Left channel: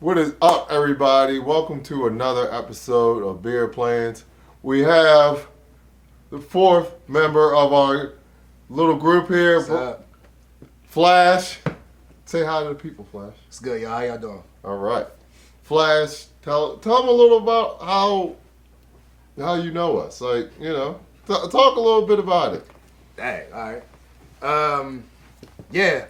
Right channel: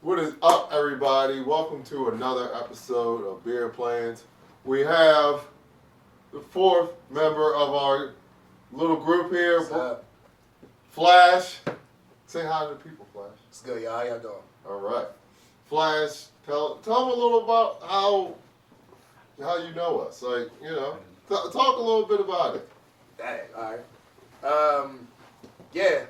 What is up, everybody? Welcome to another episode of Beer Plans. We have the fourth member of our little group here, What's up? Flash. Say hi to the people, Flash. It's good, y'all. How y'all doing? All right, Flash. Tell them a little about how you know us. Like, talk a little bit about it. Dang, all right. Yeah,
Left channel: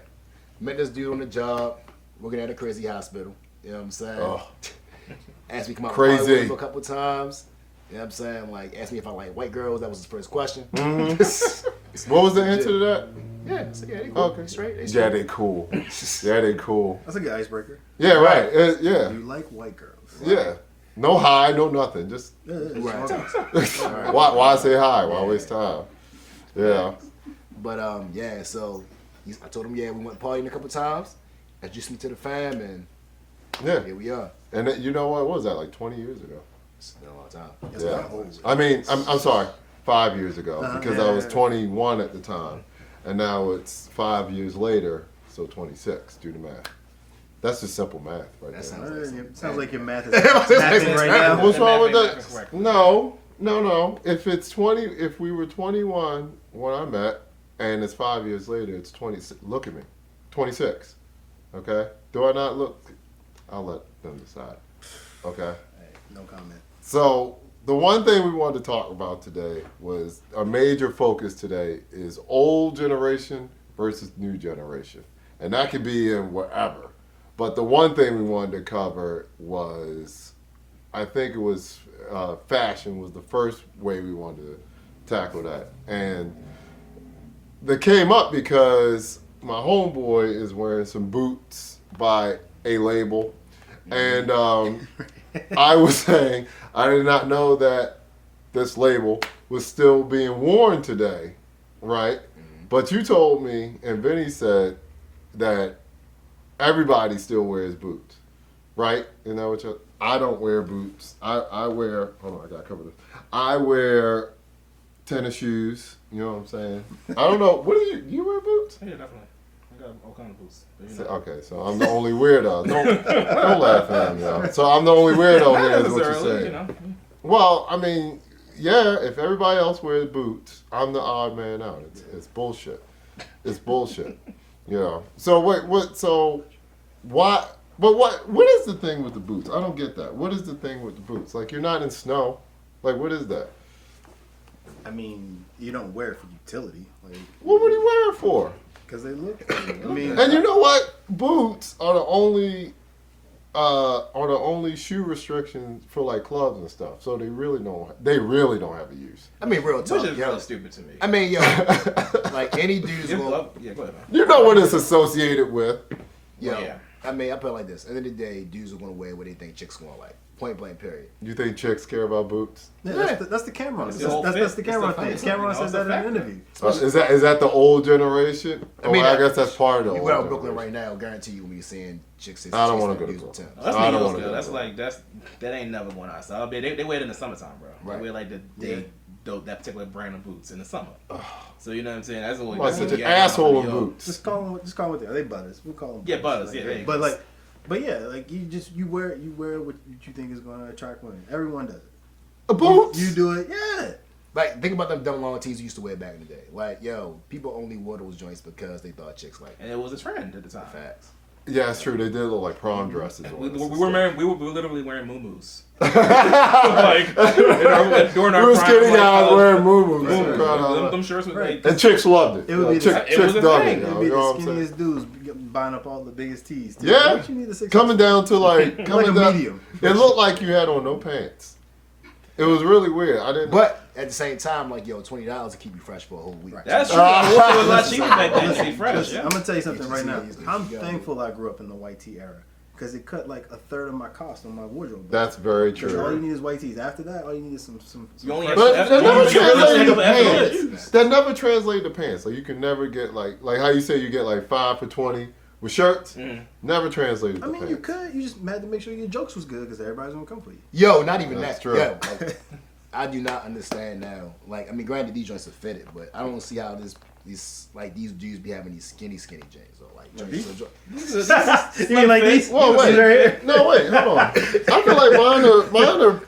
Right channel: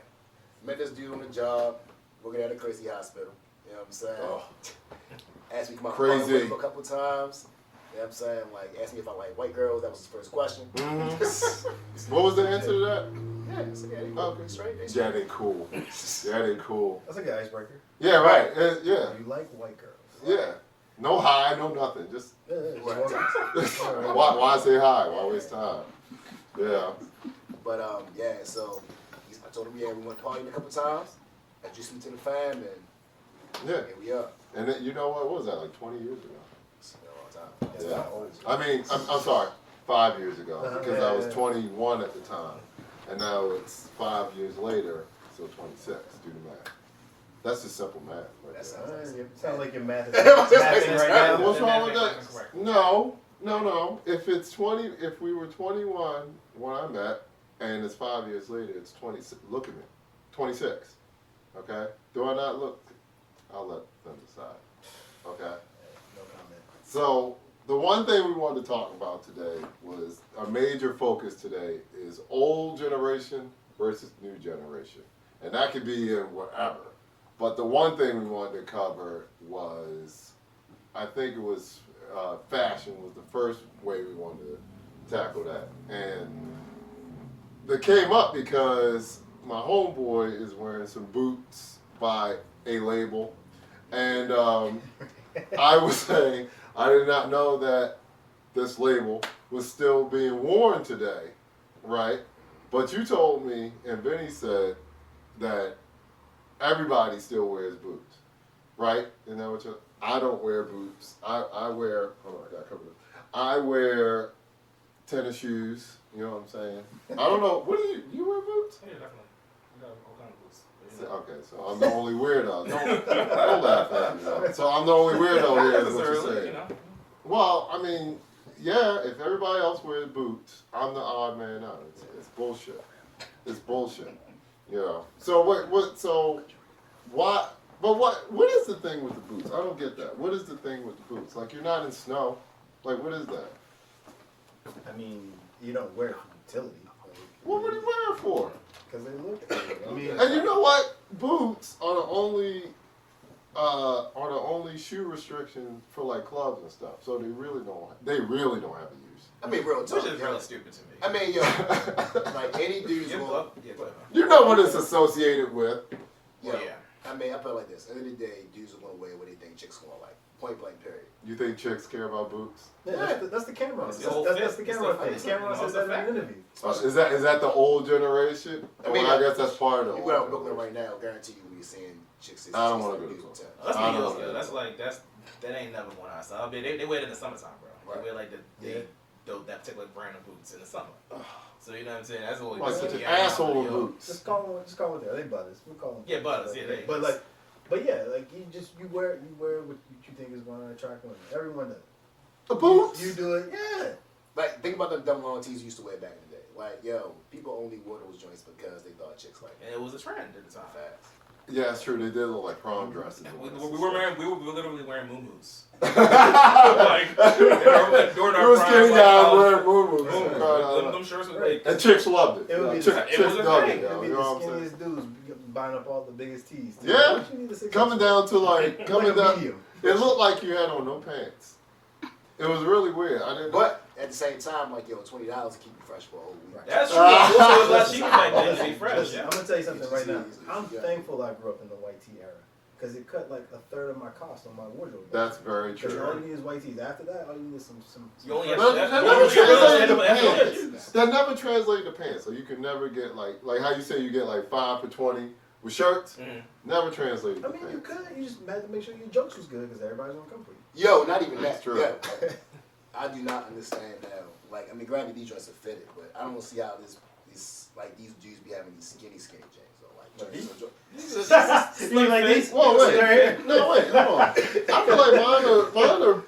met this dude on the job, working at a crazy hospital. You know what I'm saying? Oh, Asked me to come out crazy. and party with him a couple times. You know what I'm saying? Like, asked me if I like white girls. That was his first question. Mm-hmm. What was the answer to that? Yeah, so yeah, they cool. Okay. They straight. They Yeah, straight. they cool. Yeah, they cool. That's a good icebreaker. Yeah, right. Yeah. You like white girls. Yeah. No hi, no nothing. Just Right. why say hi? Why waste time? Yeah. But yeah. So I told him, yeah, we went partying a couple times. Introduced me to the fam, and Yeah. here we are. And then, you know what was that? Like 20 years ago. It's been a long time. That's Yeah. kinda old. I mean, I'm sorry, 5 years ago because I was Yeah. 21 at the time, and now it's 5 years later, so 26. Do the math. That's just simple math, right That there. Sounds like your math is Sounds mathing right now. What's wrong with Math that? correct. No. If we were 21 when I met, and it's 5 years later, it's 20. Look at me, 26. Okay. Do I not look? I'll let them decide. Okay. No comment. So the one thing we wanted to talk about today was a major focus today is old generation versus new generation, and that could be in whatever. But the one thing we wanted to cover was, I think it was fashion was the first way we wanted to tackle that, and that came up because my homeboy is wearing some boots by a label, and I was saying I did not know that this label was still being worn today, right? But you told me, and Vinny said that everybody still wears boots, right? You know what? I don't wear boots. I wear. Oh, I got to cover this. I wear tennis shoes. You know what I'm saying? I don't know. What do you wear boots? Yeah, definitely. I got all kinds of boots. But, Okay, so I'm the only weirdo. Don't laugh at me, yo. So I'm the only weirdo here, is what you're necessarily, saying. Well, I mean, yeah, if everybody else wears boots, I'm the odd man out. It's bullshit. It's bullshit. You know. So what is the thing with the boots? I don't get that. What is the thing with the boots? Like, you're not in snow. Like, what is that? I mean, you don't wear it for utility. Like, What would he wear it for? because they look good. I mean, And you know what? Boots are the only shoe restrictions for like clubs and stuff. So they really don't have a use. I mean, real talk. Which is yo. really stupid to me. I mean, yo, like any dude's Yeah, going. go ahead, man. You know what it's associated with. Yo, Yeah. I mean, I put it like this. At the end of the day, dudes are going to wear what they think chicks going to like. Point blank, period. You think chicks care about boots? yeah, that's the camera. It's That's, the whole that's fit. the It's camera the thing. fit. Cameron says It's that a in an factor. interview. Is that the old generation? I mean, I guess that's part of the You old go out to Brooklyn generation. right now, guarantee you when you're seeing chicks. I don't chicks wanna like go to dudes Brooklyn. with Timbs. That's I New don't York, wanna though. go That's to like that ain't never going outside. They wear it in the summertime, bro. Right. They wear like that particular brand of boots in the summer. So you know what I'm saying? That's always Like such an yeah, asshole in yo. boots. Just call them what they are. They butters. We call them. Yeah, butters, yeah, there you But go. but yeah, like you wear what you think is going to attract women. Everyone does it. Boots? You do it. Yeah. Like, think about them double long tees you used to wear back in the day. Like, yo, people only wore those joints because they thought chicks like And it was a trend at the time. facts. Yeah, it's true. They did look like prom dresses. We on us were and wearing, we were literally wearing muumuus. stuff. Like during our We were prime, skinny like, guys college- wearing moo Them shirts was like And chicks loved it. It would be Chicks it was a dug thing. it. It'd yo, be you the know what I'm saying? skinniest dudes buying up all the biggest tees. Too. Yeah. What you need a six Coming down to like like a medium. It looked like you had on no pants. It was really weird. I didn't. But at the same time, like, yo, $20 to keep you fresh for a whole week. that's true. Also, it was less cheaper back then to Listen, be fresh. listen, Yeah. I'm gonna tell you something right now. It's I'm easy. thankful I grew up in the white tee era because it cut like a third of my cost on my wardrobe. That's very Because all you true. need is white tees. After that, all you need is some You only fresh- have- But That's that what never you get translated to after that. pants. That never translated to pants. So you can never get like how you say you get like 5 for $20 with shirts. Mhm. Never translated I to mean, pants. you could. You just had to make sure your jokes was good because everybody's gonna come for you. Yo, not even That's that. true. Yo, like, I do not understand now. Like, I mean, granted, these joints are fitted, but I don't see how these dudes be having these skinny jeans or like joints. So You mean like these? Well, These right wait. here? No, wait. Hold on. I feel like mine are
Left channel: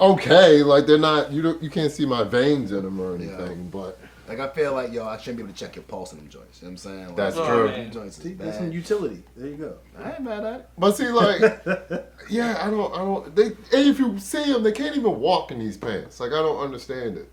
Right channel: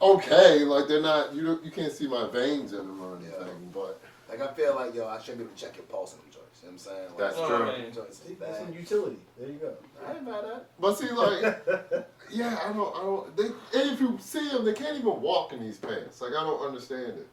okay. Like they're not. You can't see my veins in them or anything. But like I feel like I shouldn't be able to check your pulse in them joints. You know what I'm saying? Like, that's Oh, true. man. Joints is See, there's some bad. utility. There you go. I ain't mad at it. But see, like, yeah, I don't. They, and if you see them, they can't even walk in these pants. Like, I don't understand it.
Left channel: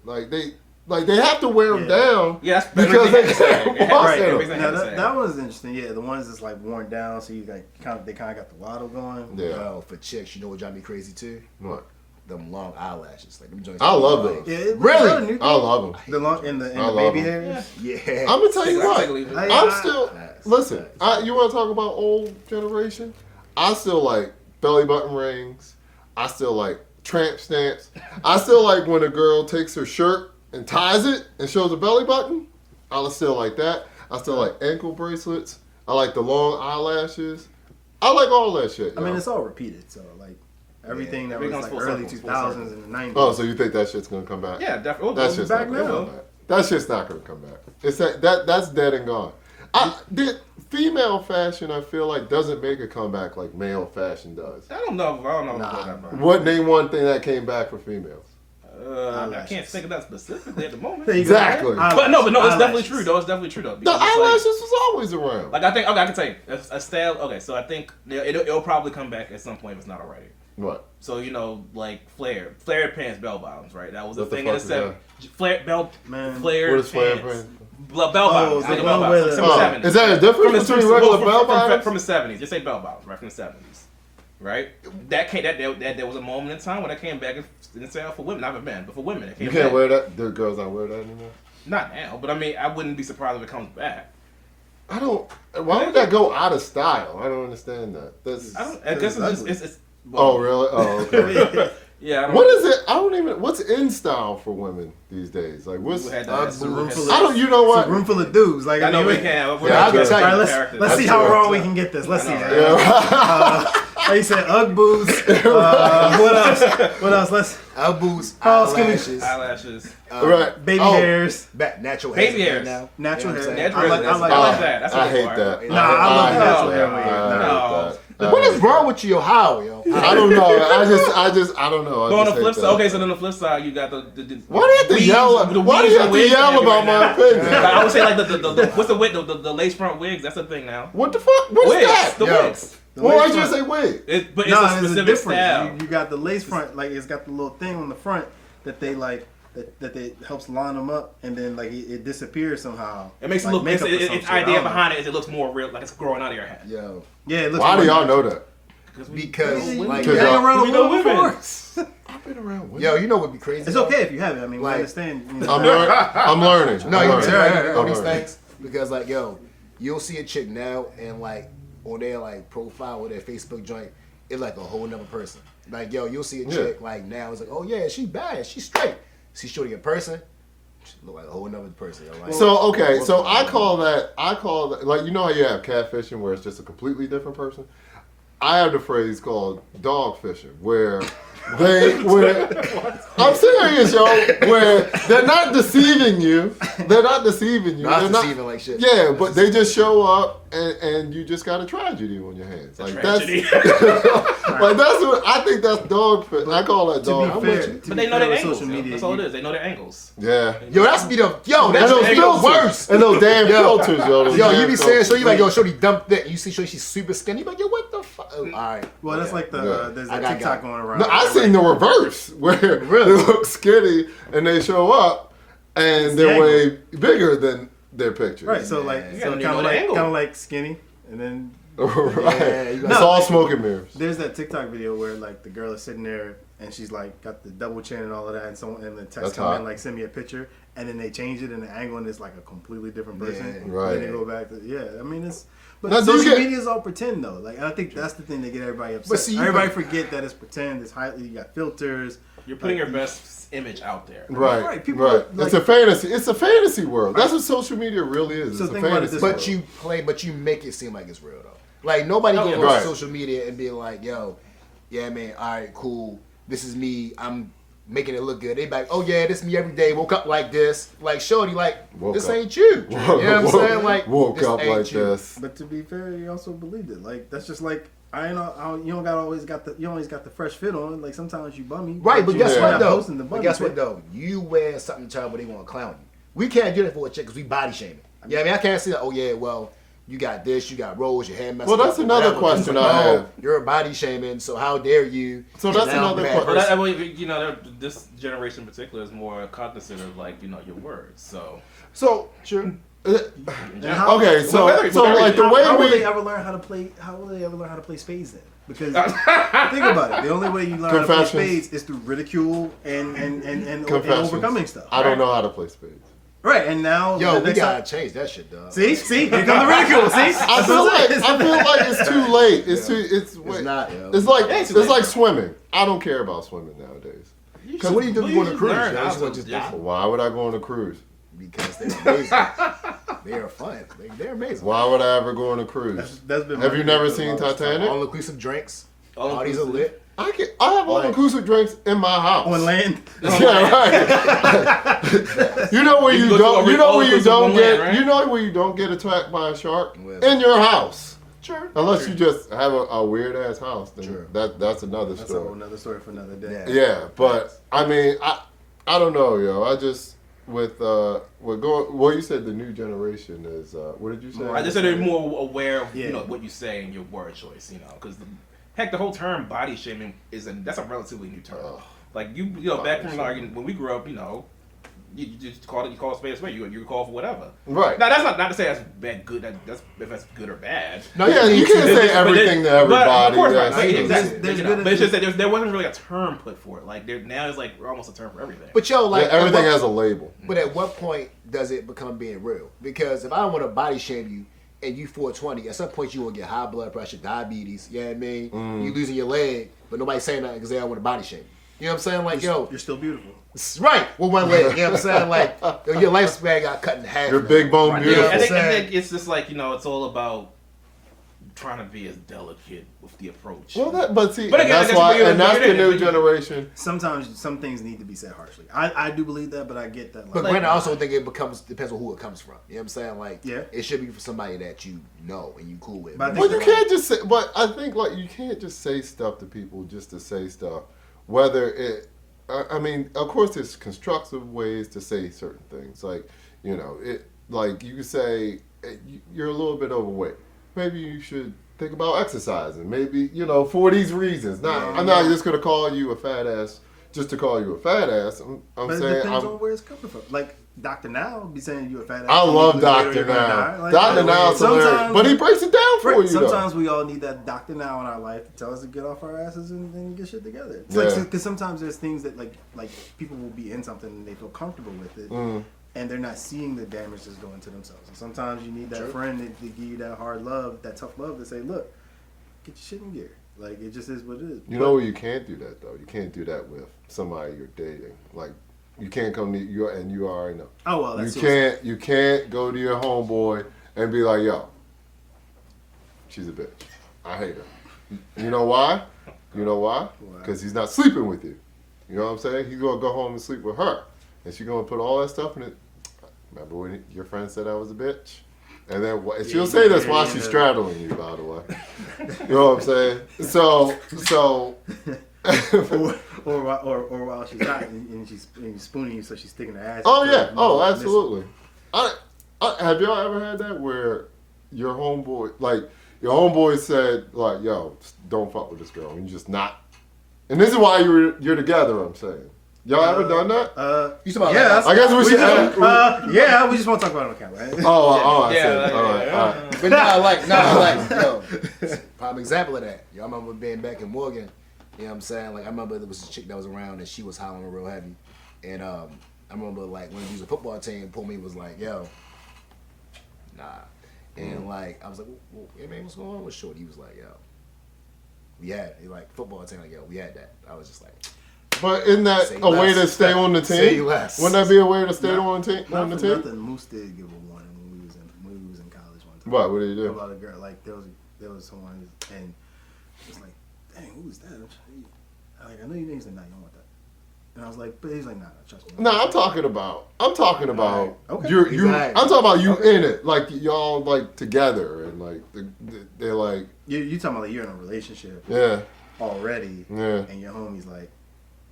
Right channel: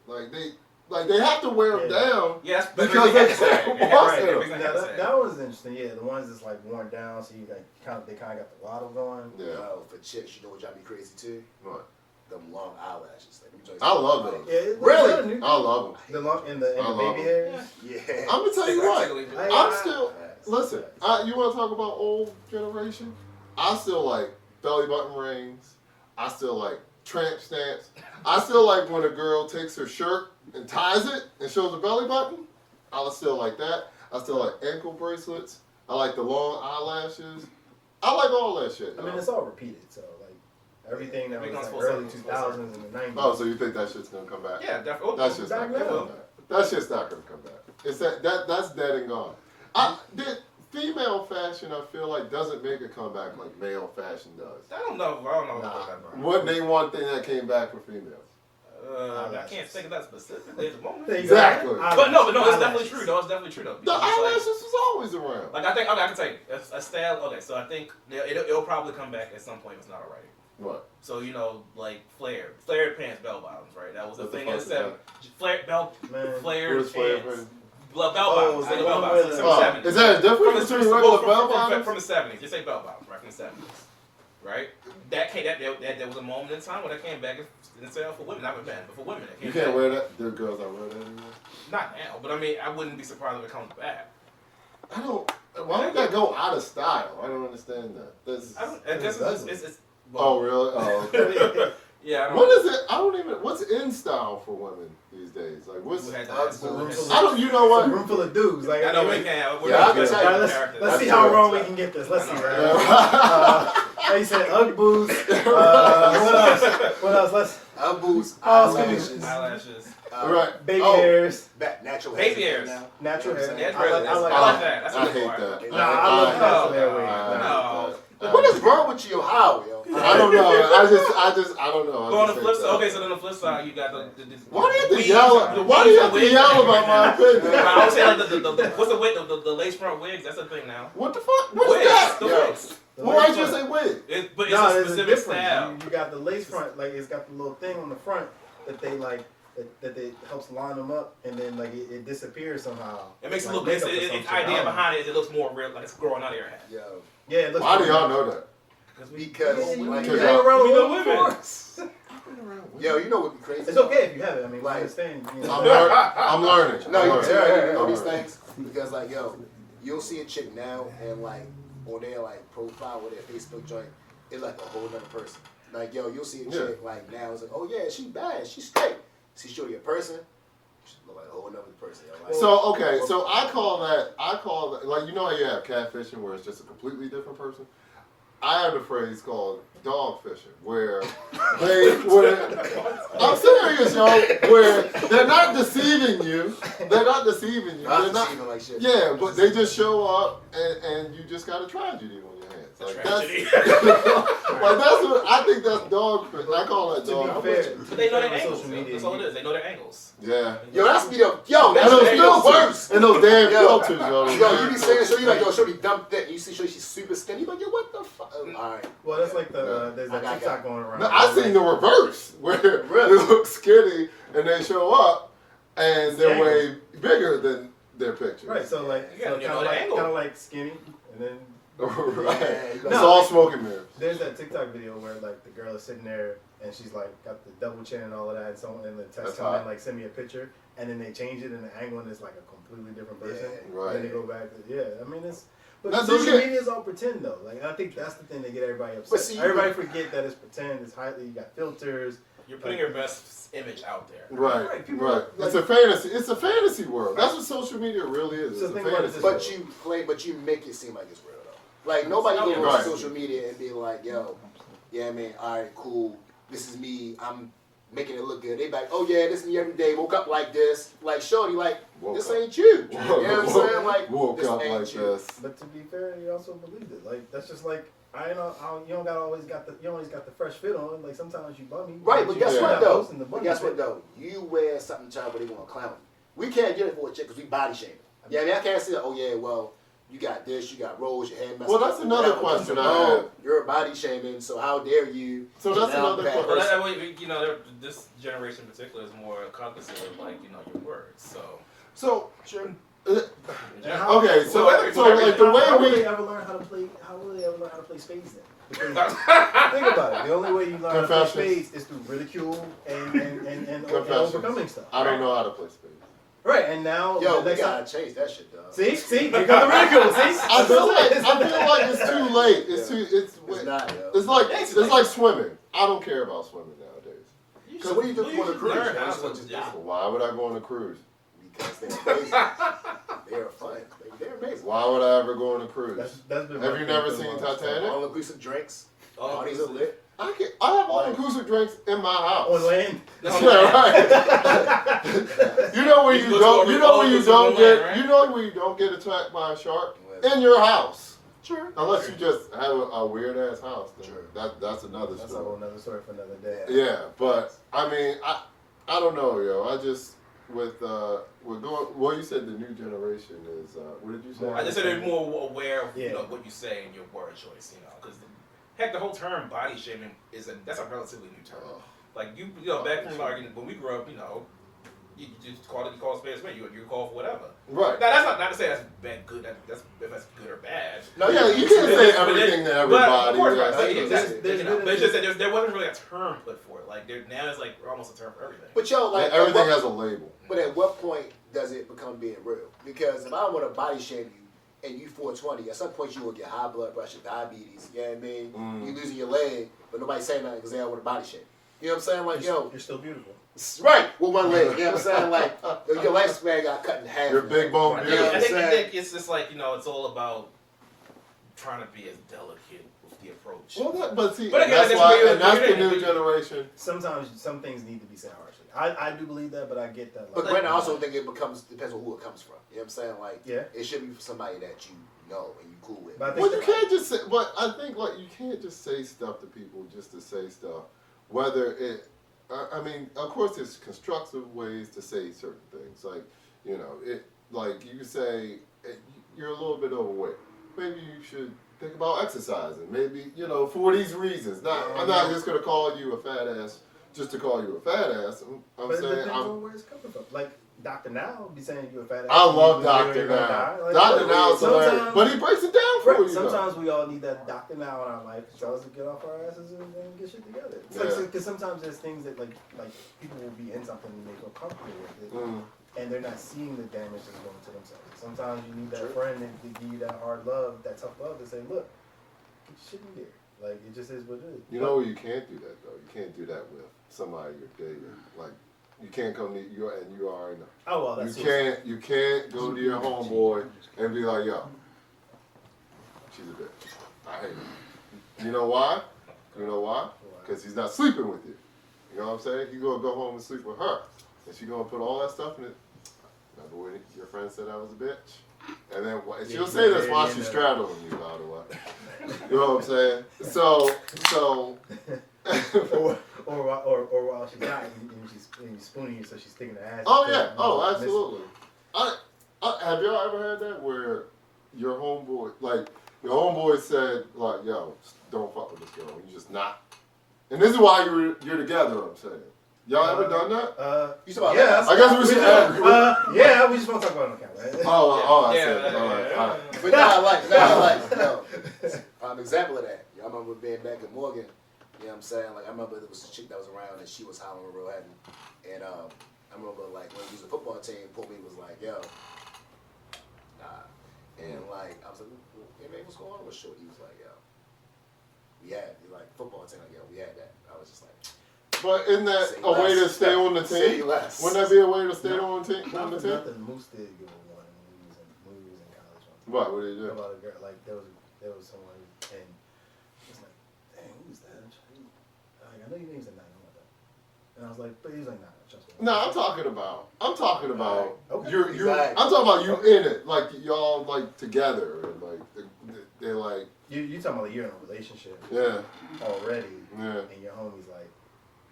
Like they have to wear them Yeah. down. Yeah, that's Because everything they had to say. can't It had to walk say, in 'em. everything Now, had to say. that one's interesting. Yeah, the ones that's like worn down, so you like they kind of got the waddle going. Yeah. For chicks, you know what drive me crazy too? What? Them long eyelashes. Like them joints. I love those. Yeah, it, Really? I love them. The long in the I love baby them. hairs. Yeah. I'm gonna tell you Take what. or leave it. I- I'm still Facts. listen. Facts. You want to talk about old generation? I still like belly button rings. I still like tramp stamps. I still like when a girl takes her shirt and ties it and shows a belly button. I still like that. I still like ankle bracelets. I like the long eyelashes. I like all that shit. I mean, y'all. it's all repeated. So like everything that was Everything's like full early circle, 2000s and the 90s. Oh, so you think that shit's gonna come back? Yeah, definitely. That shit's back not gonna now. come back. That shit's not gonna come back. It's that's dead and gone. The female fashion, I feel like, doesn't make a comeback like male fashion does. I don't know about that, bro. What name one thing that came back for females? I can't think of that specifically at the moment. There you go. Exactly. But no, it's definitely Eyelashes. true though. It's definitely true though. The because it's eyelashes was always around. Like I think, okay, I can tell you a style. Okay, so I think it'll probably come back at some point if it's not already. What? So like flared pants, bell bottoms, right? That was a What the thing in the fuck is '70s. Flared bell, Man. flared What is flared pants, pants? bell bottoms, it's like the bell one bottoms with from the the- '70s. Is there a difference between regular bell bottoms? From the '70s? Just say bell bottoms, right? From the '70s, right? That was a moment in time when that came back in sale for women, not for men, but for women. It came You can't back. wear that. The girls don't wear that anymore. Not now, but I mean, I wouldn't be surprised if it comes back. I don't. Why would that go out of style? I don't understand that. That's. I don't. I guess it's just it's. Oh really? Oh okay. Yeah. I don't What know. is it? I don't even. What's in style for women these days? Like what's? Who had Uh, that? the room full of- I don't. You know It's what? a room full of dudes. Like I know we mean, can. We're Yeah, not I can gonna tell talk you. Alright, characters. let's see That's how true. wrong we can get this. Let's see. I know, Right? Like you said, Ugg boots. What else? What else? Let's Ugg boots, Oh, excuse me. eyelashes, Eyelashes. Right. baby Oh, hairs, natural Baby hairs. hairs. Now. natural You know hair. what I'm saying? Natural I like hair. I that. like that. That's a I good hate part. that. Nah, I love hate natural that. hair. I No. hate that. What is wrong with you, how, yo? I don't know. I don't know. I Go on the just flip hate side. that. Okay, so then the flip side, you got the Why do you have to weaves, yell? the Why do weaves you and have to wigs yell that about my right now. opinion? I would say like the what's the wig? The lace front wigs. That's a thing now. What the fuck? What's Wigs. that? The Yo. wigs. Well, lace I just say front. wig. But it's No, a there's specific difference. style. You got the lace front, like it's got the little thing on the front that they like that they helps line them up, and then like it disappears somehow. It makes it Like look. makeup or some Its shit. idea I don't know. behind it is it looks more real, like it's growing out of your head. Yo, Yeah, it looks. Why do more y'all natural. know that? because You like, Cause hang y'all- around we with know women women. before. I've been around women. yo, you know what'd be crazy? It's though? okay if you have it. I mean, we Like- understand. You know. I'm learning. No, I'm you learning. tell me I'm all these learning. things because like, yo, you'll see a chick now and like on their like profile or their Facebook joint, it's like a whole nother person. Like, yo, you'll see a Yeah. chick like now, it's like, oh yeah, she bad, she straight. See shorty in person, she look like a whole nother person. Yo. Like, So okay, so I call that like you know how you have catfishing where it's just a completely different person. I have the phrase called dogfishing where I'm serious, yo, where they're not deceiving you. They're not deceiving you. not They're not deceiving like shit. Yeah, but they just show up and you just got a tragedy on your hands. Like tragedy. that's like that's what I think that's dogfish. I call that To dog. be fair, But they know their with angles. social Yo. media, That's all you- it is. They know their angles. Yeah. Yo, that's be the And that's those the filters. worst. And those damn Yo. filters, yo. those Yo, damn you be saying filters. so you like yo, shorty dump that. You see shorty she's super skinny, you like yo, what the fuck? Oh, all right. Well, that's like the Yeah. there's I a got TikTok it. going around. No, I seen the reverse where they look skinny and they show up and they're Yeah. way bigger than their pictures. Right, so like Yeah. so You know the angle. kind of like skinny, and then right. Yeah, you got- It's all smoke and mirrors. there's that TikTok video where like the girl is sitting there and she's like got the double chin and all of that, and so and the text That's come in hot. like send me a picture, and then they change it and the angle and it's like a completely different person. Yeah. Right. And then they go back to I mean it's. But Now, do you social get- media is all pretend though. Like I think that's the thing that get everybody upset. But see, you- everybody forget that it's pretend. It's highly. You got filters. You're putting your best image out there. Right. Right, Right. people like- it's a fantasy. It's a fantasy world. That's what social media really is. So It's a think about it fantasy this world. But you make it seem like it's real though. Like nobody Oh, goes yeah. on Right. social media and be like, yo, yeah man, all right, cool. This is me. I'm making it look good. They be like, oh yeah, this me every day. Woke up like this. Like, shorty, like, Woke this up. ain't you. You know what I'm saying? Like, woke this up ain't like you. this. But to be fair, he also believed it. Like that's just like you don't always got the fresh fit on. Like sometimes you bummy. Right, but you guess just what not though? posting the But bummy guess fit. what though? You wear something terrible, they want to clown you. We can't do that for a chick because we body shaming. Yeah, I mean, I can't say that. Oh yeah, well, you got this, you got rolls, your hair messed Well, up. that's another whatever. question It's I like, have. oh, you're body shaming, so how dare you? So that's Now another you question. have- But I mean, you know, this generation in particular is more cognizant of like your words. So So, Sure. How- okay, so whether- so whether- like the How way will we they ever learn how to play? How will they ever learn how to play spades then? Because think about it. The only way you learn how to play Confessions. spades is through ridicule and Confessions. overcoming stuff. I don't right? know how to play spades. Right, and now Yo, the we next gotta time- change that shit, dog. see, here comes the ridicule. See, I feel like it's too late. It's Yeah. too. It's not. Yo. It's like Yeah, it's it's late. like swimming. I don't care about swimming nowadays. So what do you do if you want to just cruise? learn Yo? how Just to- want to yeah. Why would I go on a cruise? because they're amazing. They are fun. They're amazing. Why would I ever go on a cruise? that's been Have my you never thing for seen the longest time. Titanic? All inclusive drinks. All Parties are inclusive. lit. I have all inclusive drinks in my house. On land. Yeah, right. You know where You you go to don't. a You know where you all-inclusive don't on get. land, right? You know where you don't get attacked by a shark Where? in your house. Sure. Unless you just have a weird ass house, then Sure. that's another That's a story. whole nother story for another day. Yeah. Yeah, but I mean, I don't know, yo. I just with going. Well, you said the new generation is. What did you say? I just said they're more aware of Yeah. you know what you say and your word choice. You know, because heck, the whole term body shaming that's a relatively new term. Ugh. Like you know, back when we grew up, you know, you just call a spade a spade. You call for whatever. Right. Now that's not to say that's bad, good. That's if that's good or bad. No, yeah, you can't say everything to everybody. But of course not. That's- Like, there's there's good but it's just that there wasn't really a term put for it. Like now it's like almost a term for everything. But yo, like everything at what- has a label. But at what point does it become being real? Because if I don't want to body shame you and you 420, at some point you will get high blood pressure, diabetes. You know what I mean? You losing your leg, but nobody's saying that because they don't want to body shame you. You know what I'm saying? Like, yo, You're still beautiful. right, with one leg. You know what I'm saying? Like, your lifespan got cut in half. Your now. big bone Right. beautiful. I Yeah. think it's just like you know, it's all about trying to be as delicate with the approach. Well, but see, But again, that's I guess why, we- and that's the we- new we- generation. Sometimes some things need to be said harshly. I do believe that, but I get that. But Like, granted, I also think it depends on who it comes from. You know what I'm saying? Like, Yeah. it should be for somebody that you know and you cool with. But I think Well, you that- can't just say. But I think like you can't just say stuff to people just to say stuff. Whether it, I mean, of course, there's constructive ways to say certain things. Like, you know, like you could say you're a little bit overweight. Maybe you should think about exercising. Maybe for these reasons. I'm not just gonna call you a fat ass just to call you a fat ass. I'm But it saying depends on where it's coming from. Like Dr. Now be saying you a fat ass. I you love lose weight or Dr. you're gonna Now. die. Like, Dr. like, Now's hilarious, sometimes- but he breaks it down for Right, you. though. sometimes we all need that Dr. Now in our life to tell us to get off our asses and get shit together. It's Yeah. like because sometimes there's things that like people will be in something and they feel comfortable with it, and they're not seeing the damage that's going to themselves. And sometimes you need that friend to give you that hard love, that tough love to say, look, get your shit in gear. Like it just is what it is. You know where you can't do that though. You can't do that with somebody you're dating. Like you can't come to you and you already know. Oh well, that's You can't go to your homeboy and be like, yo, she's a bitch. I hate her. You know why? You know why? Because he's not sleeping with you. You know what I'm saying? He's gonna go home and sleep with her, and she's gonna put all that stuff in it. Remember when your friend said I was a bitch? And then she'll say this while she's straddling you, by the way. You know what I'm saying? So. or while she's not and she's spooning you, so she's sticking her ass. Oh into yeah. it. Oh, absolutely. Have y'all ever had that where your homeboy said like, "Yo, don't fuck with this girl," and you're just not. And this is why you're together. I'm saying. Y'all ever done that? You talking about Yeah, I guess we should. yeah, we just want to talk about it on camera. I see. Yeah, All right. But I like, yo, prime example of that. Yo, I remember being back in Morgan, you know what I'm saying? Like, I remember there was a chick that was around and she was hollering real heavy. And I remember, like, when we was a football team, pulled me was like, yo, nah. And, like, I was like, well, hey, man, what's going on with Shorty? He was like, yo, we had, football team, like, yo, we had that. I was just like, But isn't that Say a way to less. stay on the Say team? less. Wouldn't that be a way to stay on the team? Not for nothing, Moose did give a warning when we was in college one time. What? What did you do? About a girl, like there was someone and it's like, dang, who was that? Like I know your name's not. You don't want that. And I was like, but he's like, nah, trust me. No, I'm talking about Okay. you. Exactly. I'm talking about you Okay. in it, like y'all like together, and like they're like, You talking about like you're in a relationship yeah, already, yeah, and your homie's like,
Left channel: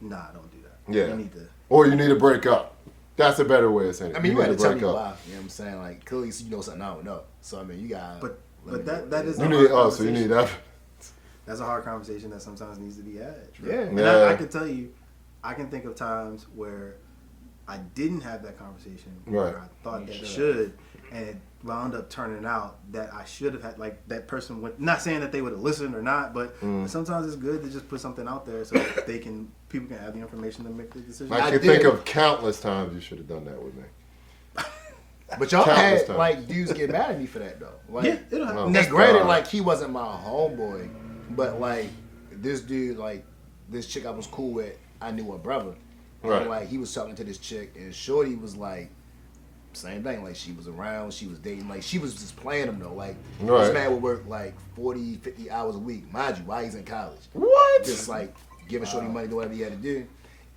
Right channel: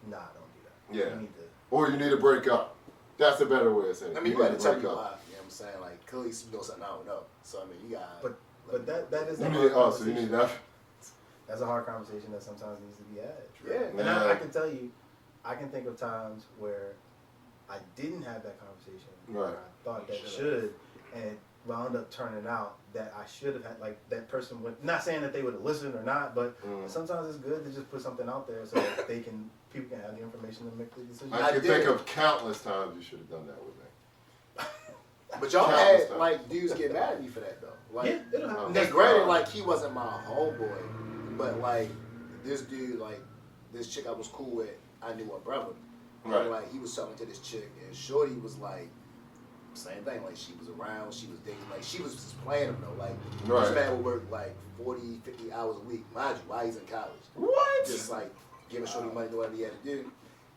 nah, don't do that. yeah. You need to. Or you need to break up. That's a better way of saying it. I mean, you need got to tell break me up. why. You know what I'm saying? Like, clearly you know something I don't know. So I mean, you got. But that is. You a need hard so you need conversation. that. That's a hard conversation that sometimes needs to be had. Yeah. And Yeah. I can tell you, I can think of times where I didn't have that conversation, where Right. I thought that should, and it wound up turning out that I should have had, like, that person would, not saying that they would have listened or not, but sometimes it's good to just put something out there so that people can have the information to make the decision. I can did. think of countless times you should have done that with me. But y'all Countless had times. like dudes get mad at me for that though. Like, Yeah, it'll happen. and That's granted, fine. like he wasn't my homeboy, but like this dude, like this chick I was cool with, I knew her brother. Right. And like he was talking to this chick, and Shorty was like, same thing. Like she was around, she was dating, like she was just playing him though. Like Right. this man would work like 40, 50 hours a week, mind you, while he's in college. What? Just like giving Shorty money, do whatever he had to do.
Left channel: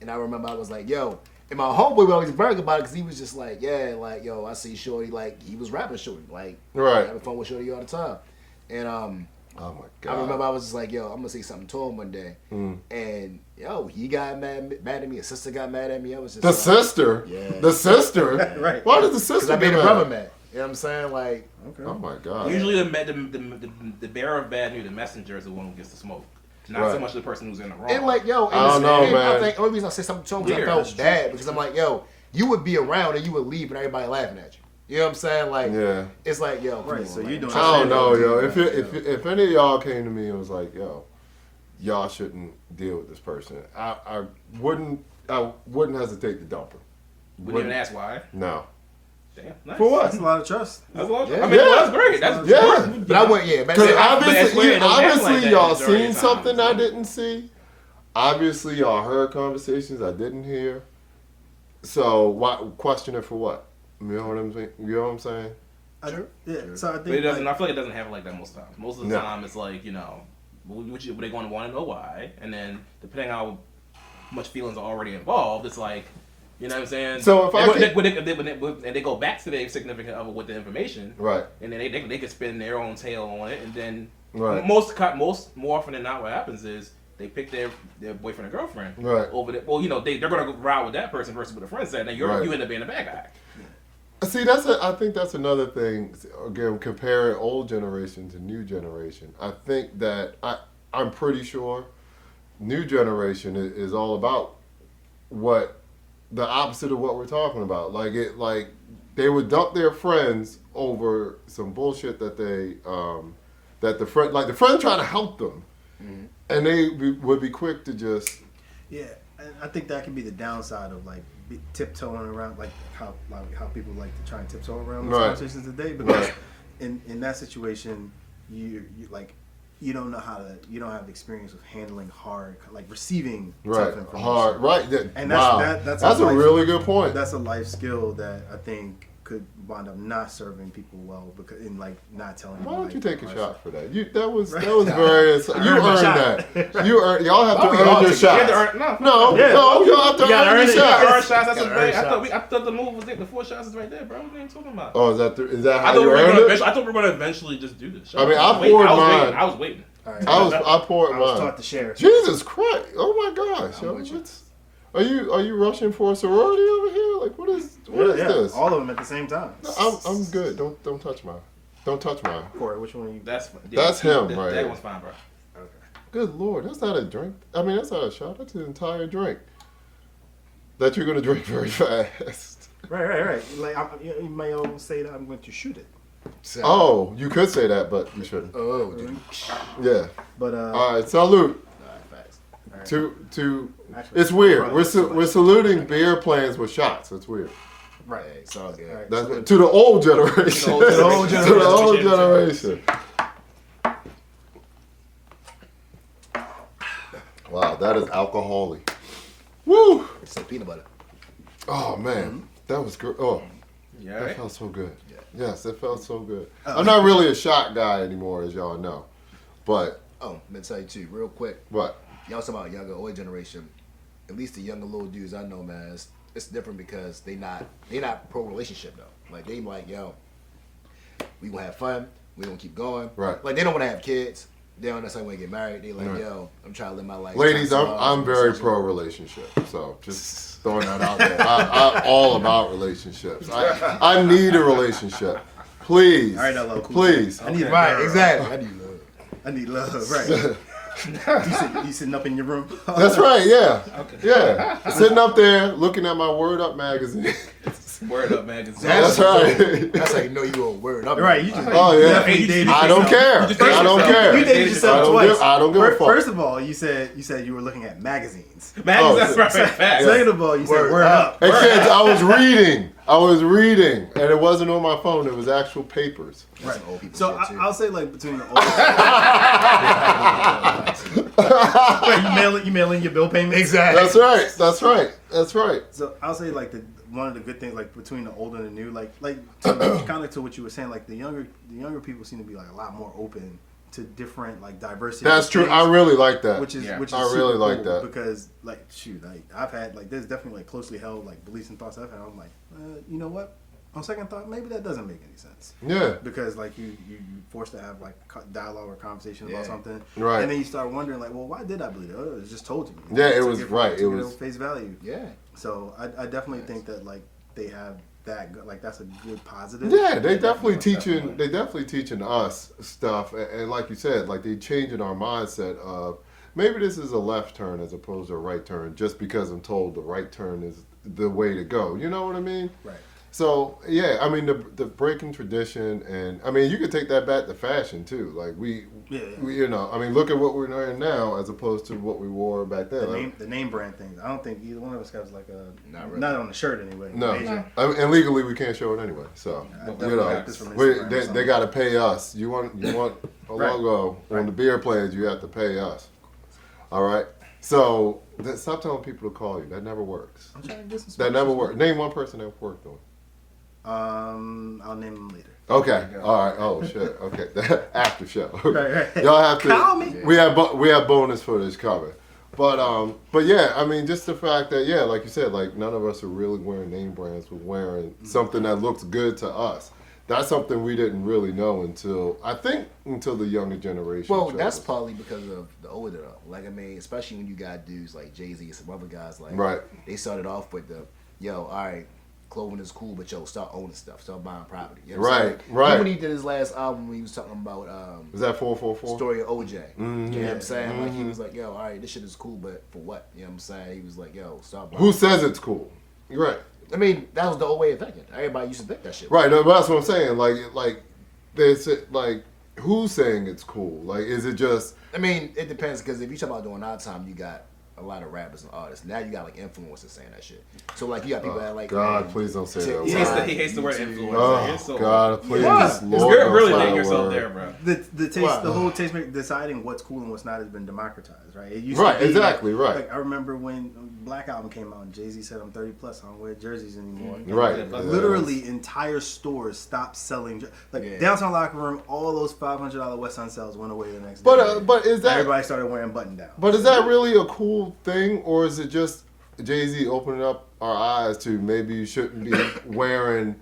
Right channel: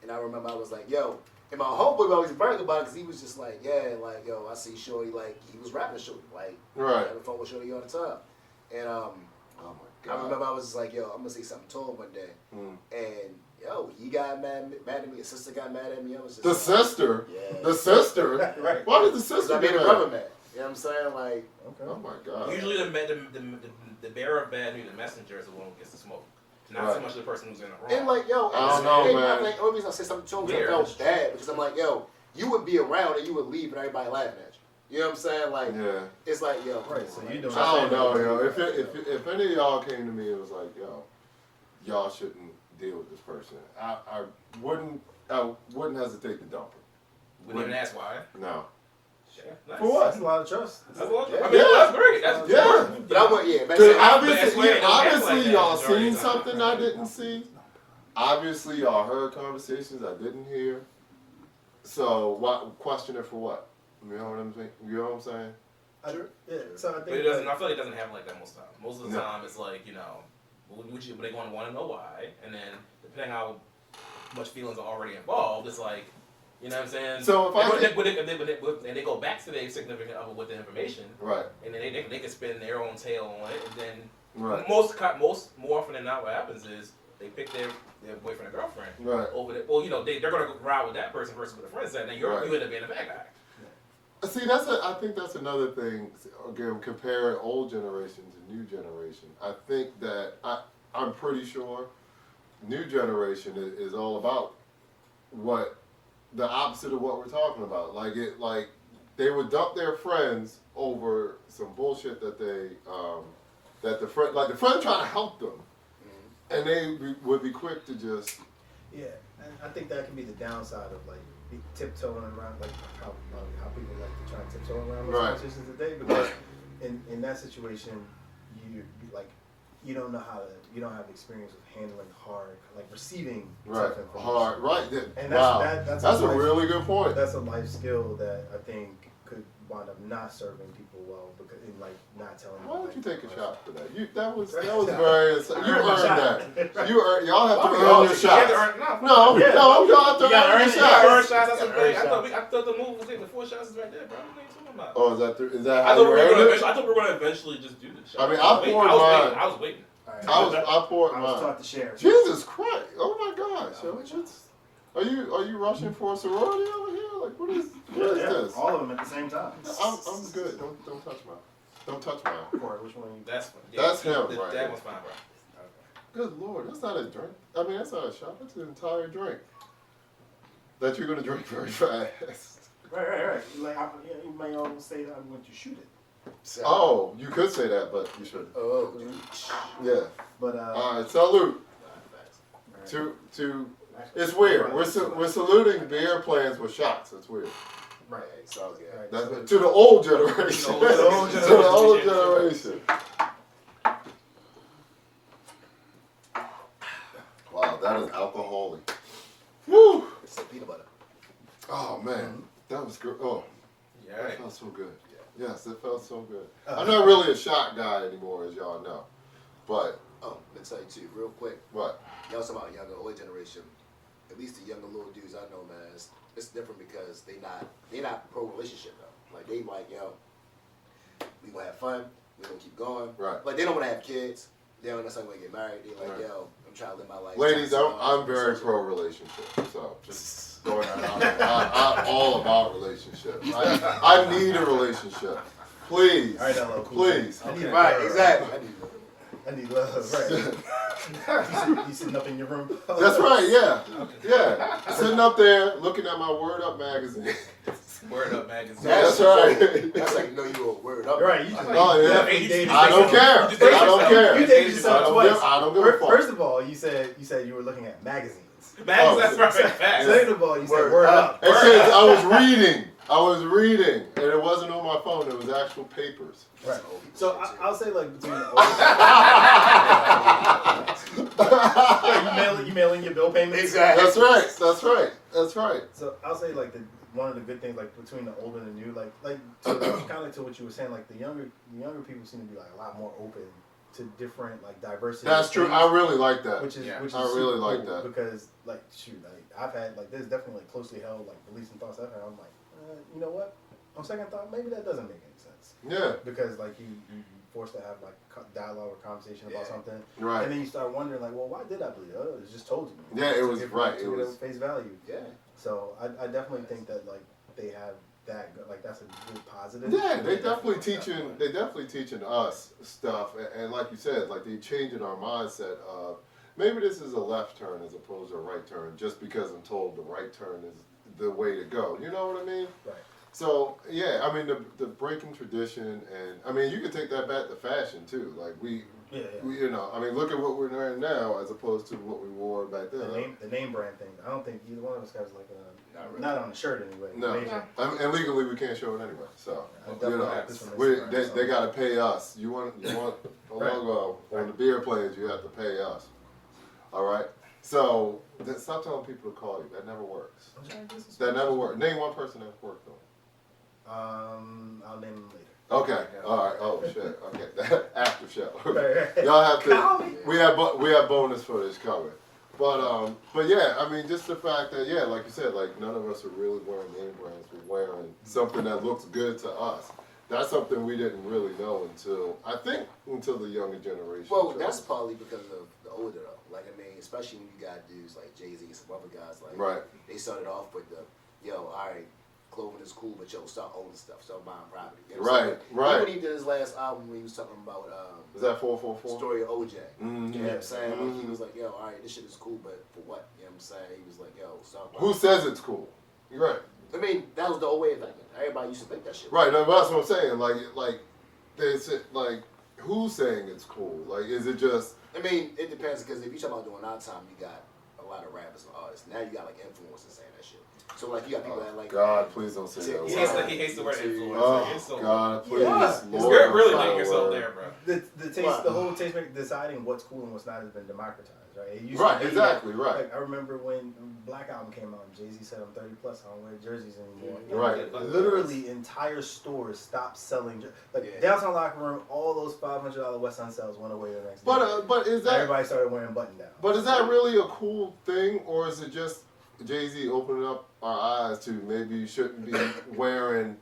And I remember I was like, yo. And my homeboy would always brag about it because he was just like, yeah, like, yo, I see Shorty, like, he was rapping Shorty, like, Right. having fun with Shorty all the time. And Oh my god. I remember I was just like, yo, I'm gonna say something to him one day. And yo, he got mad at me, his sister got mad at me. I was just The like, sister. Yeah. The sister. Right. Why did the because sister I made get a mad? brother mad. You know what I'm saying? Like, Okay. Oh my god. Usually the bearer of bad news, the messenger, is the one who gets the smoke. Not so Right. much the person who's in the wrong. and like, yo, I don't know, man. I think the only reason I say something to him because I Weird. felt bad because I'm like, yo, you would be around and you would leave and everybody laughing at you. You know what I'm saying? Like, Yeah. it's like, yo, come Right, on, so man. you don't- I don't know, yo. If any of y'all came to me and was like, yo, y'all shouldn't deal with this person, I wouldn't hesitate to dump him. Wouldn't even ask why. No. Damn, nice. For what? That's a lot of trust. That's what, Yeah. I mean, well, that's great. That's Yeah. But I went, yeah, man. Because say, I- but it's weird, it don't happen like that y'all during seen the something time. I didn't see. Obviously, y'all heard conversations I didn't hear. So, question it for what? You know what I'm saying? You know what I'm saying? Yeah. So I think But it doesn't. like, I feel like it doesn't happen like that most times. Most of the No. time, it's like they're going to want to know why, and then depending on how much feelings are already involved, it's like, you know what I'm saying. So if I and they go back to their significant other with the information, Right. and then they can spin their own tail on it, and then Right. more often than not, what happens is they pick their boyfriend or girlfriend Right. over the. Well, they're gonna go ride with that person versus what a friend said, and then you Right. end up being the bad guy. See, I think that's another thing. Again, comparing old generation to new generation. I think that I'm pretty sure new generation is all about what the opposite of what we're talking about. Like they would dump their friends over some bullshit that that the friend trying to help them, and they would be quick to just yeah, and I think that can be the downside of like tiptoeing around, like how people like to try and tiptoe around these Right. conversations today. Because Right. in that situation, you like you don't know you don't have experience with handling hard, like receiving right tough information. hard right. And Wow, that's a life- really good point. That's a life skill that I think could wind up not serving people well because in like not telling. Why them, don't you like, take a life- shot for that? That was very. You earned my earned shot. that. Y'all have to We earn all your take- You have shots. to earn, no, No, Yeah. y'all have to You gotta earn earn your it. You gotta earn shots. shots. That's Gotta a great. earn I thought the move was the 4 shots is right there, bro. What are you talking about? Oh, is that I how thought you we were earned gonna. it? I thought we were gonna eventually just do this. I mean, I poured mine. I was waiting. All right. I poured I was mine. taught to share. Jesus Christ! Oh my gosh! I'm yo, with you. Are you rushing for a sorority over here? Like what is this? All of them at the same time. I'm good. Don't touch mine. Don't touch mine. Corey, which one? That's him right That here. one's fine, bro. Good Lord, that's not a drink. I mean, that's not a shot. That's an entire drink that you're gonna drink very fast. Right. Like you may all say that I'm going to shoot it, So- Oh, you could say that, but you shouldn't. Oh, dude. Yeah. but All right. Salute Facts. all right. to. Actually, It's weird. probably- We're saluting beer plans with shots. It's weird. right. Hey, it's all good. Right. That's to the old generation. To the old To the old generation. generation. Wow, that is alcoholic. Woo! It's like peanut butter. Oh man, that was good. Oh, Yeah. that Right? felt so good. Yeah. Yes, it felt so good. Oh. I'm not really a shot guy anymore, as y'all know. But Oh, let me tell you too, real quick. what? Y'all was talking about younger, older generation. at least the younger little dudes I know, man, it's different because they not pro relationship though. Like they like, yo, we gonna have fun, we gonna keep going. Right. Like they don't wanna have kids. They don't necessarily want to get married. They like, yo, I'm trying to live my life. Ladies, I'm very pro relationship, so just throwing that out there. I'm all about relationships. I need a relationship. Please. All right, LL Cool Please. I need Right, exactly. I need love, right? you sitting up in your room. That's right, yeah. Yeah. Sitting up there looking at my Word Up magazine. Word Up magazine. That's right. That's how you know you a word up. Right, you just Oh, yeah. definitely dated I don't yourself. care. I don't care. You dated yourself twice. I don't give a fuck. First of all, you said you were looking at magazines. That's right. Facts. Second of all, you said Word word up. up. Except I was reading, and it wasn't on my phone. It was actual papers. Right. Old people So shit, too. I'll say like between you mailing your bill payments. Exactly. That's right. So I'll say like one of the good things like between the old and the new, like kind of to what you were saying, like the younger people seem to be like a lot more open to different like diversity. That's of true. things, I really like that. which is I super really like cool that. because like shoot, like I've had like there's definitely like closely held like beliefs and thoughts I've had. I'm like, you know what? On second thought, maybe that doesn't make any sense. Yeah. Because like you forced to have like dialogue or conversation about Yeah. something, Right. and then you start wondering like, well, why did I believe it? Oh, it was just told to me. Yeah, it Took was for- right. took It was. at face value. Yeah. So I definitely think that like they have that like that's a good positive. Yeah, they definitely teaching. They definitely teaching us stuff, and like you said, like they changing our mindset of maybe this is a left turn as opposed to a right turn, just because I'm told the right turn is the way to go. You know what I mean? Right. So yeah, I mean the breaking tradition, and I mean you could take that back to fashion too. Like we, you know, I mean look at what we're wearing now as opposed to what we wore back then. The name brand things. I don't think either one of us has like a Not really. not on the shirt anyway. No, Major. I mean, and legally we can't show it anyway. So I you definitely know, got this from we, Instagram or they something. got to pay us. You want a Right. logo on the beer plans? You have to pay us. All right. So stop telling people to call you. That never works. I'm trying to get some That never sponsors. works. Name one person that worked on. I'll name them later. Okay. There you go. All right. Oh shit. Okay. After show. Right. Y'all have to. Call me. We have bonus footage coming. But yeah, I mean, just the fact that like you said, like none of us are really wearing name brands. We're wearing something that looks good to us. That's something we didn't really know until the younger generation. Well, showed that's us. partly because of the older though. Like I mean, especially when you got dudes like Jay-Z and some other guys like Right. they started off with the all right, clothing is cool, but start owning stuff, start buying property. You know what I'm saying? Right. Even when he did his last album, he was talking about Is that 444? story of OJ. Mhm. You know what I'm saying? Like he Mhm. was like, all right, this shit is cool, but for what? You know what I'm saying? He was like, start buying. Who says it's cool? Right. I mean, that was the old way of thinking. Everybody used to think that shit. Right. No, that's what I'm saying. Like, there's like, who's saying it's cool? Like, is it just? I mean, it depends because if you talk about during our time, you got a lot of rappers and artists. Now you got like influencers saying that shit. So like you got people that like God, please don't say that. He word. He hates the word influencer. Oh It's so- God, please. Yeah. Lord, You're don't really say dating that yourself word. there, bro. The taste, Wow. the whole taste maker deciding what's cool and what's not has been democratized, right? It used Right, to be, exactly, right. Like I remember when Black Album came out and Jay-Z said, "I'm 30 plus, I don't wear jerseys anymore." Right. Like, Yeah. literally, entire stores stopped selling. Yeah. Downtown Locker Room, all those $500 West Sun sales went away the next day. But is that? Everybody started wearing button down. But is that really a cool thing, or is it just Jay-Z opening up our eyes to maybe you shouldn't be wearing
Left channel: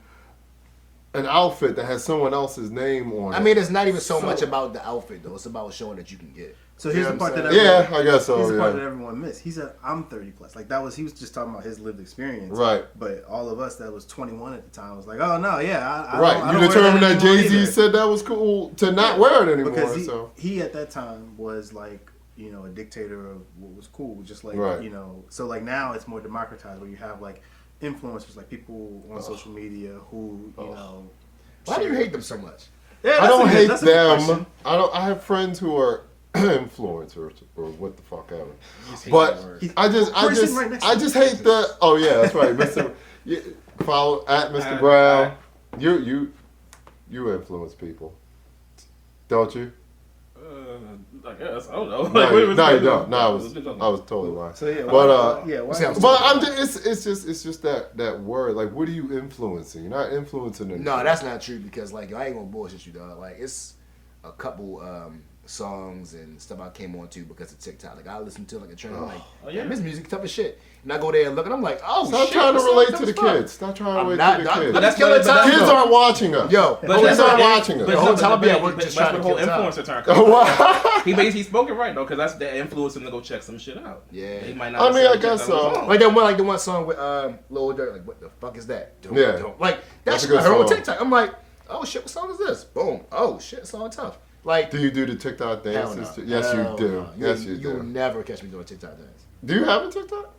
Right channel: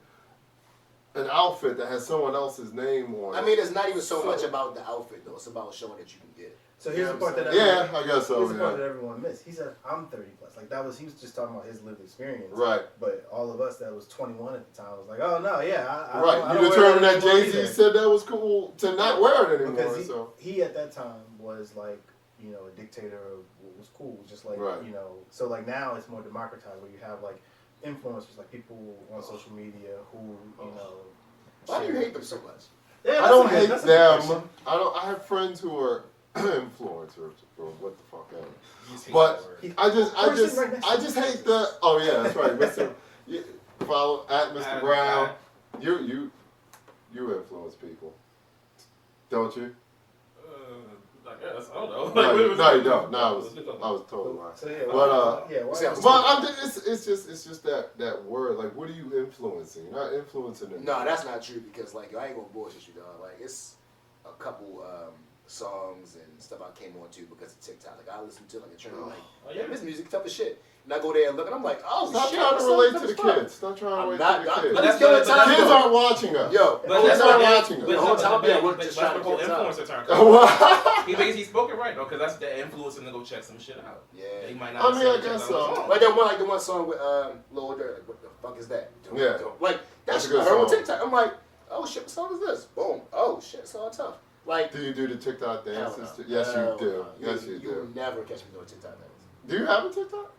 an outfit that has someone else's name on it? I mean, it's not even so much about the outfit though. It's about showing that you can get it. So here's You know the part what that I'm everyone, yeah, I guess so. here's the part that Yeah. everyone missed. He said, "I'm 30 plus." Like that was he was just talking about his lived experience. Right. But all of us that was 21 at the time was like, "Oh no, yeah, I Right. don't You wear determined that anymore Jay-Z either." said that was cool to not wear it anymore. Because So he at that time was like, you know, a dictator of what was cool. Just like, Right. you know, so like now it's more democratized where you have like influencers, like people on social media who, you know. Why do you share- hate them so much? Yeah, I that's don't a good- hate that's a good question. them. I have friends who are influencers or what the fuck ever. Just hate But that word. Person right next to just you. hate the. Oh yeah, that's right, Mr. You, follow at Mr. At- Brown. at- You influence people, don't you? I guess I don't know. No, Like, you, what was no, it? you don't. No, I What was it talking I was totally lying. So yeah, But, yeah, why? see, I was- But I'm just, it's just that word. Like, what are you influencing? You're not influencing anything. No, that's not true because like I ain't gonna bullshit you, dog. Like it's a couple songs and stuff I came on to because of TikTok. Like I listen to like a trend, I'm like, Oh, yeah. yeah, this music tough as shit. And I go there and look, and I'm like, oh Stop shit. trying to this song relate tough to the as fuck. kids. Stop trying to I'm relate not. to the I'm kids. just killing But that's- time. Kids aren't watching us. Yo, But police that's aren't what- watching us. but The whole no, time but I'm at work but just that's trying to what kill the whole time. influencer turn. What? He's spoken right though, because that's the influence him to go check some shit out. Yeah. He might not. I mean, I necessarily guess check that on his so. own. Like the one song with Lil Durk. Like, what the fuck is that? Yeah. Like That's that's a good I heard on song. TikTok. I'm like, oh shit, what song is this? Boom. Oh shit, song tough. Like, Do you do the TikTok hell dances? no. Yes, Hell you do. no. Yes, you You'll do. never catch me doing a TikTok dance. Do you have a TikTok?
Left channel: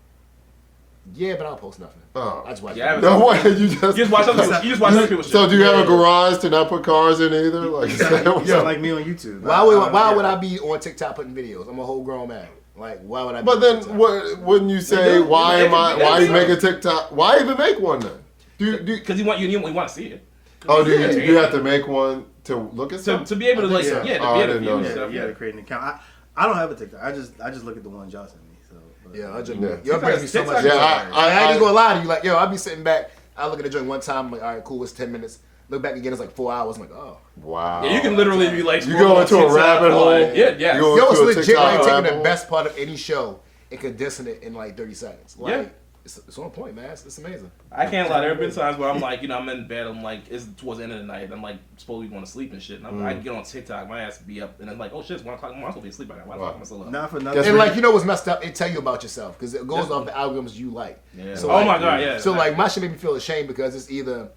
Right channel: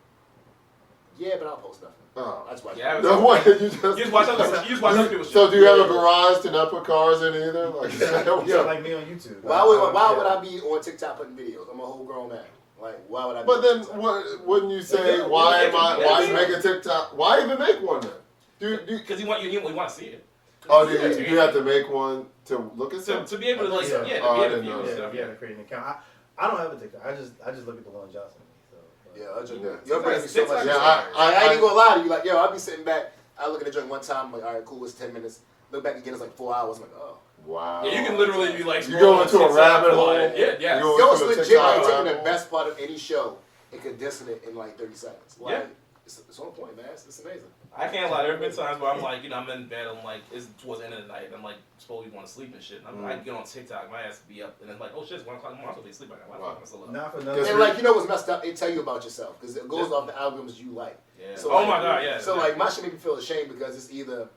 Yeah, but I don't post nothing. Oh. I just watch. Yeah, it. No way. You You just watch other people. You just watch other people's shit. So do you have a Yeah. garage to not put cars in either? Like, is that what- Yeah, like me on YouTube. Why would I be on TikTok putting videos? I'm a whole grown man. Like, why would I? Be But on then, TikTok? wouldn't you say, do. why Yeah, am I? yeah, Why you yeah. make a TikTok? Why even make one then? Do Because you want to see it. oh, do Yeah. you have to make one to look at To, something? to be able to like so. to be Oh, I able to didn't know view that. stuff. You Yeah. gotta create an account. I don't have a TikTok. I just look at the one Josh sent me. So, but- Yeah, I just Yeah. you're bringing me so TikTok- much. TikTok- joy. Yeah, I ain't gonna lie to you. Like, yo, I'll be sitting back. I look at the joint one time. I'm like, all right, cool. It's 10 minutes. Look back again. It's like 4 hours. I'm like, oh. Wow. Yeah, you can literally be like You scrolling go on into a TikTok, rabbit hole. like, Yeah, yeah. You go- Yo, it's to a legit. TikTok Like taking rabbit the hole. best part of any show and condensing it in like 30 seconds. Like, Yeah. it's on point, man. It's amazing. I can't lie. There have been times where I'm like, I'm in bed. I'm like, it's towards the end of the night. I'm like, supposed to want to sleep and shit. And I get on TikTok, my ass be up, and I'm like, oh shit, it's 1 o'clock. I'm supposed to be asleep. Why the fuck am I still up? Not for nothing. Guess And what? like, you know what's messed up? It tell you about yourself because it goes off the algorithms you like. Yeah. So, Oh like, my god, yeah. So like, my shit made me feel ashamed because it's either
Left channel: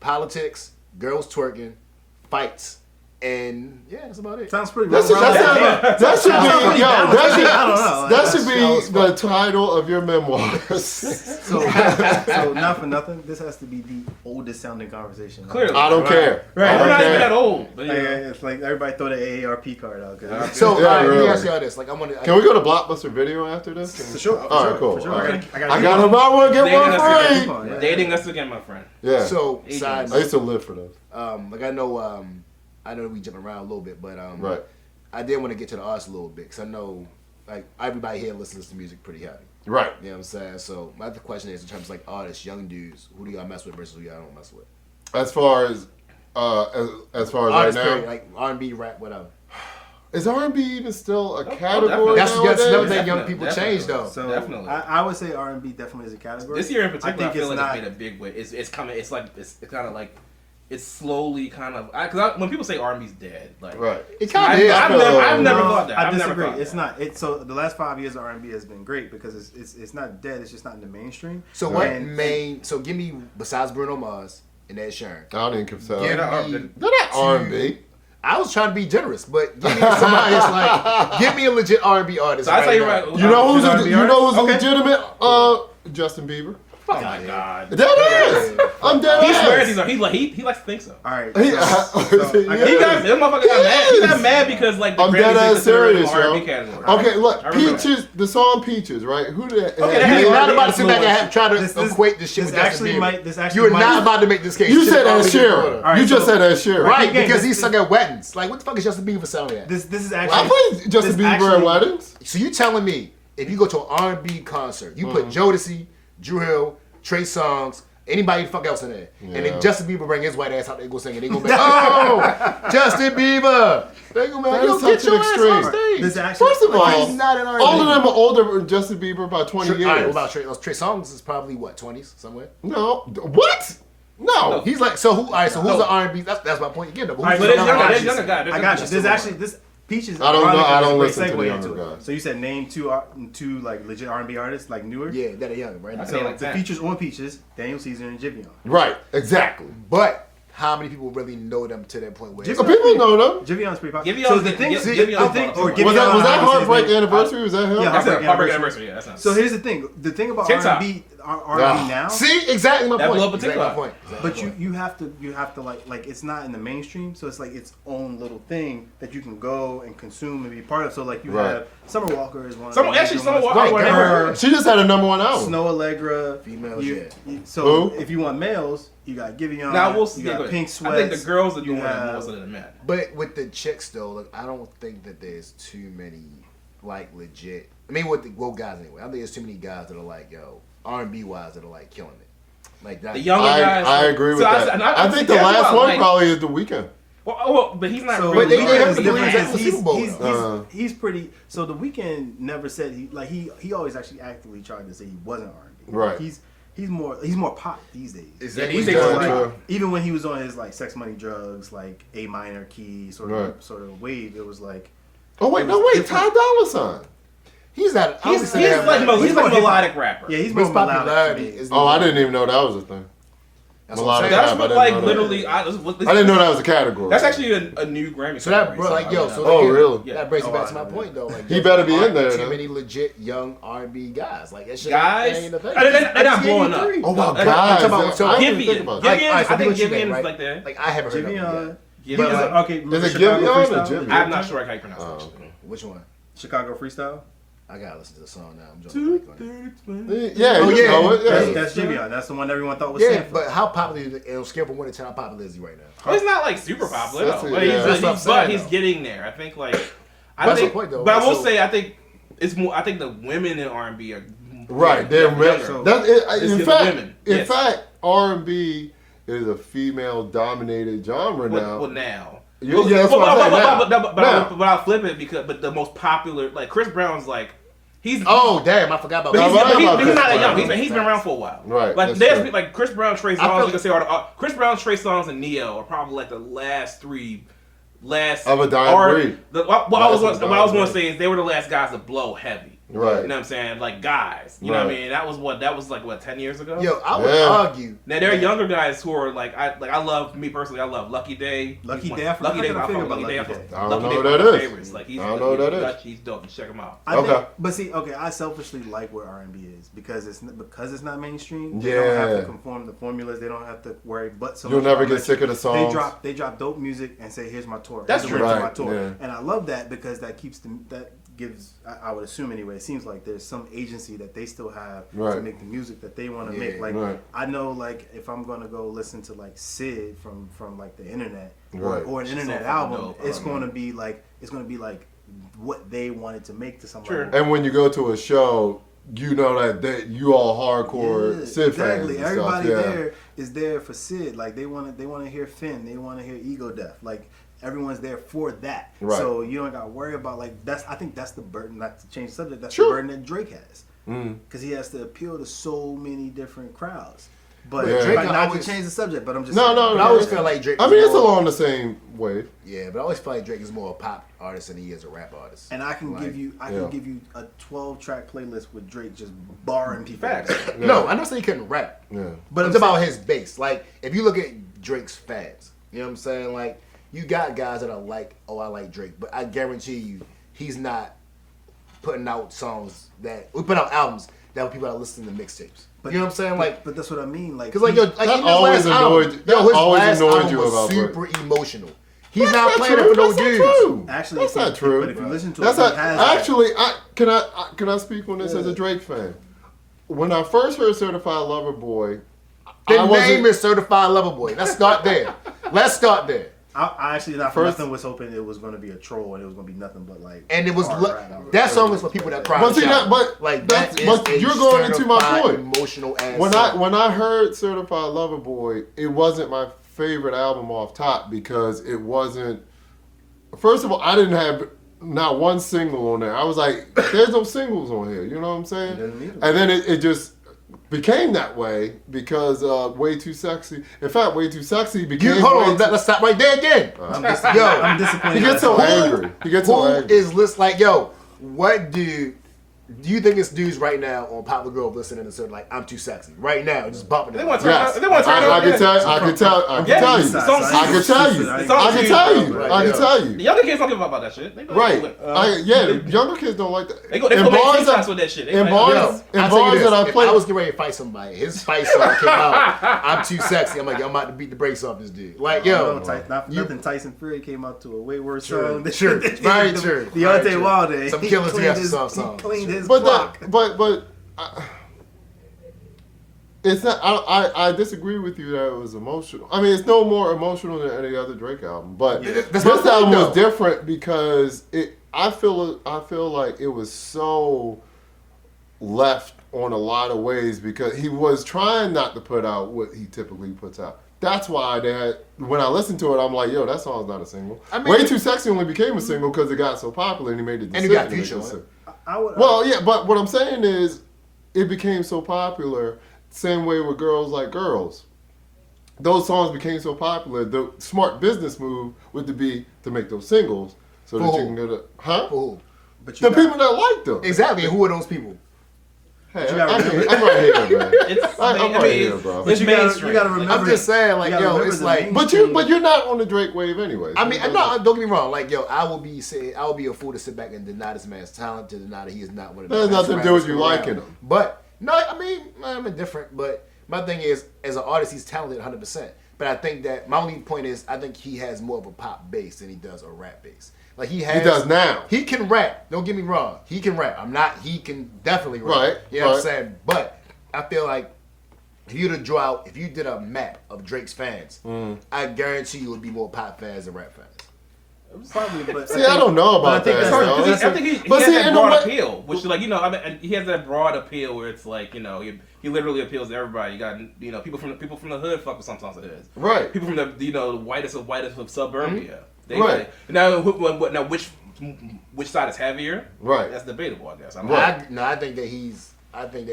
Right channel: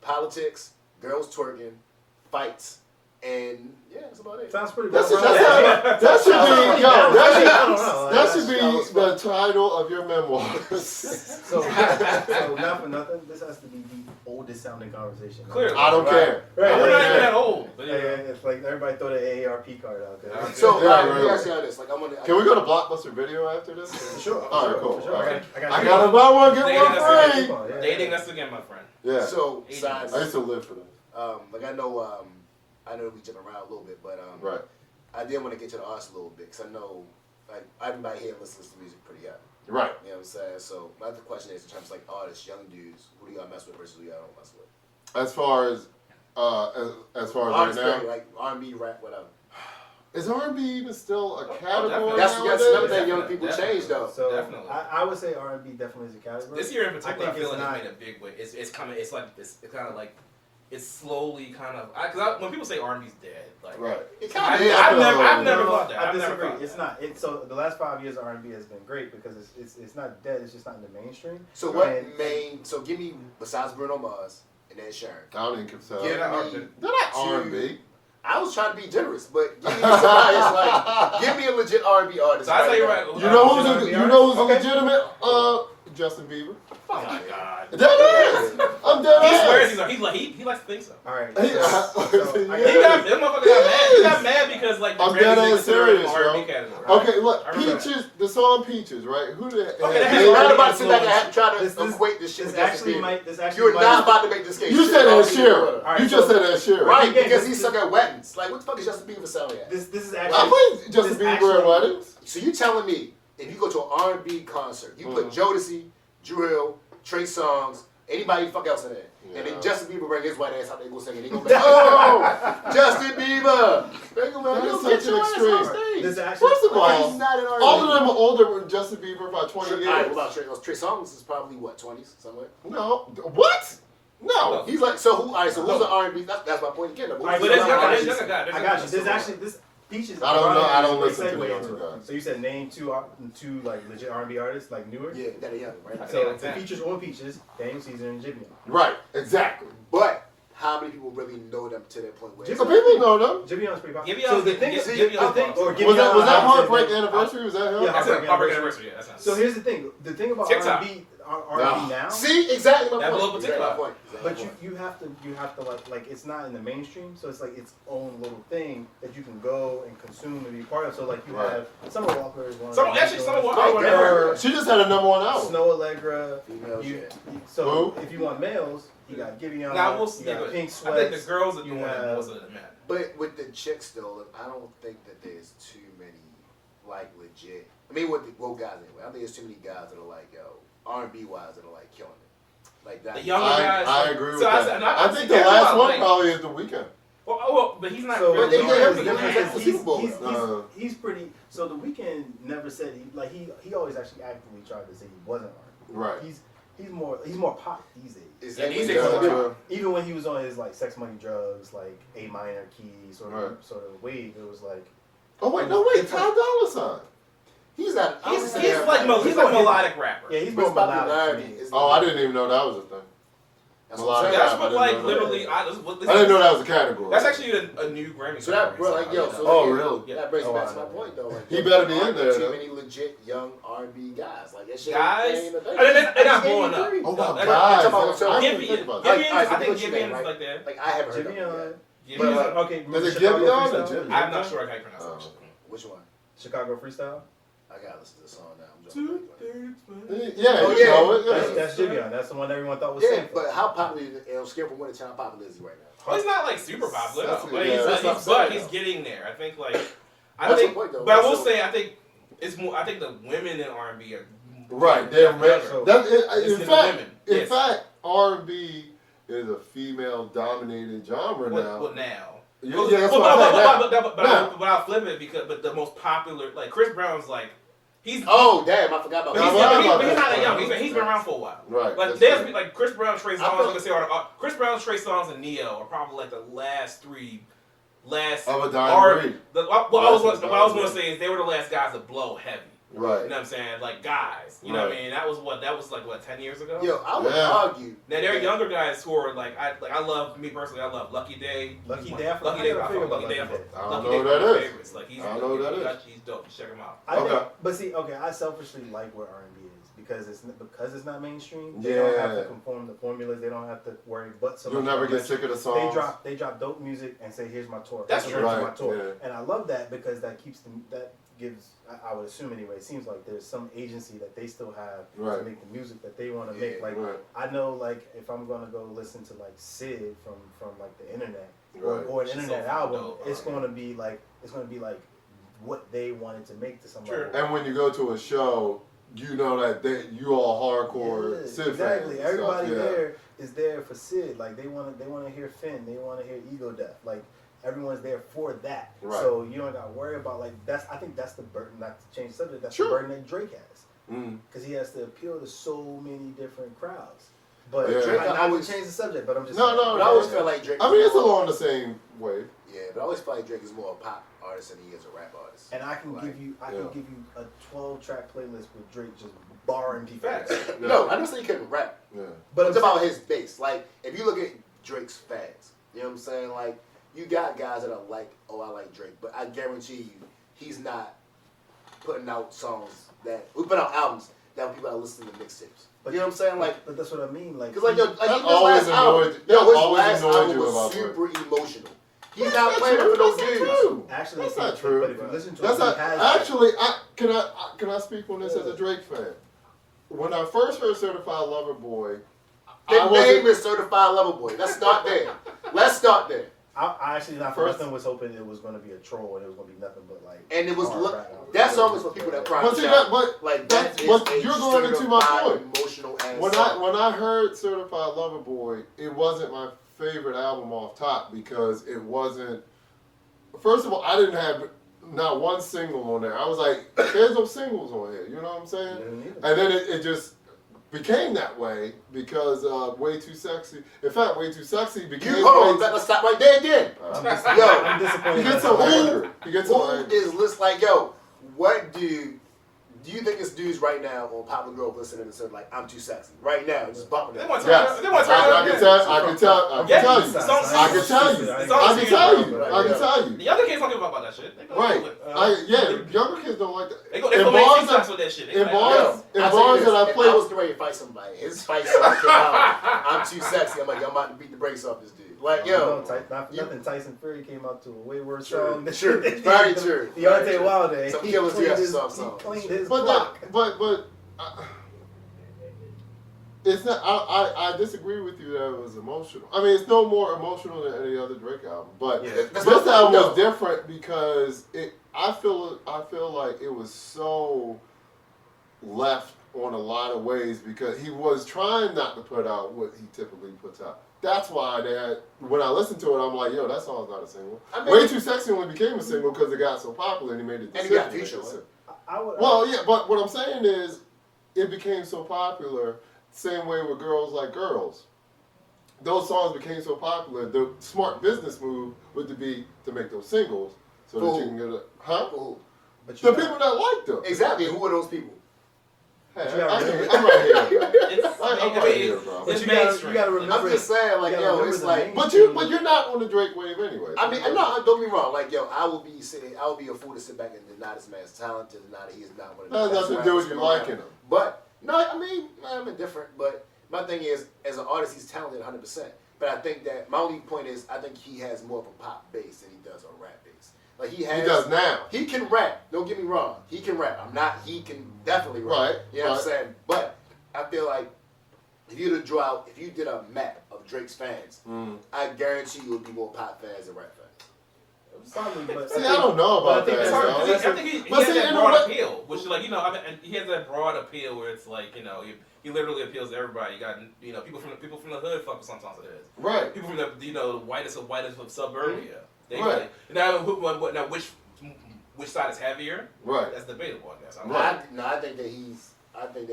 politics, girls twerking, fights, and yeah, that's about it. Sounds pretty. That should, well-rounded. that should be, yo, I don't know. that should That be the title of your memoirs. So not for nothing. This has to be the oldest sounding conversation. Clearly. I don't care. Right. I We're don't not even care. that old. But, Like, it's like everybody throw the AARP card out. Cause So Yeah, let me really. ask y'all this: like, I want to. Can we go to Blockbuster Video after this? for sure. All right, cool. For sure. All right. I I got to buy one, get Dating one us free. again. Yeah. Dating us again, my friend. Yeah. So, Agents. side I used to live for those. like I know we jumping around a little bit, but Right. I did want to get to the arts a little bit because I know like everybody here listens to music pretty heavy. Right. You know what I'm saying? So my other question is in terms of like artists, young dudes, who do y'all mess with versus who y'all don't mess with? As far as right Artists, now, period, like R&B, rap, whatever. is R&B even still a definitely. category That's nowadays? another thing young Definitely, people definitely. change though. So Definitely. I would say R&B definitely is a category. This year in particular, I, feel it's like not. it's made a big way. It's coming. It's like it's kind of like it's slowly kind of because when people say R&B's dead, like Right. It I've, kind of is. I've never No, thought that. I I've never disagree. thought It's that. not. It's so the last 5 years of R&B has been great because it's not dead. It's just not in the mainstream. So what And- so give me besides Bruno Mars and Ed Sheeran. I don't even consider Give that. me, They're not R&B. I was trying to be generous, but give me somebody that's like give me a legit R&B artist. So I tell you now. right. You know who's R&B a legitimate Justin Bieber? Oh my god. That is. I'm dead He ass. swears he likes to think so. all right. He- so I Yeah. He got this motherfucker got mad. He got Yes. mad because like the I'm Grammys dead didn't ass consider him serious, R&B yo. category. Okay, look, I remember Peaches, the song Peaches, right? Who did Okay, that You're has not R&B about to sit back and influence. try to This- equate this shit This with Justin actually Bieber. might. This actually You're might. not about to make this case. You Shit said that already Sheeran. done. All right, You just so- said that Sheeran. Right, Again, because this- he's sung at weddings. Like, what the fuck is Justin Bieber selling at? This is I actually. played Justin this Bieber actually- at weddings. So you telling me if you go to an R&B concert, you put Jodeci, Drew Hill, Trey Songz, anybody the fuck else in there, and Yeah. then Justin Bieber bring his white ass out, they go singing, they go back, oh, Justin Bieber. They go back, That yo, is get such your an ass extreme. on stage. This actually. First of all, He's not an R&B. all of them are older than Justin Bieber by 20 All right, years. about Trey Songz is probably what 20s somewhere. No. What? No. He's like so who? All right, so who's No. the R&B? That's my point again. Though. Who's All right, the But there's No, younger, no, there's no, younger guy. There's I younger got you. guy. This actually this Peaches. I don't know. ironically, I don't is a great listen to the segue younger into it. guys. So you said name two like legit R&B artists like newer. Yeah, that are young, right? I say So like the that. features on Peaches, Daniel Caesar and Jivion. Right. Exactly. But how many people really know them to that point where? So people know them. Jivion's pretty popular. Givion's So the the- thing, Giv- the Givion's thing, popular. or Givion, Was that I don't know how to say Heartbreak his name. Anniversary? Was that him? Yeah. That's a Heartbreak Heartbreak Anniversary. Anniversary. Yeah, that's not. So here's the thing. The thing about TikTok. R&B Yeah. now. See, exactly my That point. blew up a Exactly my TikTok. point. Exactly But my point. you have to like it's not in the mainstream, so it's like its own little thing that you can go and consume and be part of. So like you Right. have Summer Walker is one. Summer- of the actually, major Summer ones. Walker- Right, Her, She just had a #1 album. Snow Allegra, Females, you- yeah. So Who? if you want males, you got Giveon. Now we'll you see. got but Pink I Sweats. think the girls are you doing it have- more so than the men. But with the chicks though, look, I don't think that there's too many like legit. I mean, with the guys anyway. I think there's too many guys that are like, yo, R&B wise that are like killing it. Like that. The younger guys. I agree with So that. and I think the that's last why, one like, probably is The Weeknd. Well, but he's not. So, really they the have to difference believe is that Super Bowl, he's pretty. So the Weeknd never said he always actually actively tried to say he wasn't R&B. Right. He's more pop these days. Is Yeah, that these what days you're it's saying? like- Even when he was on his like Sex Money Drugs, like A minor key sort Right. of wave, it was like Oh wait, no wait, Ty Dolla $ign. He's not. I He's would say that, like he's a more hip-hop. melodic rapper. yeah, he's His more melodic. popularity to me. is. Oh, I didn't even know that was a thing. That's what I'm saying. That's I what didn't like know that. literally. I didn't know that was a category. That's actually a new Grammy. So that, category, bro, like, yo, I so mean, Oh, again, really? Yeah. that brings me Oh, back I to my know. point, though. Like, He yo, better be there in there, aren't Too though. many legit young R&B guys. Like that shit. guys, ain't a thing. and they're not blowing up. Oh wow, They're guys! talking about- so I didn't Giveon, think about Like, that. Giveon, alright, so I think what you mean, Givion's right? like that. Like I haven't heard of him Giveon. yet. But Giveon. like, okay, Is it Chicago Giveon or Freestyle? Giveon? I'm not sure how you pronounce Oh. it. Which one? Chicago Freestyle. I gotta listen to the song now. I'm joking. Yeah, Oh, you yeah. know it. That's, Yeah. that's Giveon. That's the one everyone thought was Yeah, Stanford. but how popular is it? Scale from 1 to 10, how popular is he right now? Oh, he's not like super popular, That's no. it, But yeah. he's, That's what I'm saying, he's though. getting there. I think like That's the point, though. But I will So- say I think it's more. I think the women in R&B are Right, they're younger. So- that. It's In the fact, women. in Yes. fact, R&B is a female-dominated genre now. Well, now. Yeah, that's what I'm saying now. Now. But I'll flip it but the most popular, like Chris Brown's like he's. Oh, damn, I forgot about But he's, Right, but right, he's not that right, young. right. He's been around for a while. Right, Like that's there's true. like Chris Brown, Trey I Songz. feel- You can say are Chris Brown, Trey Songz, and Neo are probably like the last three. Of a dying breed. What I was That's a going to dying say is they were the last guys to blow heavy. Right. You know what I'm saying? Like guys. You know what I Right. mean? That was like what 10 years ago. Yo, I would Yeah. argue. Now there are that- younger guys who are like I love me personally. I love Lucky Day. Lucky He's Day, one- I forgot Lucky Day. to I figure fuck about Lucky Day. Lucky Day. I don't Lucky know Day what one that of my is. favorites. Like he's I don't know what that is. He's dope. Check him out. I think, Okay. but see, okay, I selfishly like what R&B is because it's not mainstream. They Yeah. don't have to conform the formulas. They don't have to worry. But so You'll much never about get sick of the They songs. drop dope music and say, "Here's my tour." That's Here's the true. rest of Right, my tour. yeah. And I love that because that keeps them. That gives. I would assume anyway. It seems like there's some agency that they still have to Right. make the music that they want to Yeah, make. Like right. I know, like if I'm gonna go listen to like Sid from like the internet Right. or an She's internet so album, fucking dope. it's gonna be like what they wanted to make to somebody. True. And when you go to a show, you know that you all hardcore Sid exactly. fans. And Everybody stuff. Yeah. there is there for Sid. Like they want to hear Finn. They want to hear Ego Death. Like everyone's there for that. Right. So you don't got to worry about like that's. I think that's the burden. Not to change the subject. That's Sure. the burden that Drake has Mm. because he has to appeal to so many different crowds. But Yeah. Drake, Drake not always- to change the subject. But I'm just No, saying. no, But I always no. feel like Drake. I mean, is it's more- along the same wave. Yeah, but I always feel like Drake is more a pop artist than he is a rap artist. And I can Like, give you yeah. a 12-track playlist with Drake just barring people. Facts. Yeah. No, I never said he couldn't rap. Yeah. But it's I'm about his base. Like, if you look at Drake's fans, you know what I'm saying? Like, you got guys that are like, oh, I like Drake. But I guarantee you, he's not putting out songs we put out albums that people are listening to mixtapes. But You know what I'm saying? Like, but that's what I mean. Like, because like yo, like That even his always last album, annoyed- yo, that his always last annoyed album you was about super emotional. He's That's not playing true. it for no That's not dudes. true. actually, That's not true. But if you listen to That's it, not, he has actually. Can I speak on this as a Drake fan? When I first heard "Certified Lover Boy," The I name wasn't- is Certified Lover Boy. Let's start there. Let's start there. I actually not for First- nothing was hoping it was going to be a troll and it was going to be nothing but like. And it was hard rap. that song was for people that cry. But see shout. that, but like that's, that is but a you're going into my certified point. Emotional ass. When song. I heard "Certified Lover Boy," it wasn't my favorite album off top because it wasn't. First of all, I didn't have not one single on there. I was like, "There's no singles on here." You know what I'm saying? Didn't either. And then it just became that way because "Way Too Sexy." In fact, "Way Too Sexy" became. hold on, Way Too- let's stop right there again. I'm Yo, disappointed. He gets so Who- angry. He gets so Who angry. is list like yo? What do you think it's dudes right now on Popular Grove listening and saying like I'm too sexy right now, just bumping They it? want to Yes, turn. They want to turn I up. can tell. I can tell. I can Yeah, tell you. it's- I can tell you. It's I can tell you. Right, I yeah. can tell The you. younger kids don't give a fuck about that shit. They don't Right. do it. Yeah, younger kids don't like that. They go In make bars TikToks that- with that shit. They in like, bars- Yo, in I'll tell you bars this, that I if played- I was getting ready to fight somebody, his fight song came out. I'm too sexy. I'm like, I'm about to beat the brakes off this dude. Like, yo, Nothing. Tyson Fury came out to a way worse True, song. true. Very true. Very Deontay true. Wilder. Some he killers cleaned have his- some he songs. cleaned his But block. it's not. I disagree with you that it was emotional. I mean, it's no more emotional than any other Drake album. But Yeah. That's this my point, album though. was different because it. I feel like it was so left on a lot of ways because he was trying not to put out what he typically puts out. that's why they had. When I listened to it, I'm like, yo, that song's not a single. I mean- Way Too Sexy only became a single because it got so popular and he made the And decision. he got to make Future it a on it. single. I would. Well, yeah, but what I'm saying is, it became so popular. Same way with Girls Like Girls. Those songs became so popular. The smart business move would be to make those singles so that For you who? can get a Cool. But the got- people that like them. Exactly. Who are those people? Hey, you gotta remember- I'm right here, man. It's, I'm right here, bro. But It's you gotta mainstream. remember. I'm just saying, like, You gotta yo, remember it's the like. main- But you're not on the Drake wave anyway. I mean, so- no, don't get me wrong. Like, yo, I will be a fool to sit back and deny this man's talent, to deny that he is not one of the That has best nothing to do with rappers you around. liking him. But no, I mean, I'm indifferent. But my thing is, as an artist, he's talented 100%. But I think that my only point is, I think he has more of a pop bass than he does a rap bass. Like he has. He does now. He can rap. Don't get me wrong. He can rap. He can definitely rap. Right, You know what I'm right. saying? But I feel like if you did a map of Drake's fans, I guarantee you would be more pop fans than rap fans. Probably, but See, I don't know but I about think that. that's- though. that's- I think he But has see, that in broad a way- appeal, which like I mean, he has that broad appeal where it's like he literally appeals to everybody. You got people from the hood fuck with some songs of his. Right. People from the whitest of suburbia. They, Right. Now which side is heavier? Right. That's debatable, I guess. I don't Right. know. I think that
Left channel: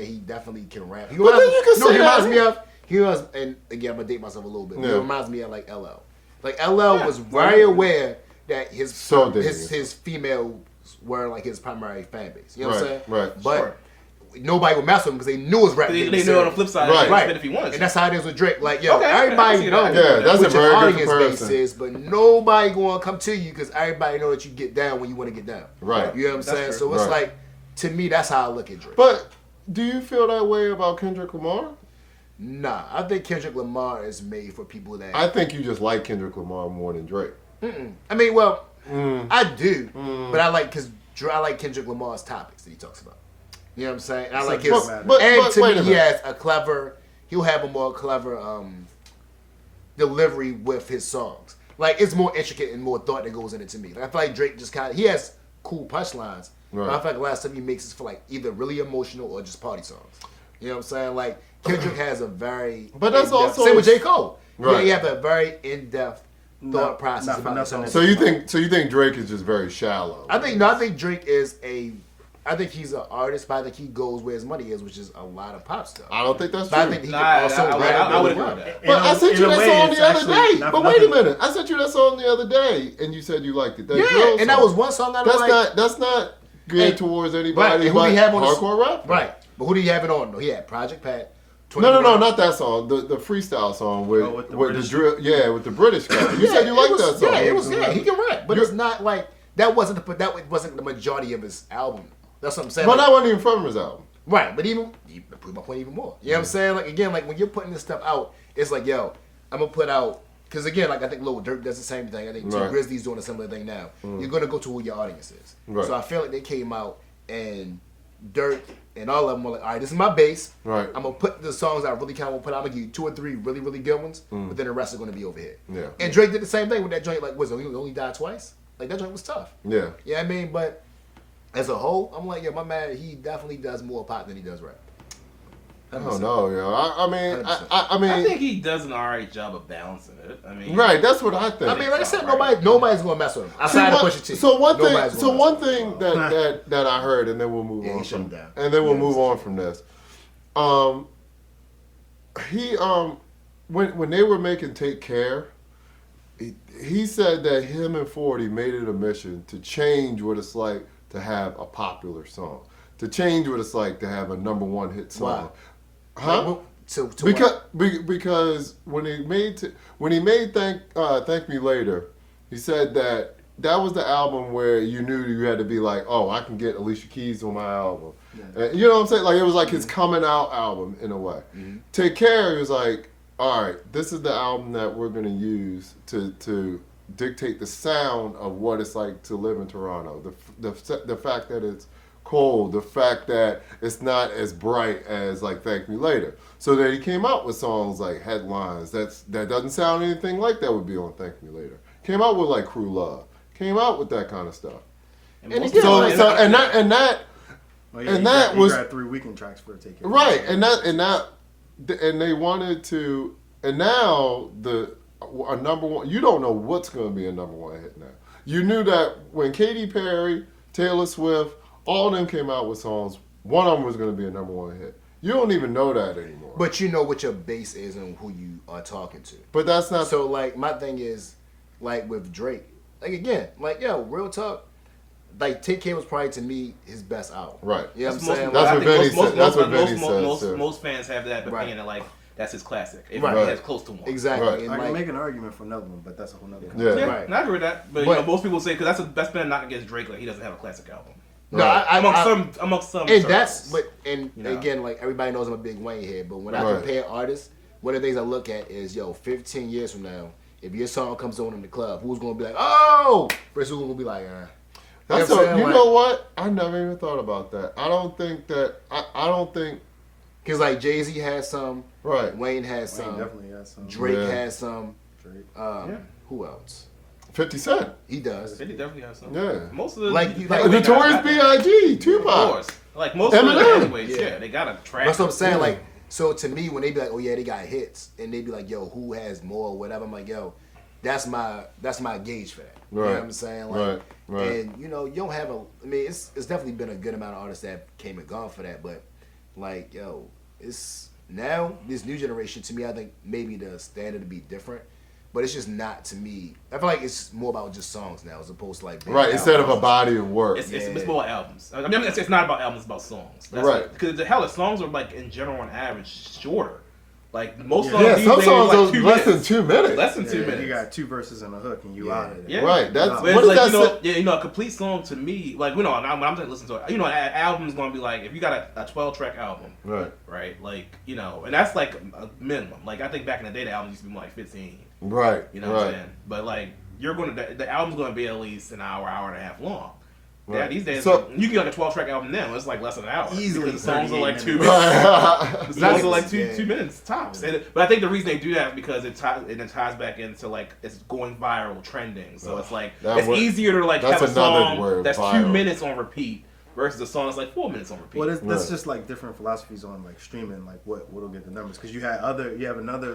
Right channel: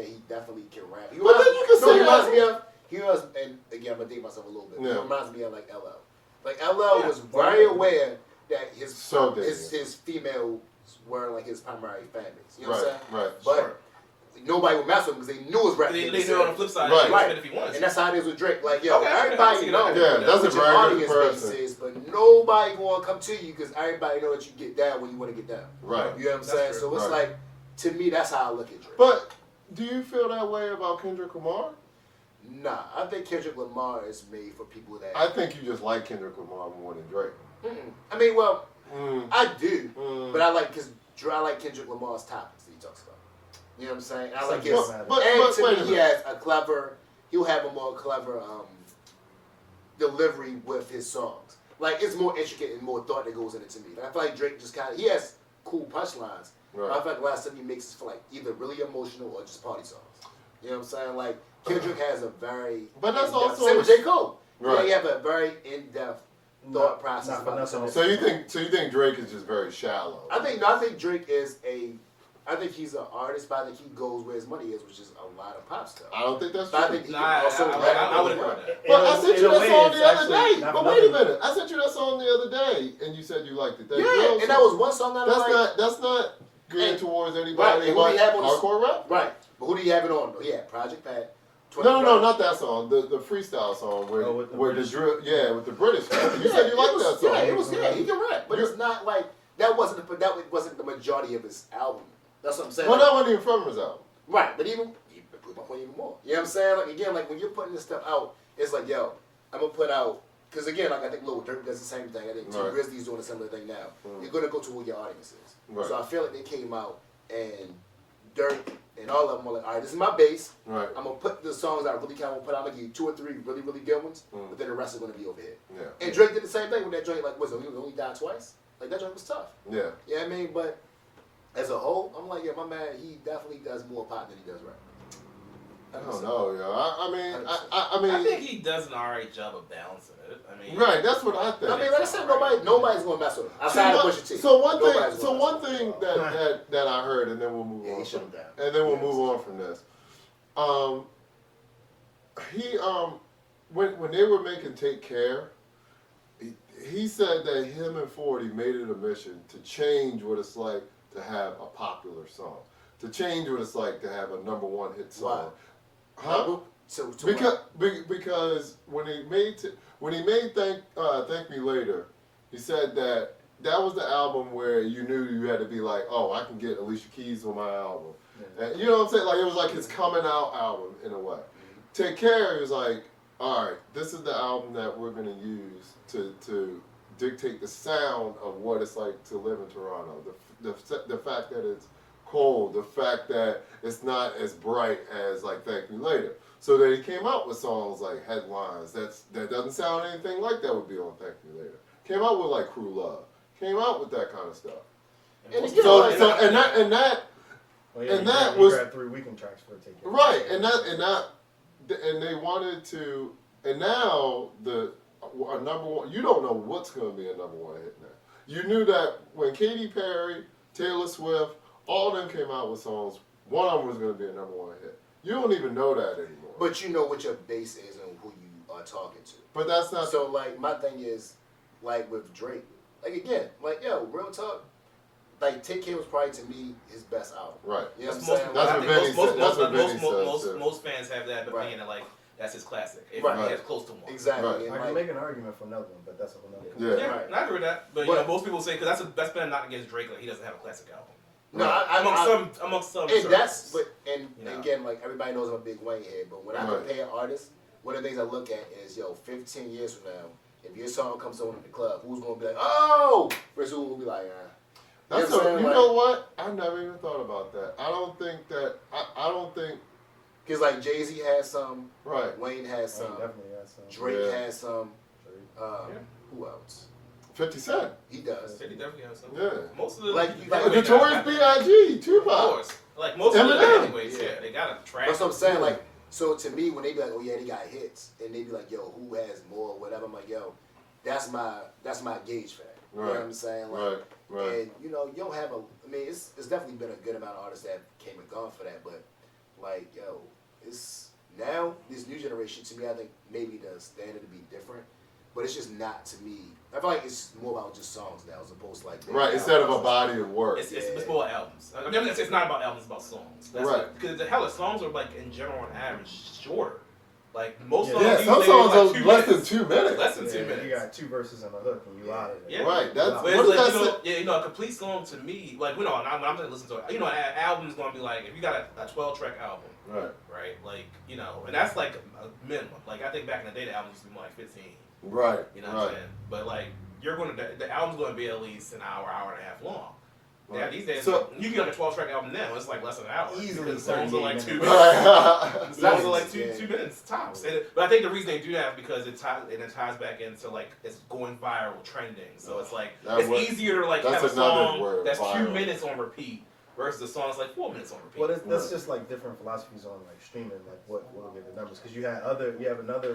he definitely can rap. He But then you can say he reminds that. me of. He was, and again, I'm gonna date myself a little bit. He Yeah. reminds me of like LL. Like LL Yeah. was very aware that his So dangerous. his females were like his primary fan base. You know what I'm saying? Right. But Sure. nobody would mess with him because they knew his rap. They game knew was on the serious. flip side, Right. he Right. could if he wanted to. And that's how it is with Drake. Like, yo, Okay, I everybody see knows that. Yeah, that's what a your very good audience base comparison. is, but nobody gonna come to you because everybody know that you get down when you want to get down. Right. You know what I'm That's saying? true. So it's Right. like, to me, that's how I look at Drake. But do you feel that way about Kendrick Lamar? Nah, I think Kendrick Lamar is made for people that. I think you just like Kendrick Lamar more than Drake. I mean, well, I do, Mm. but I like Kendrick Lamar's topics that he talks about. You know what I'm saying? I like his, But- and to wait me, a he minute. has he'll have a more clever delivery with his songs. Like it's more intricate and more thought that goes in it to me. Like, I feel like Drake just he has cool punchlines. Right. But I feel like the last time he makes is for like either really emotional or just party songs. You know what I'm saying? Like Kendrick has a very But that's in-depth- also- same with J. Cole. Right. You have a very in-depth thought Not process for about the nothing. song. So you think Drake is just very shallow? I think Drake I think he's an artist, but I think he goes where his money is, which is a lot of pop stuff. I don't think that's But I true. think he Nah, can also I would rap agree really with well. that. But I sent In you a that way, song it's the other actually day. not But for wait a nothing. minute, I sent you that song the other day, and you said you liked it. That Yeah, drill and that song. was one song I was like, That's not good And- towards right, anybody and but who do you have on the hardcore rap. right. But who do you have it on though? He had Project Pat. No, 21. not that song. The freestyle song with, Oh, with the with British- the drill. Yeah, with the British guy. You said you it liked was- that song. Yeah, it was. Yeah, he can rap, but You're- it's not like that wasn't the majority of his album. That's what I'm saying. But Like, that wasn't even from his album. right, but even prove my point even more. You know what I'm saying? Like again, like when you're putting this stuff out, it's like, yo, I'm gonna put out because again, like I think Lil Durk does the same thing. I think T Right. Grizzly's doing a similar thing now. You're gonna go to who your audience is. Right. So I feel like they came out and Dirk and all of them were like, all right, this is my base. Right. I'm gonna put the songs I really kind of want to put out. I'm gonna give you 2 or 3 really, really good ones, but then the rest are gonna be over here. Yeah. And Drake did the same thing with that joint. Like, was it, he only died twice? Like that joint was tough. Yeah. You know what I mean? But as a whole, I'm like, yeah, my man, he definitely does more pop than he does rap. I don't know, yo. I mean, I mean, I think he does an alright job of balancing it. I mean, right. That's what I think. I mean, like I said, nobody's gonna mess with him. See, Outside of one- Pusha T. So one Nobody's thing, gonna so mess one with him. thing that I heard, and then we'll move Yeah, on he shut from him down. and then we'll Yeah, move it's- on from this. He when they were making Take Care, he said that him and 40 made it a mission to change what it's like to have a popular song, to change what it's like to have a #1 hit song. Why? Huh? Because when he made Thank Me Later, he said that was the album where you knew you had to be like, oh, I can get Alicia Keys on my album. And you know what I'm saying? Like it was like his coming out album in a way. Take Care, he was like, all right, this is the album that we're gonna use to dictate the sound of what it's like to live in Toronto. The fact that it's cold, the fact that it's not as bright as like Thank Me Later. So that he came out with songs like Headlines that doesn't sound anything like that would be on Thank Me Later. Came out with like Crew Love. Came out with that kind of stuff. And And most again, people- So and that Oh, yeah, And he that grabbed, was- he grabbed 3 weekend tracks for Take Care. right, and they wanted to And now a number one, you don't know what's going to be a number one hit now. You knew that when Katy Perry, Taylor Swift, all of them came out with songs, one of them was going to be a number one hit. You don't even know that anymore. But you know what your base is and who you are talking to. But that's not So like my thing is, like with Drake, like again, like yo, real talk. Like Take Care was probably to me his best album. right. You know what I'm Most- saying? That's I what think Benny said. That's what Benny said. too. Most fans have that Right. opinion that like that's his classic. If Right. he has close to one. Exactly. Right. And I can like, make an argument for another one, but that's a whole nother. Yeah. Yeah, Right. and I agree with that. But, But- most people say because that's been a knock against Drake. Like he doesn't have a classic album. no, Right. Amongst some. and circles. that's and You know. again, like everybody knows I'm a big Wayne head, but when I Right. compare artists, one of the things I look at is 15 years from now, if your song comes on in the club, who's gonna be like, oh, versus who's gonna be like, That's You know what I'm saying? you Like- know what? I never even thought about that. I don't think because like Jay-Z has some, right. Wayne has Wayne some, definitely has some. Drake Yeah. has some, Drake. Yeah. who else? 50 Cent. He does. He definitely has some. Yeah. Most of the Like, you- like, like, Notorious B.I.G. Of Tupac. course. Like most of Eminem. them, anyways. Yeah. Yeah, they got a track. That's what I'm saying. Yeah. Like, so to me, when they be like, "Oh yeah, they got hits," and they be like, "Yo, who has more?" or whatever, I'm like, "Yo, that's my gauge for that." You know Right. what I'm saying? Like, Right. and you know, you don't have a. I mean, it's definitely been a good amount of artists that came and gone for that, but like, yo, it's now this new generation. To me, I think maybe the standard to be different, but it's just not to me. I feel like it's more about just songs now, as opposed to like Right. Instead of a body of work. It's more albums. I mean, it's not about albums. It's about songs. That's Right. Because the hell, the songs are like in general on average shorter. Like most songs Yeah, these some days songs are are like 2 less than minutes. 2 minutes. Less than 2 Yeah, minutes. you got 2 verses and a hook, and you Yeah. out of there. Yeah. Right. That's But But what it's does like, that say? a complete song to me, like, when I'm just listening to it, an album's gonna be like, if you got a 12-track album, Right. like, and that's like a minimum. Like, I think back in the day, the album used to be more like 15, Right. you know right. what I'm saying? But, like, the album's gonna be at least an hour, hour and a half long. Yeah, Right. these days, So- you get like a 12-track album now, it's like less than an hour. Easily Because the songs are like 2 38 minutes. Right. The songs are like Yeah. 2 minutes tops. But I think the reason they do that is because it ties back into like it's going viral, trending. So it's like That it's word- easier to like that's have a another song word, that's viral. 2 minutes on repeat versus a song that's like 4 minutes on repeat. Well, that's Right. just like different philosophies on like streaming, like what'll get the numbers. Because you have another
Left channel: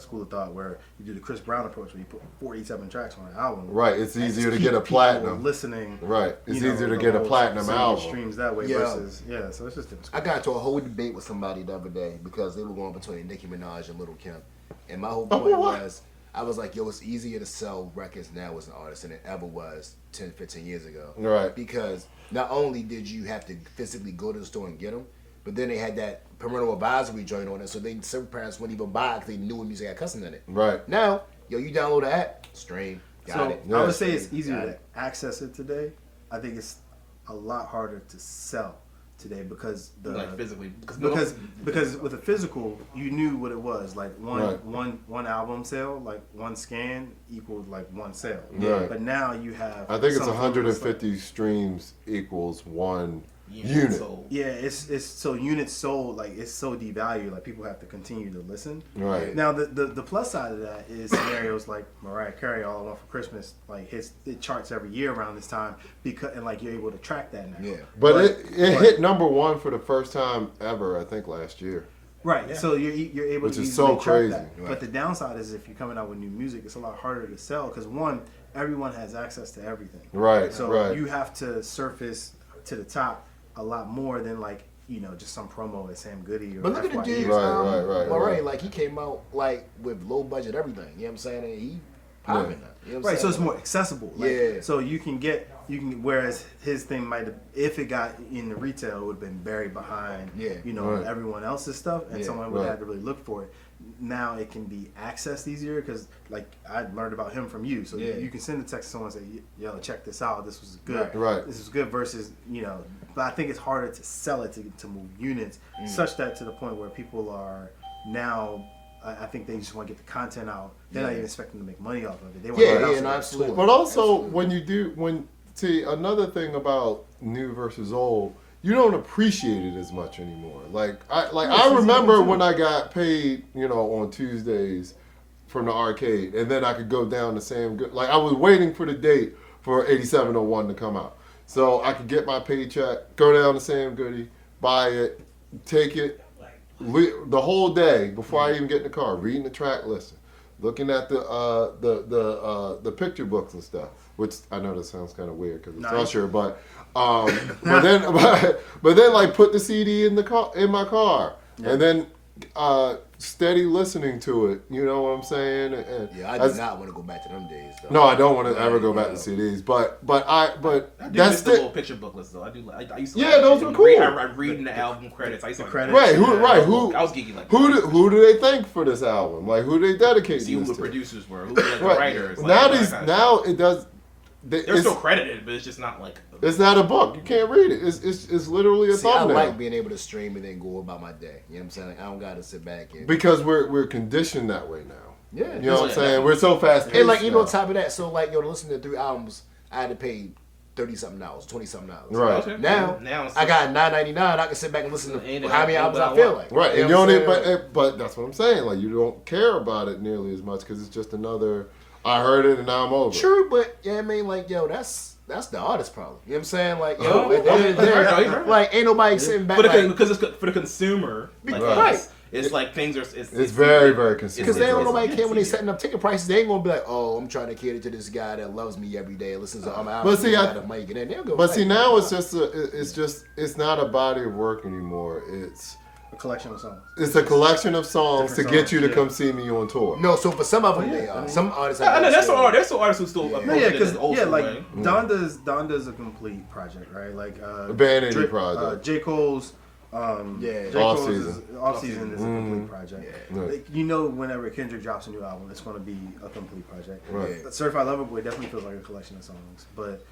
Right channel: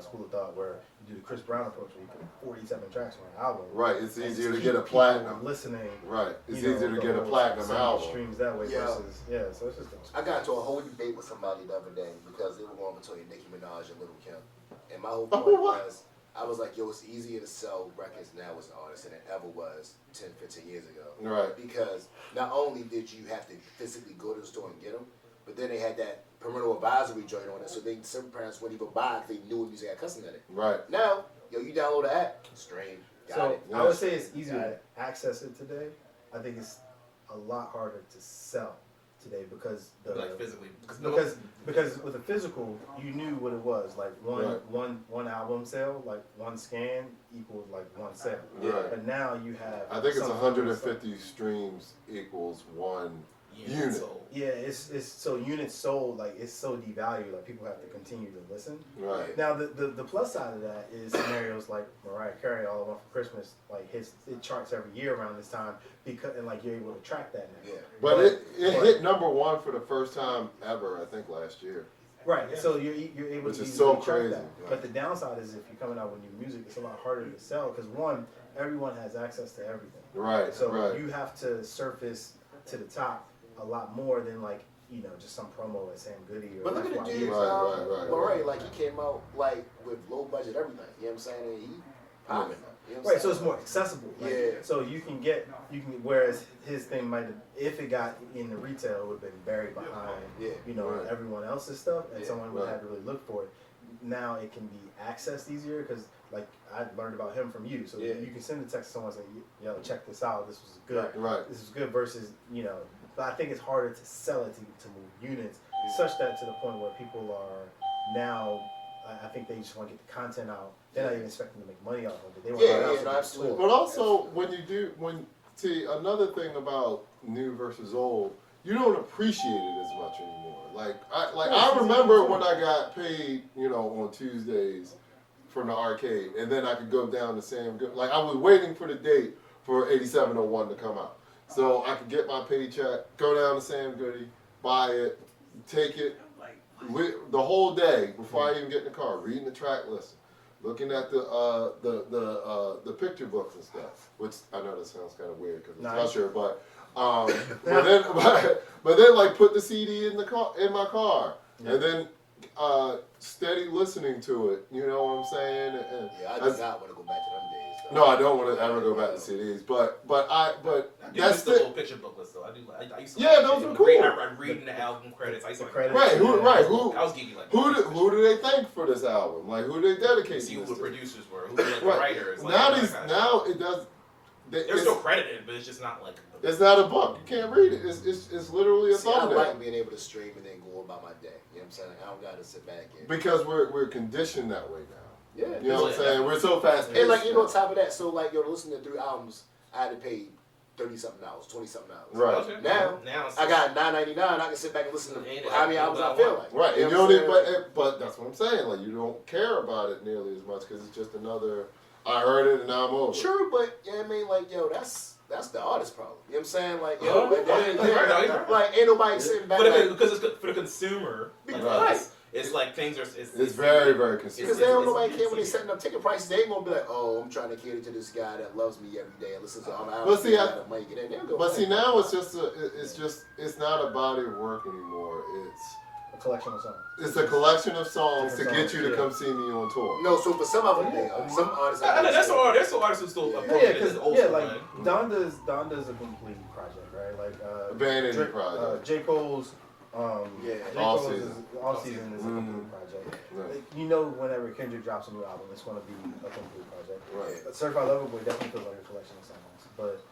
school of thought where you do the Chris Brown approach where you put 47 tracks on an album. Right. It's and easier just to get keep a people platinum. listening. Right. It's you know, easier to the get a whole platinum song album. streams that way Yeah. versus so it's just different. I got into a whole debate with somebody the other day because they were going between Nicki Minaj and Lil Kim, and my whole point was, I was like, yo, it's easier to sell records now as an artist than it ever was 10, 15 years ago. Right. Because not only did you have to physically go to the store and get them, but then they had that parental advisory joint on it, so some parents wouldn't even buy it because they knew what music had cussing in it. Right. Now, yo, you download the app, stream, got So it. Yeah. I would say it's easier Got to it. access it today. I think it's a lot harder to sell today because like physically. because with the physical, you knew what it was. Like Right. one album sale, like one scan equaled like one sale. Right. But now you have. I think it's something 150 streams equals one unit. So, Yeah, it's so units sold, like it's so devalued, like people have to continue to listen. Right. Now the plus side of that is scenarios like Mariah Carey, All I Want for Christmas, like it charts every year around this time because and like you're able to track that now. Yeah. But But- it but- hit number one for the first time ever, I think, last year. Right. Yeah. So you're able Which to is easily so track crazy. that. Right. But the downside is if you're coming out with new music, it's a lot harder to sell because one, everyone has access to everything. Right. So right. you have to surface to the top a lot more than like just some promo at Sam Goody or But look at the FYE. dude, Right. Murray, like he came out like with low budget everything. You know what I'm saying? And he popping Yeah. up. You know what I'm Right, so saying? it's more accessible. Like, Yeah. So you can whereas his thing might have, if it got in the retail, it would have been buried behind, Yeah. Right. everyone else's stuff, and Yeah. someone would Right. have to really look for it. Now it can be accessed easier because, like, I learned about him from you, so Yeah. you can send a text to someone and say, "Yo, check this out. This was good. Right. This is good." Versus, but I think it's harder to sell it to move units, such that to the point where people are now. I think they just want to get the content out. They're not Yeah. even expecting to make money off of it. They want Yeah, to get it out yeah, so no, they can absolutely. store it. But also, Absolutely. see, another thing about new versus old, you don't appreciate it as much anymore. I remember when I got paid, on Tuesdays from the arcade, and then I could go down to Sam Goody. Like, I was waiting for the date for 8701 to come out. So I could get my paycheck, go down to Sam Goody, buy it, take it, the whole day before I even get in the car, reading the track list, looking at the picture books and stuff. Which I know that sounds kind of weird because it's Usher, but then like put the CD in my car, and then steady listening to it. You know what I'm saying? And Yeah, I do not want to go back to them days. Though. No, I don't want to ever go back to CDs. But I do that's miss the little picture booklets though. I used to. Yeah, those were cool. I reading the album credits. I used to credits. Right, who? I was geeky like Who do they thank for this album? Like who do they dedicate see who this the to? producers were, who were like the Right. writers. Now it does. They're still credited, but it's just not like. It's not a book. You can't read it. It's literally a thumbnail. I like being able to stream and then go about my day. You know what I'm saying? Like, I don't got to sit back and. Because we're conditioned that way now. Yeah. You know what I'm saying? We're so fast paced. And like even on top of that, so like to listen to 3 albums, I had to pay $30-something, $20-something. Right. Okay. Now I got $9.99. I can sit back and listen to how many albums I feel like. Right, You and know you what I'm don't. saying? But that's what I'm saying. Like you don't care about it nearly as much because it's just another. I heard it and now I'm over. True, but yeah, I mean, like yo, that's the artist problem. You know what I'm saying? Like yo, Oh, at the end of the day, right. like ain't nobody sitting back. Because it's for the consumer. Like, Right. It's like things are. It's very, very consistent. Because they don't nobody care when they setting up ticket prices. They ain't gonna be like, oh, I'm trying to cater to this guy that loves me every day, listens to my album. But see, money get in. They'll go. But see, now it's not a body of work anymore. It's A collection of songs. a collection of songs Different to get songs, you to yeah. come see me on tour. No, so for some of them, they are. Some artists. I know there's some artists who still approach it because as old school like way. Donda's a complete project, right? Like A band indie project. J. Cole's Yeah. J. All Cole's season. Off Season is a complete project. Yeah. Like, you know, whenever Kendrick drops a new album, it's going to be a complete project. Right. Certified Lover Boy definitely feels like a collection of songs, but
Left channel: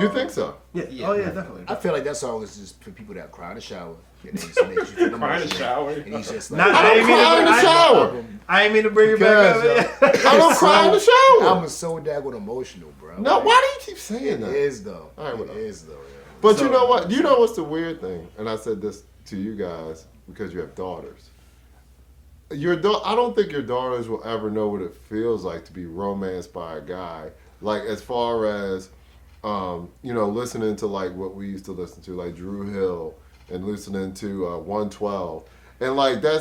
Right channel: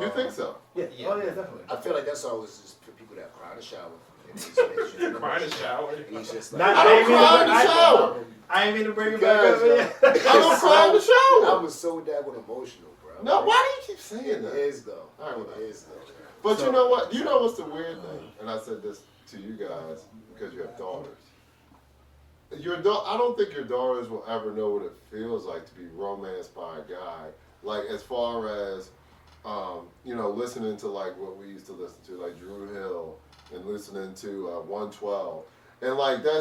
You think so? yeah, Yeah. oh yeah, definitely. I feel like that song is just for people that cry in the shower. And they just make you feel Cry in the emotional. shower. And he's just like, Not- I don't cry in the shower. I ain't mean to bring it back up. Because, I don't cry in the shower. I'm so daggone emotional, bro. No, Like, why do you keep saying It that? is though. All right, It whatever. is though. Yeah. But you know what? You know what's the weird thing? And I said this to you guys because you have daughters. I don't think your daughters will ever know what it feels like to be romanced by a guy. Like as far as listening to like what we used to listen to, like Drew Hill, and listening to 112. And like I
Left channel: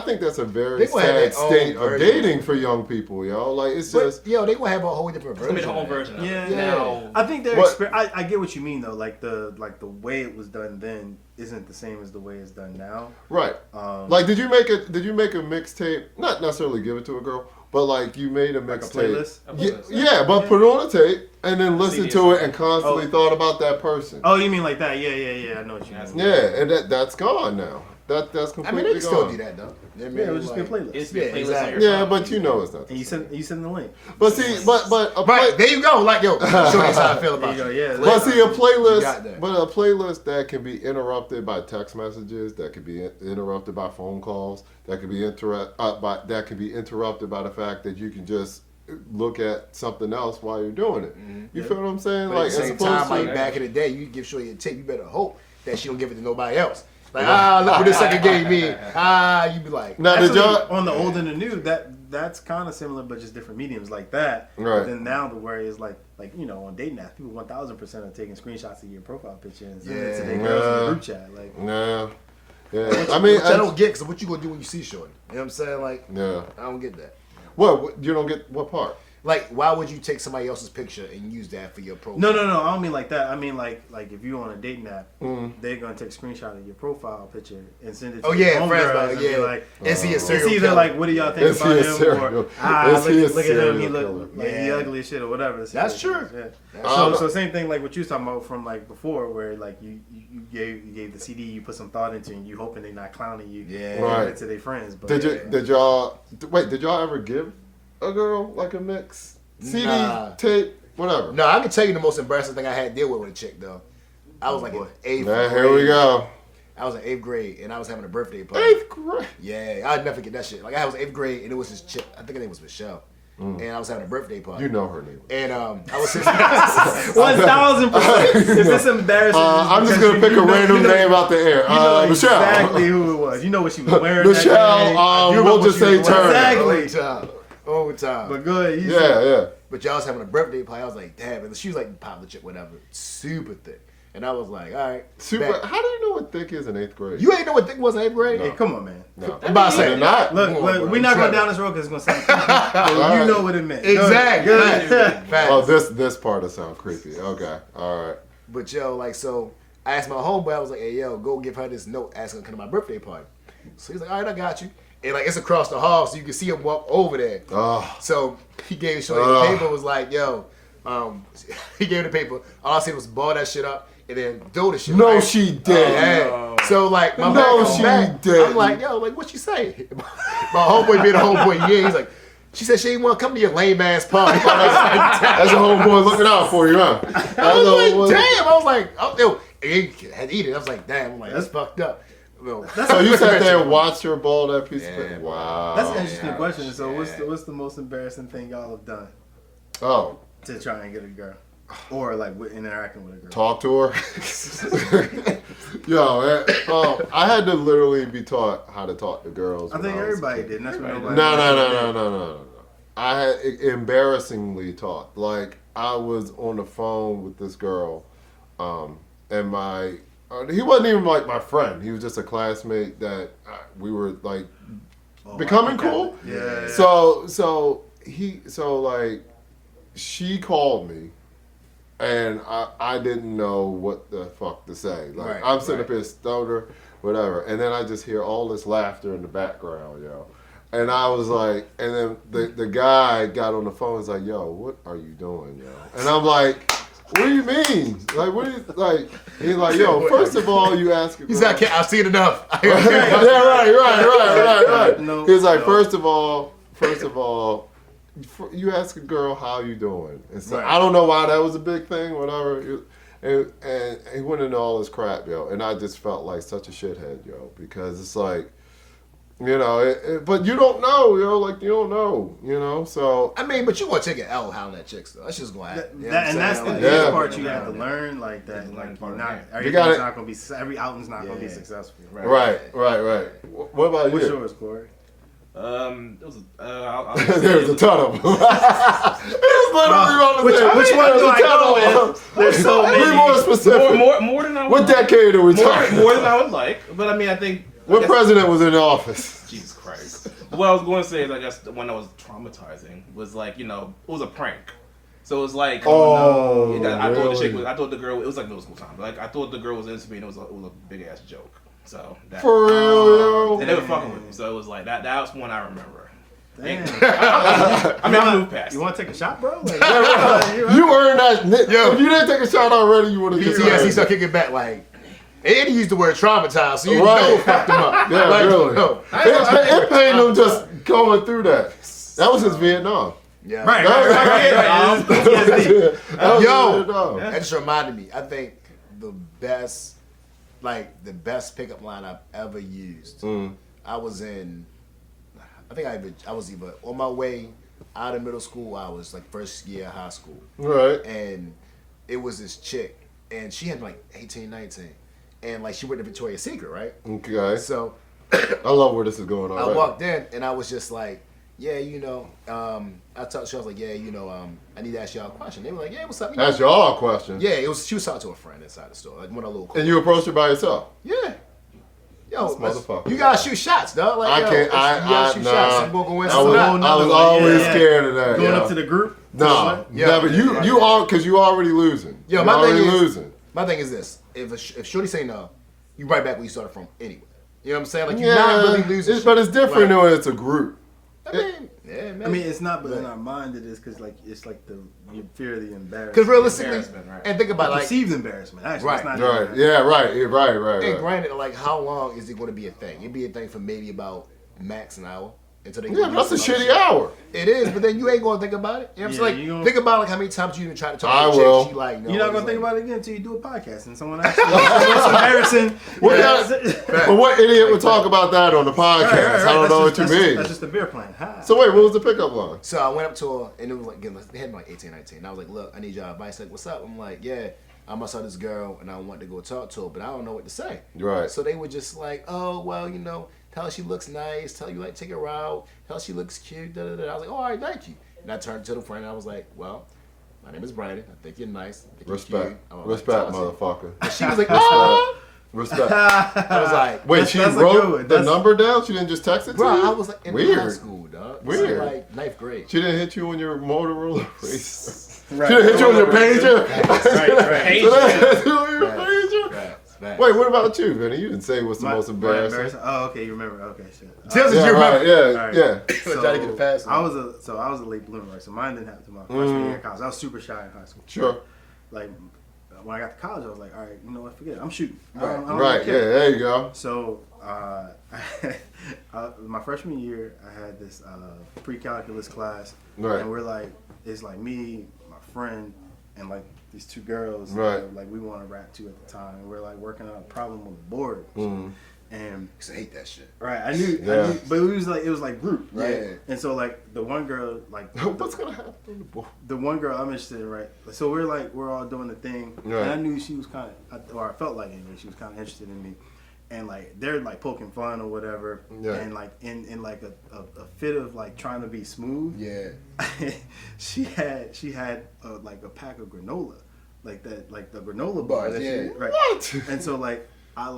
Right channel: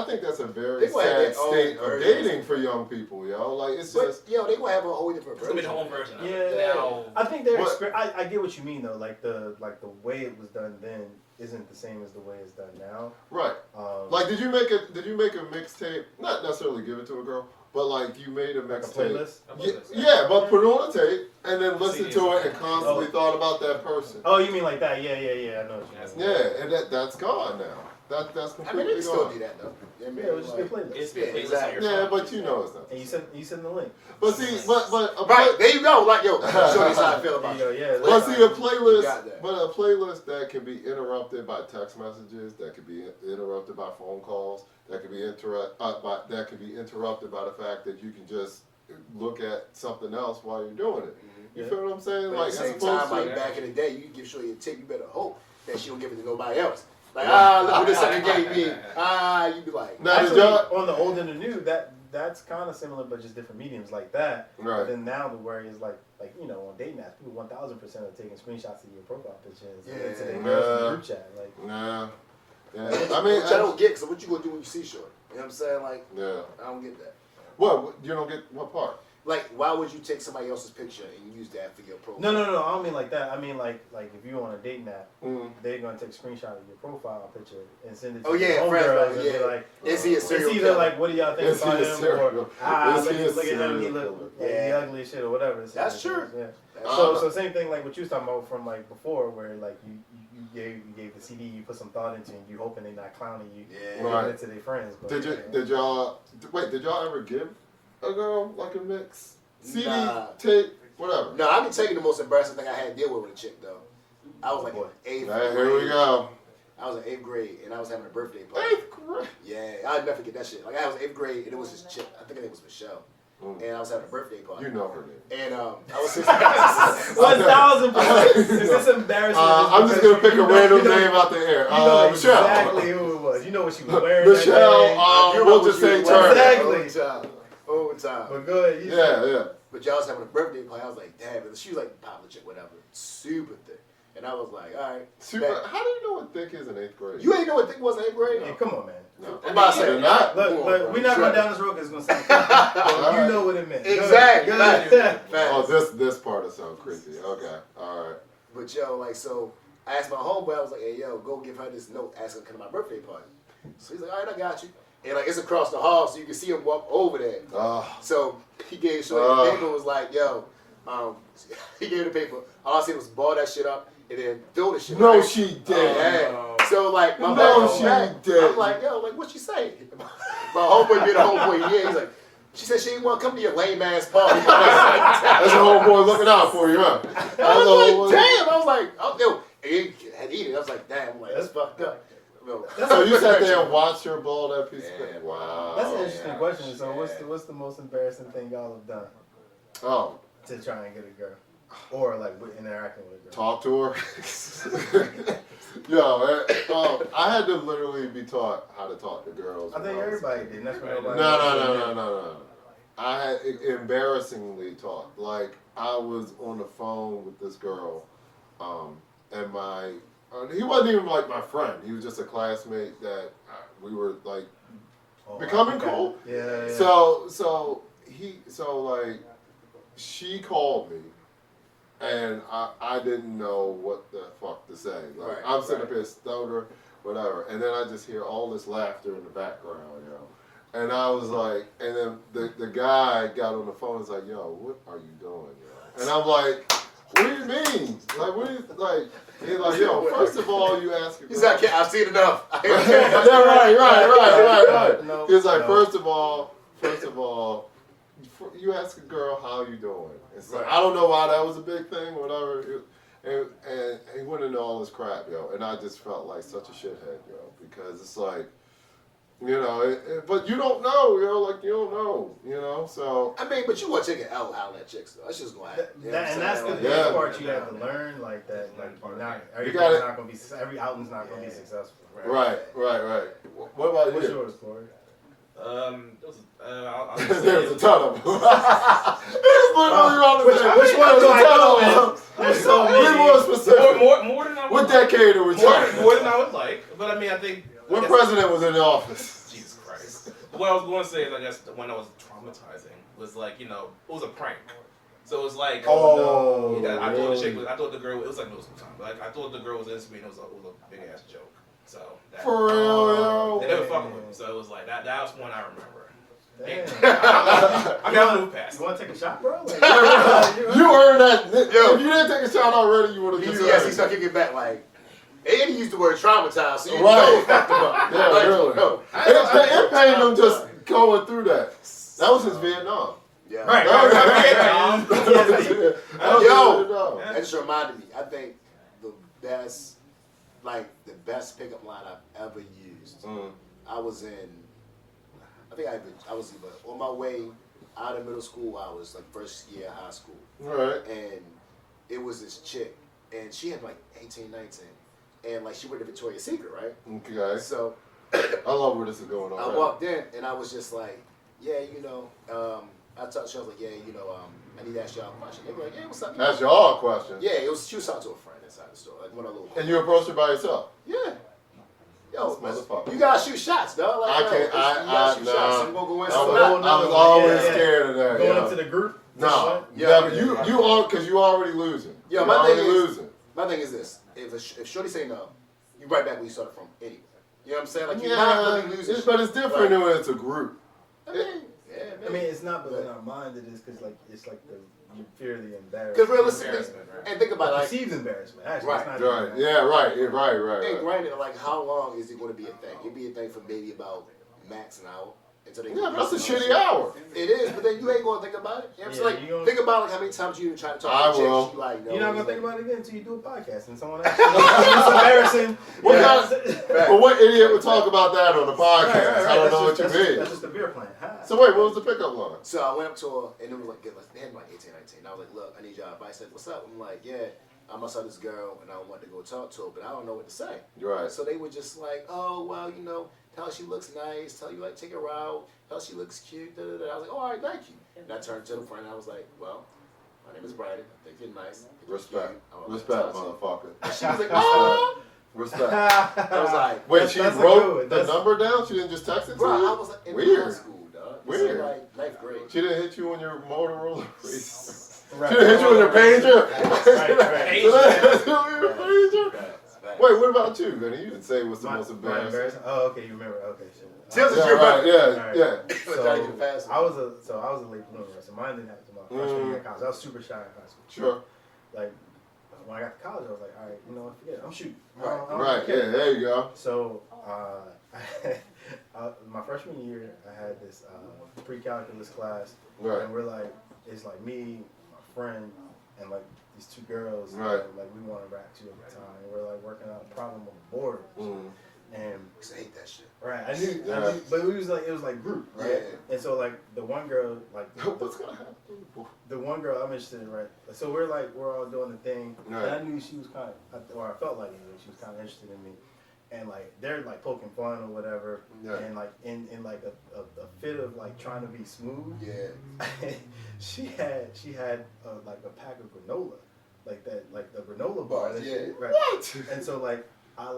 think that's a very They gonna have sad their own state of version. dating for young people, yo. Like it's just But yo, they gonna have a whole different It's gonna be version. the whole of that. version of Yeah, it. Yeah. Now, I think they're. But- I get what you mean though. Like the way it was done then isn't the same as the way it's done now. right. Like did you make a mixtape? Not necessarily give it to a girl, but like you made a Like a mixtape. playlist. Yeah, but put it on a tape and then listen CD to or it and constantly Oh. thought about that person. Oh, you mean like that? Yeah. I know what you mean. Yeah, and that's gone now. That's I completely mean, they can still gone. do that though. Yeah, it would just be a playlist. it's Yeah, been playlist exactly. on your Yeah, phone. but you know it's not. And you send the link. But see, but Right, there you go. Like yo, show us how I feel There about you go. you. Yeah. But see, a got playlist, that. but a playlist that can be interrupted by text messages, that could be interrupted by phone calls, that could be interrupted by the fact that you can just look at something else while you're doing it. You feel what I'm saying? But Like at the as same opposed time, to like back in the day, you give Shorty a tape, you better hope that she don't give it to nobody else. Like, look what this sucker gave me. You be like, now did Actually, y'all on the old and the new, that's kind of similar, but just different mediums like that. Right. But then now the worry is like on dating apps, people 1000% are taking screenshots of your profile picture and sending it to their Yeah. girls in the group chat. Like, nah. Yeah. I mean which I don't get, because what you gonna do when you see Shorty? You know what I'm saying? Like, yeah. I don't get that. What you don't get what part? Like, why would you take somebody else's picture and use that for your profile? no, I don't mean like that. I mean like if you're on a dating app, they're gonna take a screenshot of your profile picture and send it to Oh your yeah, friends, homegirls like, and yeah. be like, Is he a it's serial either killer? like, what do y'all think Is he about a him, serial- or is he a look at him, serial he killer? look like he Yeah. ugly as shit or whatever. That's true. Yeah. That's So same thing like what you was talking about from like before, where like you gave the CD, you put some thought into, it, and you hoping they're not clowning you. Yeah. and Right. giving it to their friends. But Did y'all ever give a girl like a mix? CD, Nah. tape, whatever. No, I can tell you the most embarrassing thing I had to deal with a chick though. I was like in 8th Man, grade. here we go. I was in 8th grade and I was having a birthday party. 8th grade. Yeah, I'd never forget that shit. Like I was in 8th grade and it was this chick. I think her name was Michelle. And I was having a birthday party. You know her name. And I was sitting. 1000%. Is this embarrassing? I'm just gonna pick a random name out the air. You know Michelle. exactly who it was. You know what she was wearing. that Michelle, day. You know we'll what just she say was wearing. Turner. Exactly. Over time. But go ahead. Yeah. But y'all was having a birthday party. I was like, damn. And she was like popular chick, whatever. Super thick. And I was like, all right. Super. bet. How do you know what thick is in 8th grade? You ain't know what thick was in 8th grade? Hey, come on, man. No. I'm about to say They're not. Look, we're not going down this road because it's going to sound creepy. All You right. know what it meant. Exactly. Good. Oh, this part will sound creepy. Okay, all right. But yo, like, so I asked my homeboy, I was like, hey, yo, go give her this note asking her to come to my birthday party. So he's like, all right, I got you. And like, it's across the hall, so you can see him walk over there. Oh, So he gave Shorty the paper, was like, yo, he gave the paper. All I said was ball that shit up and then do the shit. no, right? she did. Yeah. So like, my No, man comes she back. didn't. I'm like, yo, like, what she say? My homeboy being a homeboy, yeah, he's like, she said she didn't want to come to your lame ass party. I was like, That's your homeboy looking out for you, huh? I was like, damn. I was like, oh, yo, he had to eat it. I was like, damn. I'm like, that's fucked up. Well, So you sat there and watched her ball that piece of Yeah, paper? Wow. That's an interesting Yeah, question. So shit. what's the most embarrassing thing y'all have done Oh, to try and get a girl? Or like with interacting with a girl? talk to her. Yo, man, I had to literally be taught how to talk to girls. I when think was a everybody kid. did. And that's what Everybody nobody No. I had embarrassingly taught. Like I was on the phone with this girl, and my he wasn't even like my friend. He was just a classmate that we were like becoming cool. Yeah. So like she called me. And I didn't know what the fuck to say. Like Right, I'm sitting up here stutter, whatever. And then I just hear all this laughter in the background, yo. And I was like, and then the guy got on the phone and was like, yo, what are you doing, yo? And I'm like, what do you mean? Like, what do you, like, he's like, yo, first of all, you ask a he's girl- like, I've seen enough. yeah, right. No, He's like, no. first of all, you ask a girl how you doing, and so Right. I don't know why that was a big thing, whatever. And he went into all this crap, yo, and I just felt like such a shithead, yo, because it's like, you know, but you don't know, yo, like you don't know, you know, so. I mean, but you want to take an L howling at chicks, though. That's just going to happen. You know what I'm And that's the saying? Yeah. part you have to learn, like that. Yeah, Like learn you're part, not, yeah. everything's gotta- not gonna be, every outing's not gonna be Yeah. successful. Right. What about What's you? yours, Corey? It was I'll There's a ton of them. It's literally all the Which same. one There's do a I ton go of them. with? There's so many. Be more specific. more than I would What decade are we talking? more than I would like. But I mean, I think What I guess- president was in office? Jesus Christ. But what I was going to say is, I guess the one that was traumatizing was like, you know, it was a prank. So it was like, Oh, I thought the chick really? was, I thought the girl, it was like middle school time, but like I thought the girl was into me, and it was a big ass joke. So that, For real, yo. and they were fucking with me. So it was like that. That was one I remember. Damn. I mean, I moved past. You want to take a shot, bro? Like, You earned that. Yo. If you didn't take a shot already, you would have PTSD start kicking back like, and he used the word traumatized, so you Right. know it fucked him up. Yeah, like, really. No. It pained him just going through that. That was his Vietnam. Yeah. Right. That was Yo. Vietnam. That just reminded me. I think the best pickup line I've ever used. I was either on my way out of middle school. I was like first year of high school, Right. and it was this chick, and she had like 18, 19, and like she went to Victoria's Secret, right? Okay. So I love where this is going I already. walked in, and I was just like, yeah, you know, I talked to her, I was like, yeah, you know, I need to ask y'all a question. They were like, yeah, what's up? You know? That's y'all question. Yeah, she was talking to a friend inside the store, like one of the little. And you approached her by yourself. Yeah. Yo, This motherfucker. you gotta shoot shots, dog. Like, I yo, can't. you gotta shoot shots. I'm gonna go in. I was another one. always Yeah. scared of that. Going yeah. up to the group? No, Yeah. never. You all because you already losing. Yo, You're my thing already is- losing. My thing is this: if Shorty say no, you right back where you started from anyway. You know what I'm saying? Like you're not really losing. But it's different Right. when it's a group. I mean, yeah, man. I mean, it's not, but in our mind it is because like it's like the you fear of the embarrassment. because realistically, Embarrassment, right. and think about like, perceived embarrassment. Actually, Right. it's not Right. embarrassment. Yeah. Right. and granted, like how long is it going to be a thing? It'd be a thing for maybe about max an hour until they. Yeah, release that's a some other shitty shit. hour. It is, but then you ain't gonna think about it. You know what I'm Yeah, saying? you gonna- Think about like how many times you even try to talk I to a chick. will. She like, no, You're not gonna it's think like- about it again until you do a podcast and someone actually. It's embarrassing. What Yeah. But what idiot would talk about that on the podcast? Right. I don't That's know what just- you that's just- mean. That's just a beer plan. Hi. So wait, what was the pickup line? So I went up to her and it was like, again, they had me like 18, 19. And I was like, look, I need your advice. Like, what's up? I'm like, yeah, I must have this girl and I want to go talk to her, but I don't know what to say. Right. So they were just like, oh, well, you know, tell her she looks nice, tell you like take her out, tell her she looks cute, da da da. I was like, all right, thank you. And I turned to the friend and I was like, well, my name is Brandon. I think you're nice. I think you're Respect. cute. I would like to Respect, talk to you. motherfucker. She was like, oh, Respect. I was like, Wait, That's- she that's a good wrote one. the That's- number down? She didn't just text it to bro, you? I was like in high Weird. school, dog. Weird. So, like 9th grade. She didn't hit you on your Motorola race. Right. She didn't hit you on your pager? Right. She didn't hit you on your Right. pager? Right. Wait, what about you, Vinny? You didn't say what's the My- most my embarrassing. Oh, okay, you remember? Okay, shit. Tells us Yeah, you right. remember. Yeah, Alright. yeah. So, try to get it fast. I was a late bloomer, right? So mine didn't happen to my freshman year of college. I was super shy in high school. Sure. Like when I got to college, I was like, all right, you know what? Forget it. I'm shooting. I Right. don't Right, care. yeah, there you go. So, my freshman year, I had this pre-calculus class, Right. and we're like, it's like me, my friend, and like these two girls, Right. that, like we want to rap to at the time. And we're like working on a problem on the board, Mhm. and I used to hate that shit. right, I knew, Yeah. but it was like group, right? Yeah. And so like the one girl, like What's going to happen on the board? the one girl I'm interested in, right? So we're all doing the thing, Right. and I knew she was kind of, or I felt like anyway, she was kind of interested in me, and like they're like poking fun or whatever, Yeah. and like in like a fit of like trying to be smooth, Yeah. she had like a pack of granola, like that, like the granola bar, Bars, that she- yeah. right? What? And so like I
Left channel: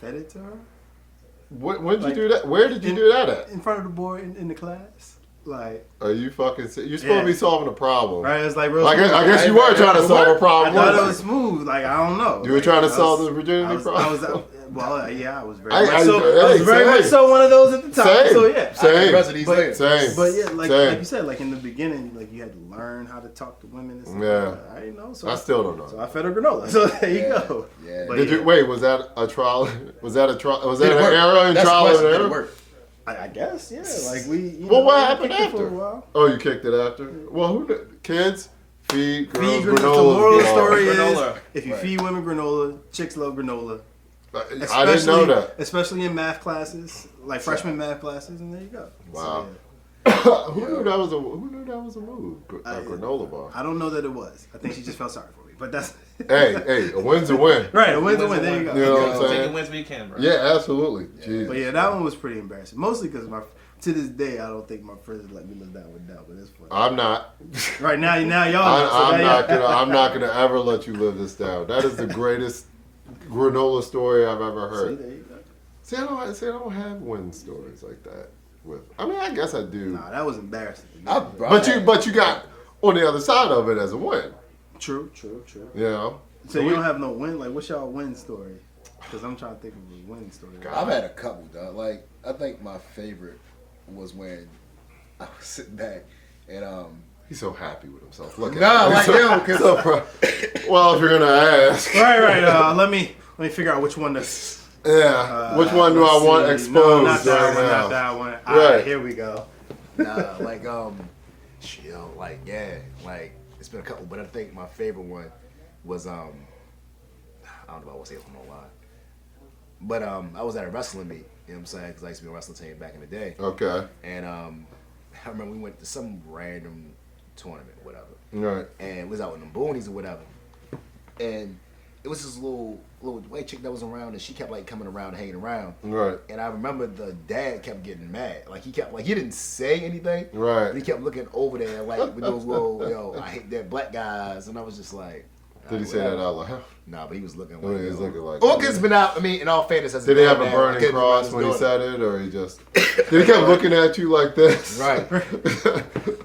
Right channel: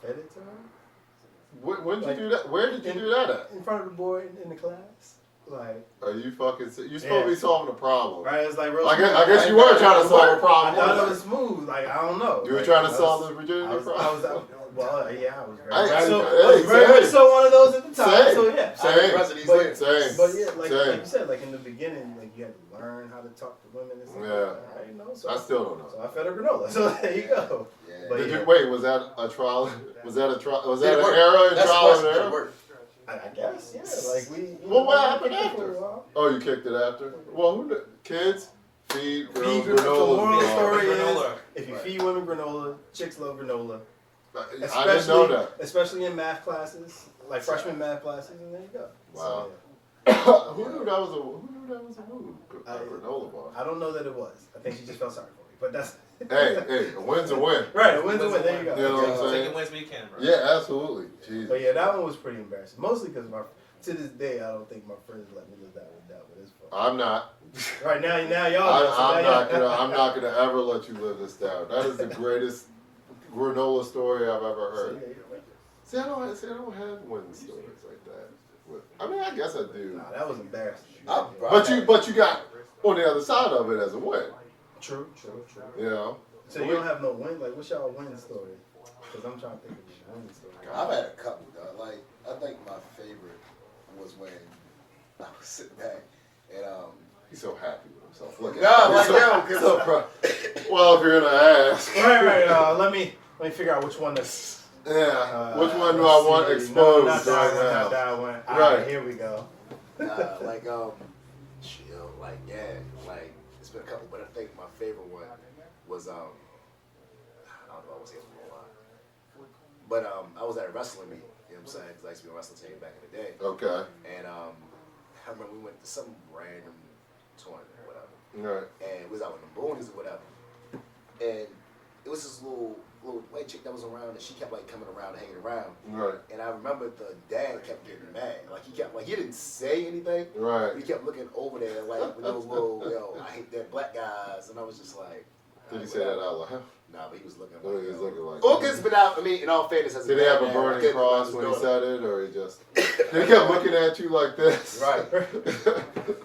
fed it to her When did you Like, do that? Where did you in- do that at? in front of the board in the class, like. Are you fucking? You're supposed to Yeah. be solving a problem. Right, it's like real. I guess, smooth. I guess you were trying to solve a I problem. thought it weren't was smooth. Like I don't know. You were Like, trying to I solve was- the virginity I was, problem. yeah, I was very I- much I- so. hey, I was very same. much so one of those at the time. Same. So yeah. Same. Rest of these But- later. Same. But yeah, like Same. you said, like in the beginning, like you had to learn how to talk to women and stuff. Yeah. Like that. I didn't know. So I still don't know. So I fed her granola. So there you Yeah. go. Yeah. But Did yeah, you wait? Was that a trial? Was that a trial? Was that Did it an work? error in That's the trial and question. Did it error? work? I guess yeah. Like we. You Well, know, what we happened kicked it for after? a while. Oh, you kicked it after. Well, who knew? Kids feed girls Feed granola. granola. The moral bars. story Granola. is if you Right. feed women granola, chicks love granola. I didn't know that. Especially in math classes, like freshman math classes, and there you go. Wow. So, Who knew that was a move? A granola bar. I don't know that it was. I think she just felt sorry for me. But that's Hey, a win's a win. right. A win's a win. There you go. You know what I'm Take saying? the wins we can, bro. Yeah, absolutely. Jesus. But yeah, that one was pretty embarrassing. Mostly because to this day, I don't think my friends let me live that one down. But it's fun. I'm not. Right now y'all. I'm not gonna ever let you live this down. That is the greatest granola story I've ever See, heard. there you go. See, I don't have win stories like that. I mean, I guess I do. Nah, that was embarrassing. But you got on the other side of it as a win. True. You know. So you don't have no win. Like, what's y'all win story? Because I'm trying to think of a winning story. I've had a couple, dog. Like, I think my favorite was when I was sitting back and He's so happy with himself. Look at No, him. like, He's yo, so 'cause- so proud. Well, if you're gonna ask, Right. Let me figure out which one to. yeah. Which one do I let's want see. exposed No, not that right one. now? Not that one. All Right. right, here we go. like chill, like yeah, like it's been a couple, but I think my favorite one was I don't know if I want to say it from online, but I was at a wrestling meet, you know what I'm saying, because I used to be on a wrestling team back in the day, Okay. and I remember we went to some random tournament or whatever, Right. and we was out with them boonies or whatever, and it was this little white chick that was around, and she kept like coming around, hanging around. Right. And I remember the dad kept getting mad. Like he didn't say anything. Right. But he kept looking over there like with those little, I hate that black guys. And I was just like, Did he say that out loud? Nah, but he was looking Oh, like, he was looking like. Orca's been out. I mean, in all fairness, as Did he have a man, I burning couldn't cross remember when he his said it, or he just? Did he kept looking at you like this? Right.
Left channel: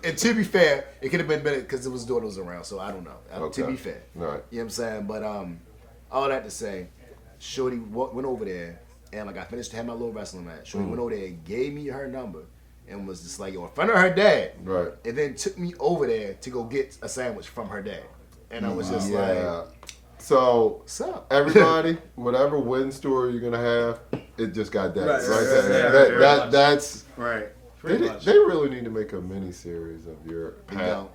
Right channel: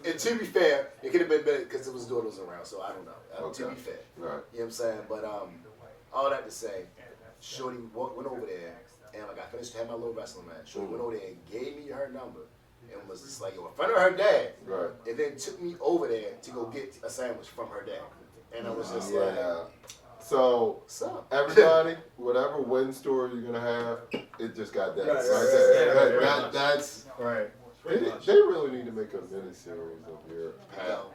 And to be fair, it could have been better because it was daughters around, so I don't know. To be fair. Right. You know what I'm saying? But all that to say, Shorty went over there, and like I finished had my little wrestling match. Shorty went over there, gave me her number, and was just like, in front of her dad. Right. And then took me over there to go get a sandwich from her dad. And I was just like, So what's up? everybody, whatever win story you're gonna have, it just got that Right, right, right, there. right, That's Right. they, Pretty much. they really need to make a mini series of your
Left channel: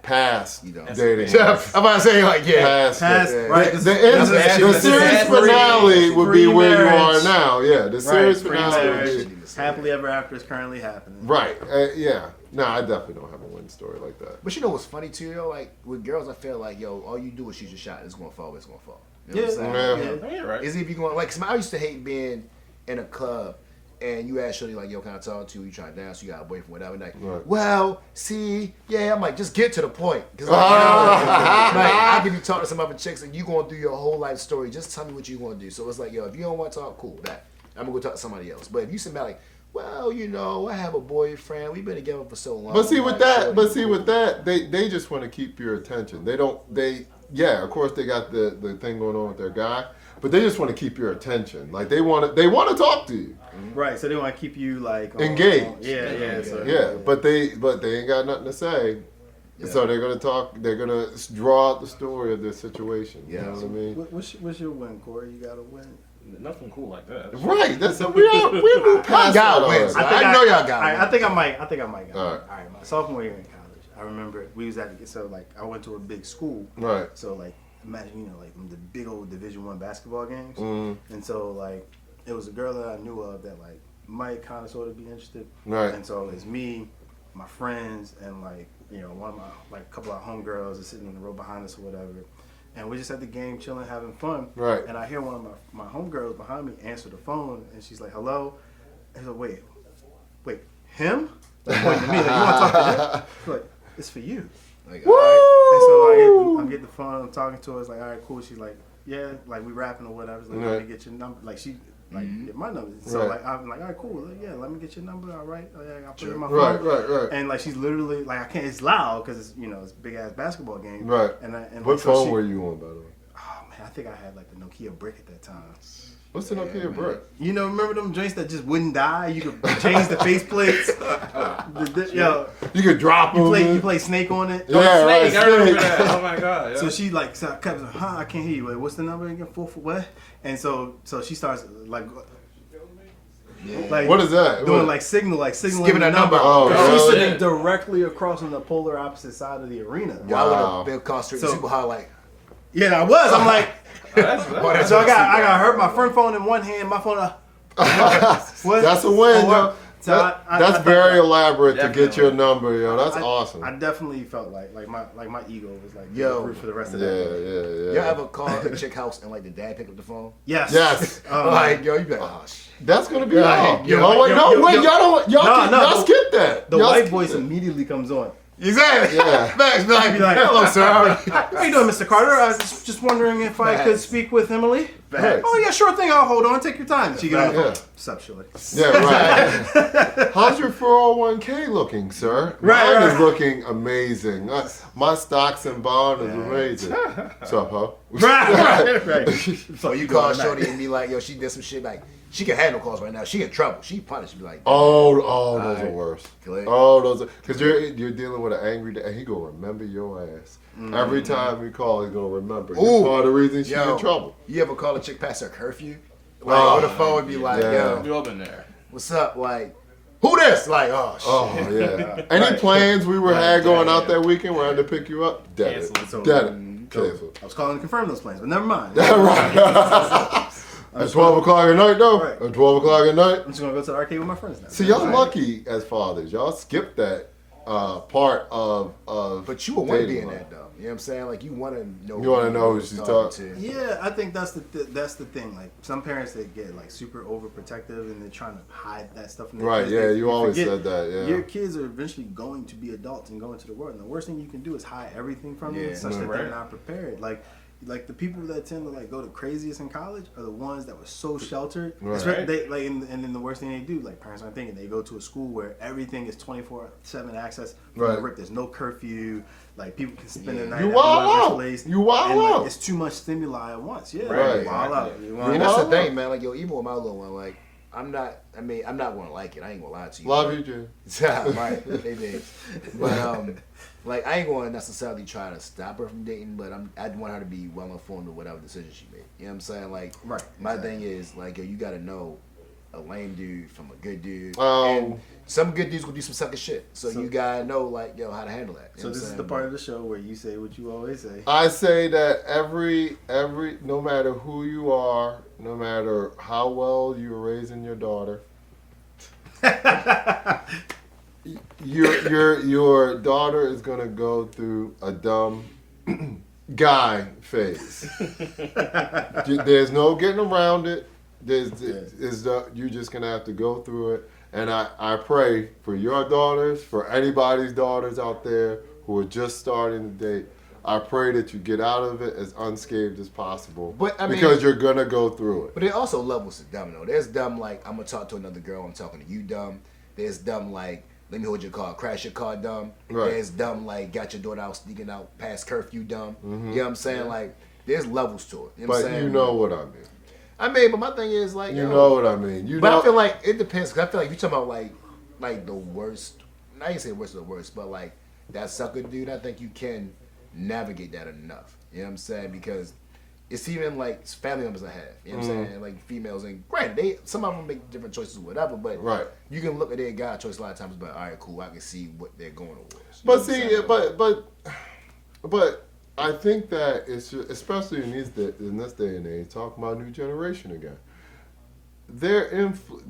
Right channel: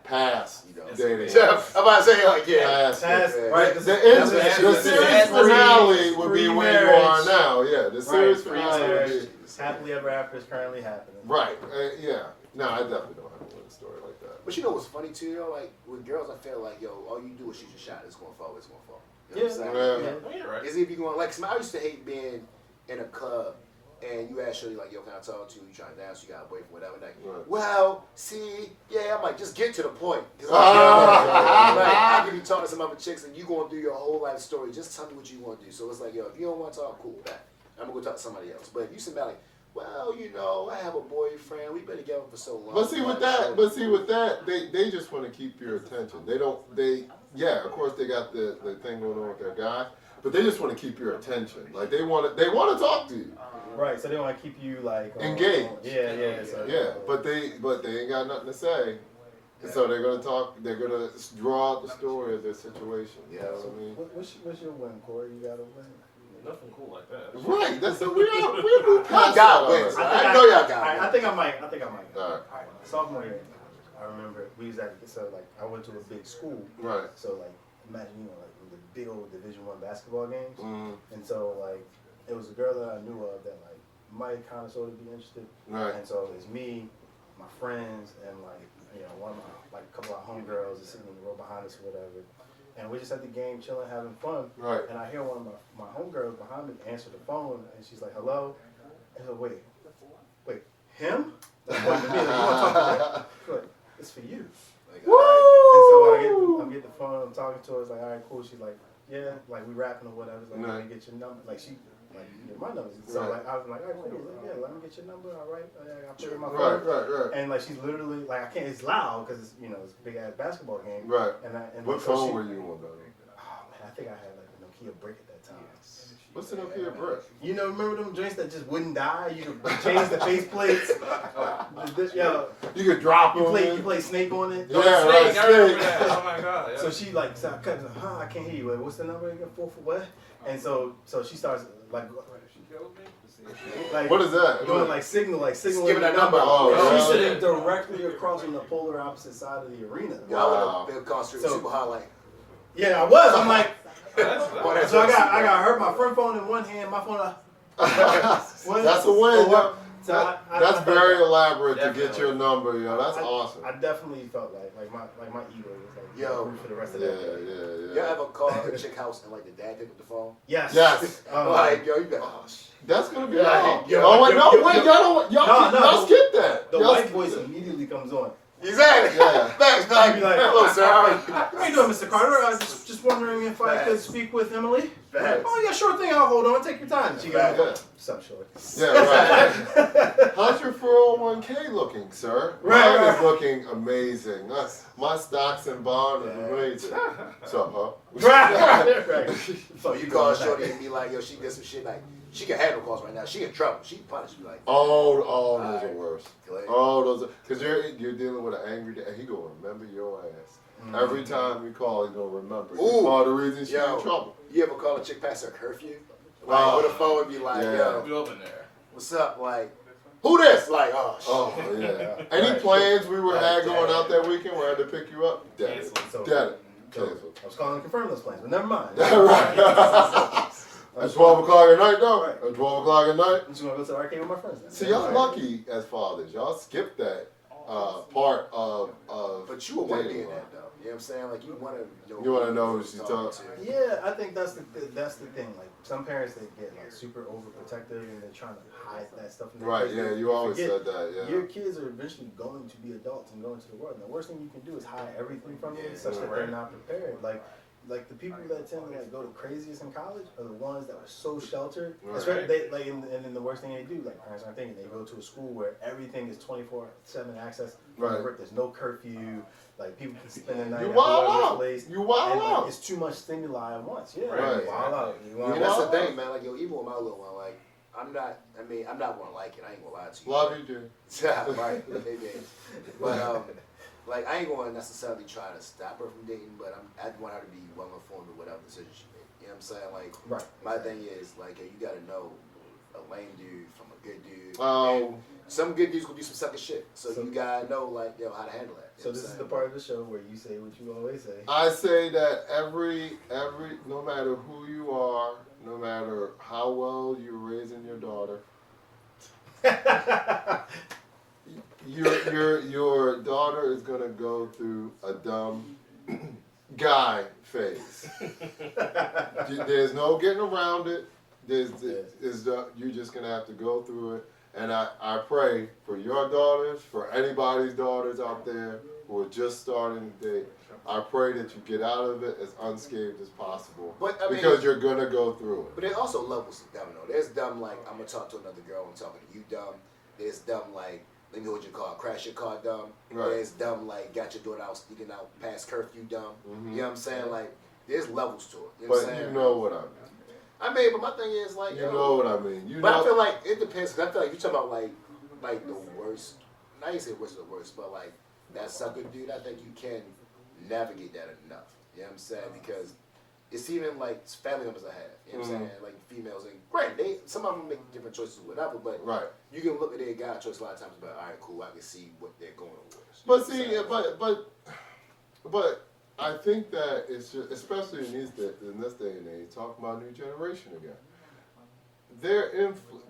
past You know. dating. I'm about to say like, Past, right. The This- series that's finale would be where you are pre-marriage. now. Yeah, the series Right, finale would be Happily ever after is currently happening. right. Yeah. No, I definitely don't have a win story like that. But you know what's funny too, yo? Like with girls, I feel like, yo, all you do is shoot your shot. It's gonna fall. It's gonna fall. You know what I'm saying? Yeah. Yeah, you're right. Is if you going like? 'Cause I used to hate being in a club and you ask Shorty like, yo, can I talk to you? You trying to dance? You got a boyfriend, whatever. Like, Right. well, see, yeah. I'm like, just get to the point. Cause like, I can be talking to some other chicks and you going through your whole life story. Just tell me what you want to do. So it's like, yo, if you don't want to talk, cool, that I'm gonna go talk to somebody else. But if you sit back like, well, you know, I have a boyfriend. We've been together for so long. But see with that, they just want to keep your attention. Yeah, of course they got the thing going on with their guy, but they just want to keep your attention. Like they want to talk to you. Right, so they want to keep you like Engaged. Yeah. But they ain't got nothing to say. Yeah. So they're gonna talk. They're gonna draw out the story of their situation. You know what I mean? What's your win, Corey? You got a win? Nothing cool like that. Right. That's what we moved past. Y'all that wins. already. I know y'all got I it. think I might. All right. All right. My sophomore year in college, I remember we was at I went to a big school. Right. So like imagine like the big old Division I basketball games, Mm. and so like it was a girl that I knew of that like might kind of sort of be interested. Right. And so it's me, my friends, and like one of my like a couple of homegirls are sitting in the row behind us or whatever. And we're just at the game, chilling, having fun. Right. And I hear one of my homegirls behind me answer the phone, and she's like, "Hello." I said, "Wait, him?" Like, pointing to me, like, "You want to talk to him?" She's like, "It's for you." Like, Woo! all right. And so I'm getting the phone, I'm talking to her. It's like, "All right, cool." She's like, "Yeah, like we rapping or whatever." It's like, Right. "Let me get your number." Like she get my number. So Right. like I'm like, "All right, cool. Yeah, let me get your number." All right, I'll put it in my phone. Right. And like she's literally like I can't. It's loud because it's it's a big ass basketball game. Right. And What like, so phone were you on, by the way? Oh man, I think I had like the Nokia brick at that time. What's the Nokia brick? Remember them joints that just wouldn't die? You could change the faceplates. You could drop them. You play Snake on it. Yeah, Snake, I remember Snake. that. Oh my god. Yeah. So she like, I kept like, I can't hear you. Wait, what's the number again? 4 for what? And so she starts like What is that? doing What? like signaling Giving a number. Oh, She's really? sitting directly across on the polar opposite side of the arena. Y'all would Wow. have been concentrated So- super high, like, Yeah, I was. I'm like, That's so I got her my friend phone in one hand, my phone. What? That's a win, Oh, yo. So I That's felt very like- elaborate to get Definitely. your number, yo. That's I- awesome. I definitely felt like my ego was like Yo. root for the rest of Yeah, that. y'all yeah. ever call a chick house and like the dad pick up the phone? Yes. Yes. Like, yo, you be like, oh, shit. That's gonna be Yeah, like, yo, oh wait, no, yo, wait, yo. y'all No, skip that. The Y'all white skip voice that. immediately comes on. Exactly. Yeah. Facts. Be like, Be like, hello, sir. How you doing, Mr. Carter? I was just wondering if I could Facts. speak with Emily. Facts. Oh yeah, sure thing. I'll hold on. Take your time. She get on the Yeah. phone. What's up, Shirley? Yeah, right. How's your 401k looking, sir? Right, Mine is looking amazing. My stocks and bond is amazing. So, huh? Right. So you call Shorty and be like, yo, she did some shit. Like, she can handle calls right now. She in trouble. She punished. Be like, Oh, those are Alright. worse. Good. Oh, those are because you're dealing with an angry dad. He gonna remember your ass every time you call. He's gonna remember. You Ooh. call the reason she's Yo. in trouble. you ever call a chick past her curfew? Like, Oh, on the phone and be like, yeah. yo, You open there. what's up? Like, who this? Like, oh, shit. Oh yeah. Any Right. plans we were Right, had going yeah, out yeah. that weekend? Where I had to pick you up. Dead. Canceled. So, Dead. so Canceled. I was calling to confirm those plans, but never mind. Right. At 12 o'clock at night, though. Right. At 12 o'clock at night. I'm just gonna go to the arcade with my friends now. See, y'all Right. lucky as fathers. Y'all skip that part of. But you would want to be dating in life. that, though. You know what I'm saying? Like, you want to know. You wanna know who she's talking to. Yeah, I think that's the thing. Like some parents, they get like super overprotective and they're trying to hide that stuff. From their Right, kids. yeah, They you always forget said that, yeah. Your kids are eventually going to be adults and go into the world, and the worst thing you can do is hide everything from them, Yeah. such that they're Right. not prepared. Like the people that tend to like go the craziest in college are the ones that were so sheltered. Right. Especially they and then the worst thing they do, like parents aren't thinking, they go to a school where everything is 24/7 access from Right. the rip. There's no curfew. Like people can spend the night. You at wild whoever's out. place, You wild and, like, out. it's too much stimuli at once. Yeah, Right. you wild out. You wild And that's the out. thing, man. Like, yo, even with my little one, like, I'm not gonna like it. I ain't gonna lie to you. Love you, Jay. Right, maybe. But like, I ain't gonna necessarily try to stop her from dating, but I'd want her to be well informed of whatever decision she made. You know what I'm saying? Like, Right, my exactly. thing is like, yo, you gotta know a lame dude from a good dude. Oh. And some good dudes will do some sucker shit. So you gotta know, like, yo, how to handle that. You So know this what is I'm the saying? part of the show where you say what you always say. I say that every no matter who you are, no matter how well you're raising your daughter, your daughter is gonna go through a dumb guy phase. There's no getting around it. you're just gonna have to go through it. And I pray for your daughters, for anybody's daughters out there who are just starting to date. I pray that you get out of it as unscathed as possible. But I mean, because you're gonna go through it. But there are also levels to dumb though. There's dumb like I'm gonna talk to another girl, I'm talking to you dumb. There's dumb like let me hold your car, crash your car dumb. Right. There's dumb like got your daughter out sneaking out past curfew dumb. Mm-hmm. You know what I'm saying? Like there's levels to it. You know what I'm But saying? you know what I mean. I mean, but my thing is like You know what I mean. I feel like it depends because I feel like you're talking about like the worst. I ain't say worst of the worst, but like that sucker dude. I think you can navigate that enough. You know what I'm saying? Because it's even like family members I have. You know what I'm saying? Like females, and granted, some of them make different choices, whatever. But right. You can look at their guy choice a lot of times, but all right, cool. I can see what they're going towards. But see, but I think that it's just, especially in this day and age, talking about new generation again.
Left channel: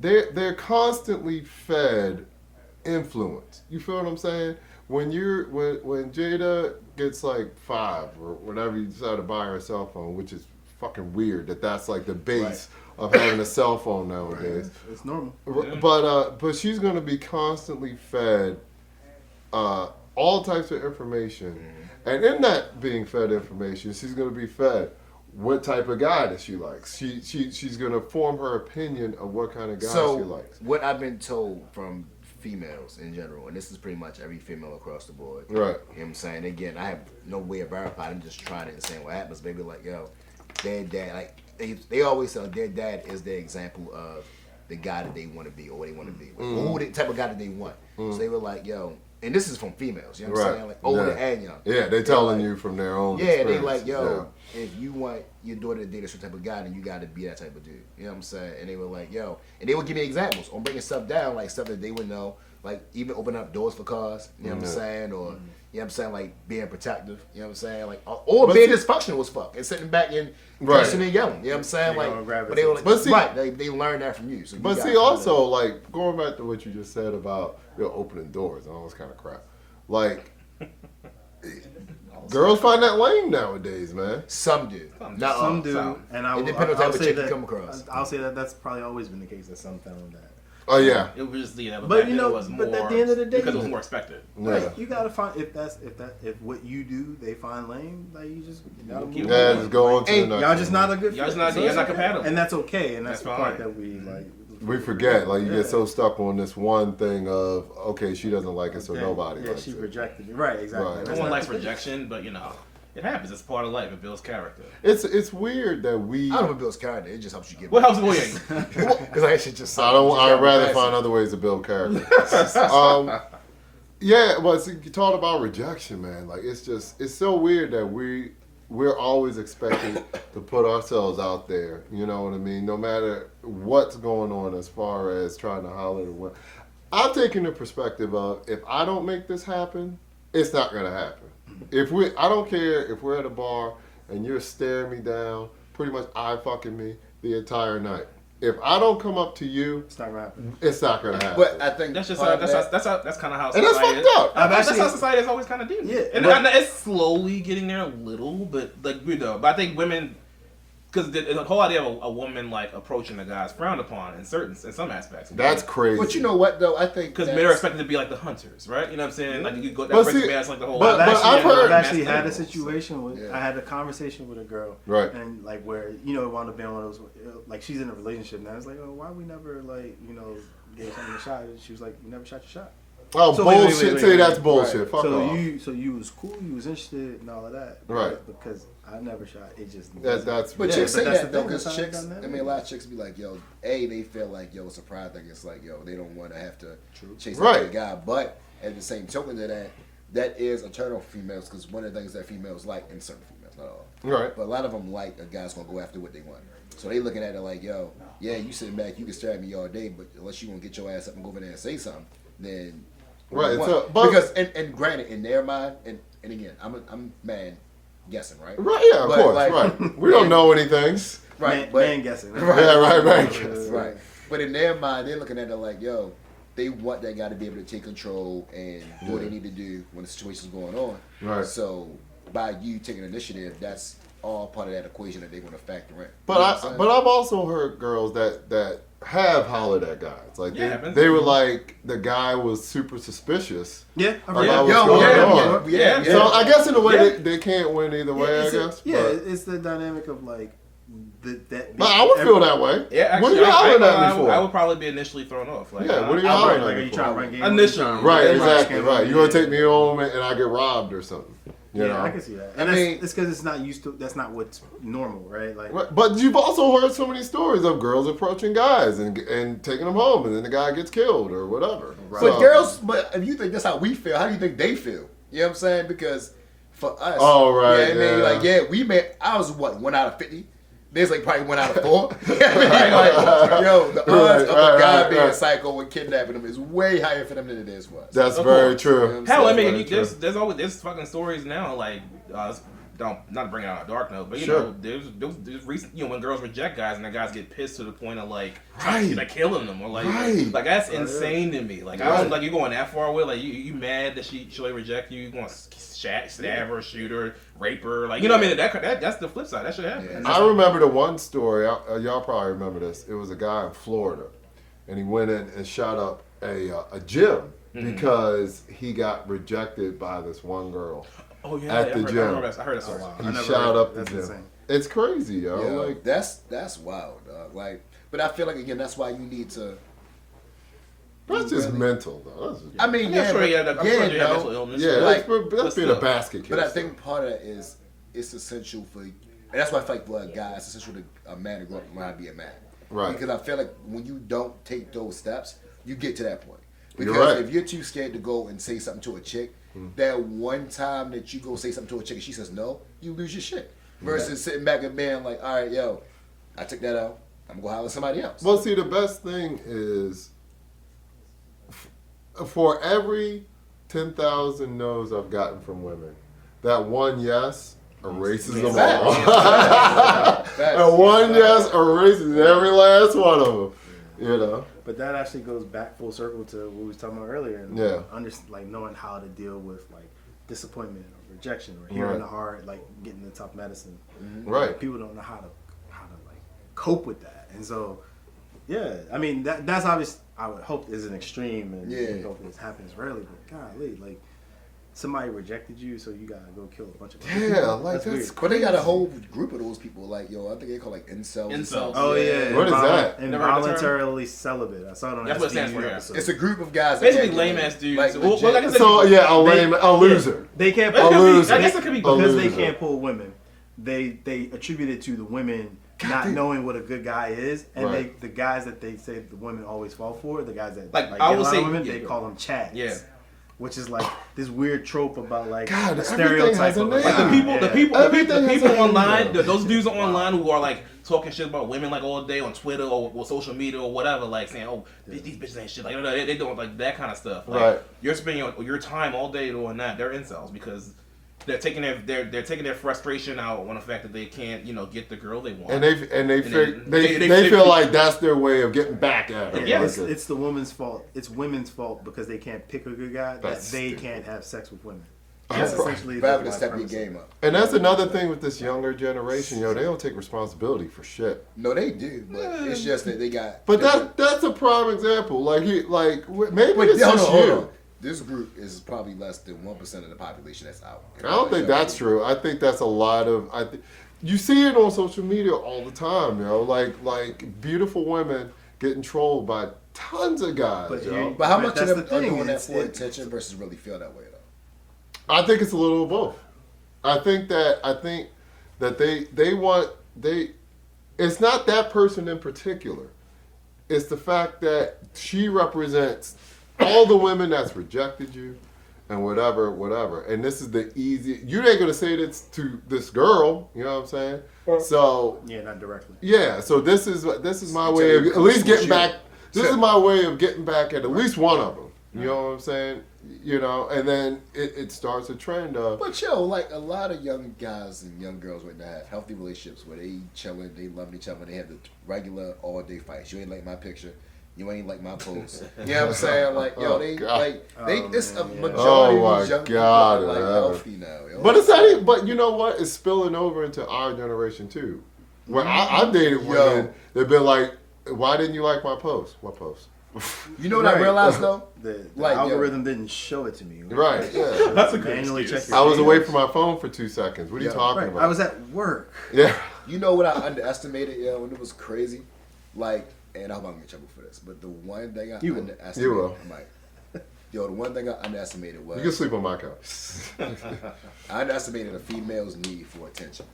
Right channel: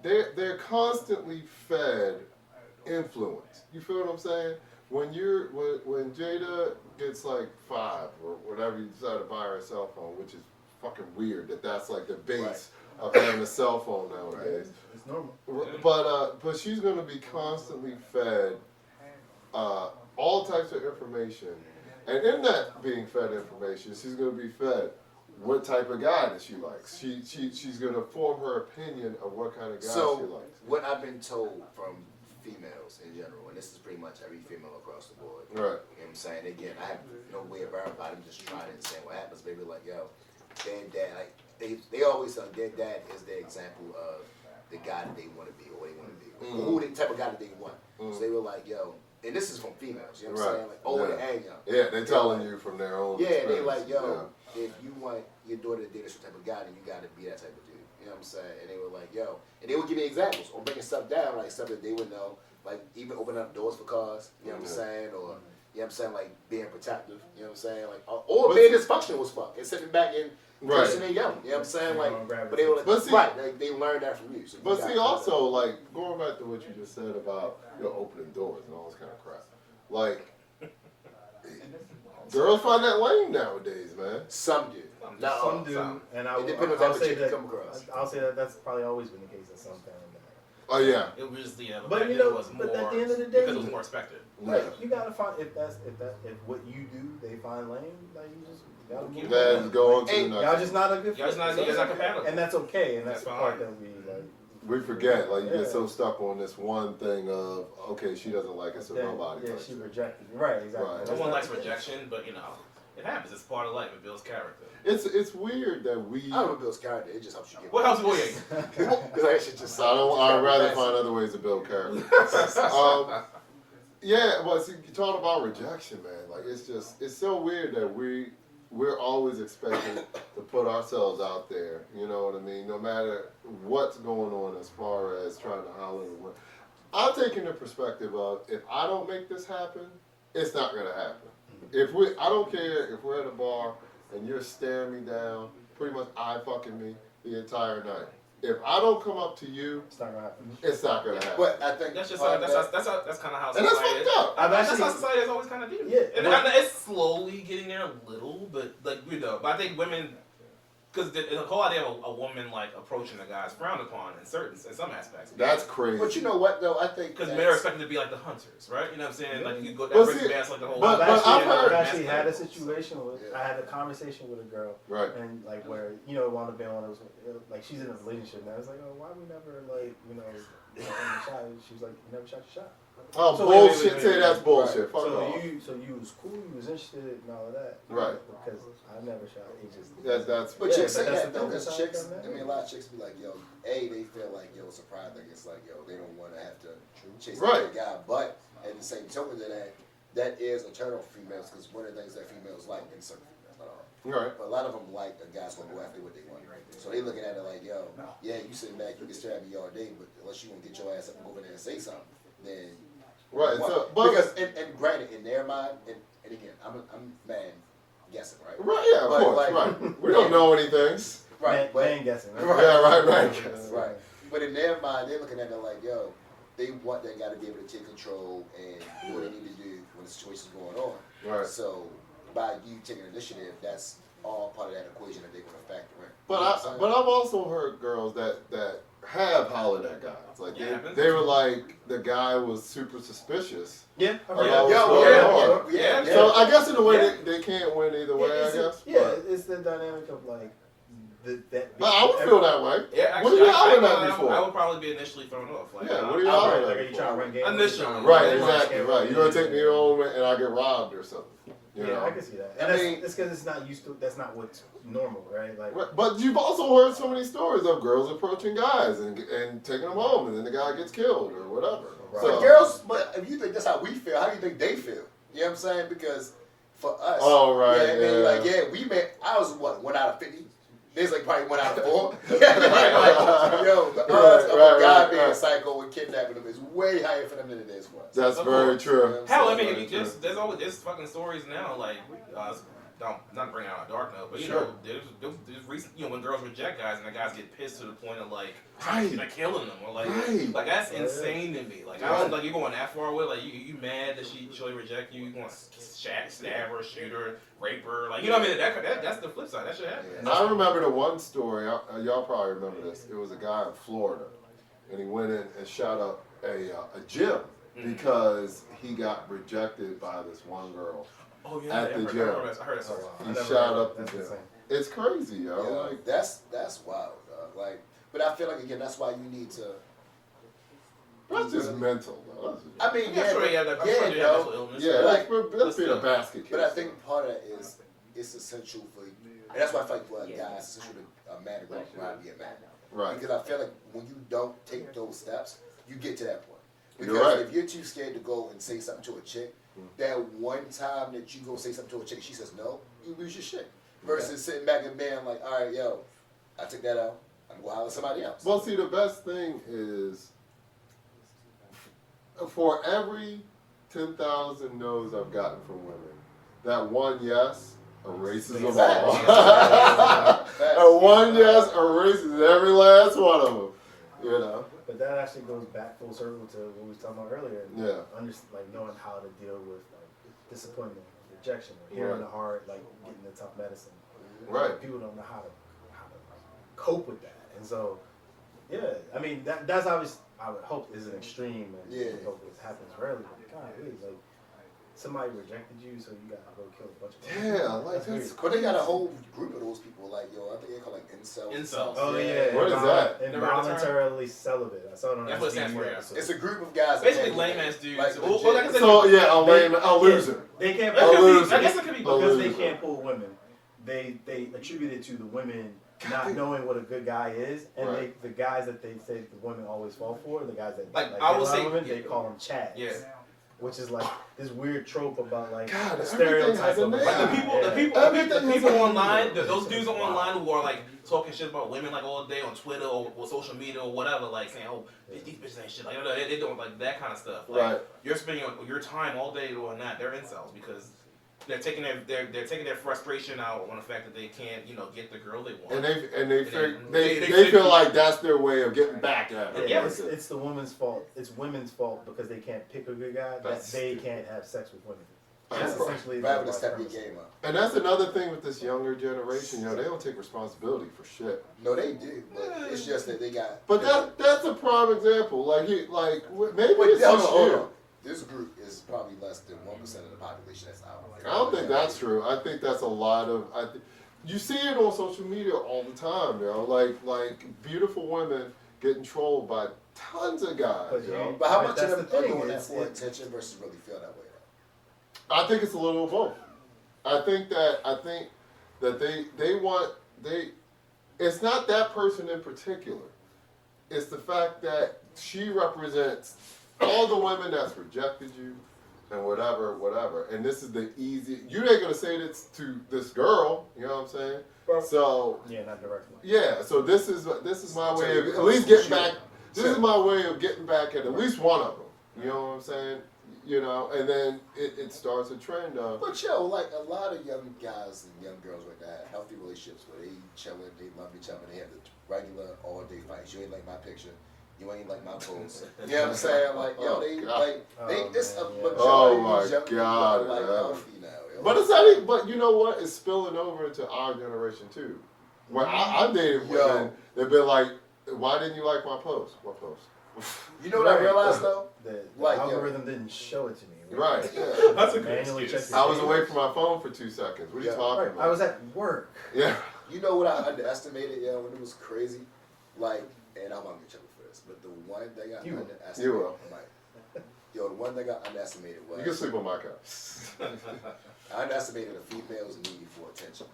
They're constantly fed influence. You feel what I'm saying? When Jada gets like 5 or whatever you decide to buy her a cell phone, which is fucking weird that's like the base of having a cell phone nowadays. It's normal. But she's gonna be constantly fed all types of information, and in that being fed information, she's gonna be fed what type of guy that she likes. She's gonna form her opinion of what kind of guy she likes. What I've been told from females in general, and this is pretty much every female across the board. Right. You know what I'm saying? Again, I have no way of verifying. I'm just trying it and saying what happens. Maybe like, yo, their dad, like they always say their dad is their example of the guy that they want to be or what they want to be, or who the type of guy that they want. So they were like, yo, and this is from females. You know what I'm saying? Like older and young. Yeah, they're telling you from their own. Yeah, they experience. like, yo, if you want your daughter to date a certain type of guy, then you got to be that type of dude. You know what I'm saying? And they were like, yo, and they would give me examples on bringing stuff down, like stuff that they would know. Like even opening up doors for cars, you know what I'm saying, or you know what I'm saying, like being protective, you know what I'm saying, like or being dysfunctional as fuck and sitting back and cursing and yelling, you know what I'm saying, like but they were like, but see, they learned that from you. So but see, also like going back to what you just said about opening doors and all this kind of crap, like girls find that lame nowadays, man. Some do, not all. Some do, and it depends on the type of chick you come across. I'll say that's probably always been the case. That some found that. Oh yeah. It was just but you know, it was more, but at the end of the day, because it was more expected. Like, you gotta find if what you do they find lame, like you just gotta keep just go on to the next. Y'all just not a good. Y'all not compatible, and that's okay. And that's the fine. part that we like. We forget, like you get so stuck on this one thing of okay, she doesn't like it, so nobody. Yeah, likes she it. rejected it. Right, exactly. Right. No one likes rejection, but you know, it happens. It's part of life. It builds character. It's weird that we. I don't know if it builds character. It just helps you get. What helps you? Because I actually just. I'd rather find other ways to build character. Yeah, but see, you talk about rejection, man. Like it's so weird that we're always expected to put ourselves out there. You know what I mean? No matter what's going on as far as trying to holler at one. I'm taking the perspective of if I don't make this happen, it's not gonna happen. I don't care if we're at a bar and you're staring me down, pretty much eye fucking me the entire night. If I don't come up to you, it's not gonna happen. It's not gonna happen. But I think that's just that's kind of how and society that's fucked up. That's how society has always kind of do. Yeah, and it's slowly getting there a little, but like but I think women, because the whole idea of a woman like approaching a guy is frowned upon in some aspects. That's crazy. But you know what though? I think because men are expected to be like the hunters, right? You know what I'm saying? Like you go that breaks past like the whole. I've actually had a situation with. I had a conversation with a girl, right? And like where it wound up being one of those like she's in a relationship and I was like, oh, why we never like getting a shot? And she was like, you never shot your shot. Oh, so bullshit! Say that's bullshit. Right. Fuck off. So you was cool, you was interested and all of that, right? Because I never shot. It just that's. But chicks say that though, because chicks. I mean, a lot of chicks be like, yo, they feel like it's a pride thing. It's like, yo, they don't want to have to chase after the guy. But at the same token of that is a turn off for females because one of the things that females like in certain females, not all, right? But a lot of them like a guy's gonna go after what they want. So they looking at it like, yo, yeah, you sitting back, you can stare at me all day, but unless you want to get your ass up and go over there and say something, then right. Because and granted, in their mind, and again, I'm man guessing, right? Right. Yeah. Of course. Like, right. We don't know anything. Right. Man guessing. Right. Yeah. Right. Man guessing. Right. But in their mind, they're looking at it like, yo, they want that guy to be able to take control and do what they need to do when the situation's going on. Right. So by you taking initiative, that's all part of that equation that they're going to factor in. But I've also heard girls that have hollered at guys. Like Yeah, they were like the guy was super suspicious. Yeah, Or yeah. that was going on. yeah. So I guess in a way Yeah. they can't win either way. I guess. But, it's the dynamic of like that. but I would feel that way. Yeah, What are actually, you hollering at me I for? would probably be initially thrown off. Like, Yeah, what are you Outright, hollering like, at are me you for? trying to run game? Initially. Right, Yeah, exactly. Right. You're gonna take me home and I get robbed or something. You Yeah, know? I can see that. I And mean- it's because it's not used to. That's not what's normal, right? Like, Right, but you've also heard so many stories of girls approaching guys and taking them home, and then the guy gets killed or whatever. But So- girls, but if you think that's how we feel, how do you think they feel? You know what I'm saying? Because for us, Oh, right, yeah, I mean, yeah. like, yeah, we made. I was what 1 out of 50. There's like probably 1 out of 4. Yeah, I mean, like, yo, the odds of a guy being psycho and kidnapping them is way higher for them than it is for us. That's Of very course. true. Hell, I That's mean, very there's always there's fucking stories now like not to bring out a dark note, but you Sure. know there's recent when girls reject guys and the guys get pissed to the point of like Right. killing them or like Right. that's insane to me. Like I Right. don't like you going that far with like you mad that she'll reject you going to stab her, shoot her, rape her, like you know what I mean that's the flip side that should happen. I remember the one story. Y'all probably remember this. It was a guy in Florida, and he went in and shot up a gym because he got rejected by this one girl. Oh yeah, At the gym. I heard that story. He never shot heard up that. the That's gym. insane. It's crazy, yo. Yeah, Like, that's wild, dog. Like, but I feel like again, that's why you need to. that's just really- mental, though. That's just, I mean, I'm yeah, sure but- you have that. I'm yeah, sure you have no. mental illness. yeah, like, that's being a still. basket case. But I though. think part of that is it's essential for, and that's why I feel like for a guy, it's essential to a man to grow up and learn how to be a man. Right. Because I feel like when you don't take those steps, you get to that point. You're Because right. if you're too scared to go and say something to a chick, that one time that you go say something to a chick and she says no, you lose your shit. Versus sitting back and being like, all right, yo, I took that out. I'm gonna holler at somebody else. Well, see, the best thing is for every 10,000 no's I've gotten from women, that one yes erases them all. Facts. And one yes erases every last one of them. You know? but that actually goes back full circle to what we was talking about earlier. And Yeah. like knowing how to deal with like disappointment or rejection or hearing Right. the hard, like getting the tough medicine. Right. People don't know how to like cope with that, and so yeah, I mean that's obvious. I would hope is an extreme, and Yeah. we hope this happens rarely. But golly, like somebody rejected you, so you gotta go kill a bunch of people. Yeah, like that's weird. But they got a whole group of those people, like, yo, I think they call like incels. Incels. Oh yeah, What is that? Never heard the term? Involuntarily celibate. I saw it on That's what it stands for, yeah. episode. It's a group of guys. that Basically, can't lame get ass dudes. Like, Well, legit. like I said, So, yeah, a loser. They can't. That A could be- loser. I guess it could be A because they loser. can't pull women. They attribute it to the women not damn. knowing what a good guy is, and Right. the guys that they say the women always fall for, the guys that Like, like I get a would lot say- of women, yeah, they yeah. call them chads. Yeah. Which is like this weird trope about like God, the everything has a of name. Like the people, Yeah. the people Everything has a online, name. those dudes are online who are like talking shit about women like all day on Twitter or social media or whatever, like saying, "Oh, these bitches ain't shit." Like, they doing like that kind of stuff. Like, Right. You're spending your time all day doing that. They're incels because they're taking their frustration out on the fact that they can't, get the girl they want. And they they feel like that's their way of getting back at her. Yeah. Like, it's the woman's fault. It's women's fault because they can't pick a good guy that That's they stupid. can't have sex with women. That's That's right. essentially But having the to step your premise. game up. And that's another thing with this younger generation, they don't take responsibility for shit. No, they do, but it's just that they got. But that's a prime example. Maybe Wait, it's hold this on, hold year. on. This group is probably less than 1% of the population that's out. I don't think that's true. I think that's a lot of. You see it on social media all the time, like beautiful women getting trolled by tons of guys, But yo. you- But how But much that's of them the are thing, doing that it's- for it- attention versus really feel that way though? I think it's a little of both. I think that they want. It's not that person in particular. It's the fact that she represents all the women that's rejected you and whatever. And this is the easy. You ain't gonna say this to this girl. You know what I'm saying? So Yeah, not directly. yeah. So this is my So way of you at least come getting switch back. you. This is my way of getting back at least one of them. You know what I'm saying? And then it starts a trend of. But yo, like a lot of young guys and young girls right now have healthy relationships where they chilling, they love each other, they have the regular all day fights. You ain't like my picture. You ain't like my post. You know what I'm saying? Like, yo, it's a majority Oh of my these young people God, are like man. healthy now. Yo. But it's not even, but you know what? It's spilling over into our generation too. Where I've dated women, they've been like, why didn't you like my post? What post? You know what I realized though? The Like, algorithm didn't show it to me. Right, yeah. That's a good Manually excuse. check your I was away page. from my phone for 2 seconds. What are you talking Right. about? I was at work. Yeah. You know what I underestimated, yo, when it was crazy? Like, and I hope I don't get in trouble for this, but the one thing I underestimated, You will. I'm like, yo, the one thing I underestimated was You can sleep on my couch. I underestimated a female's need for attention.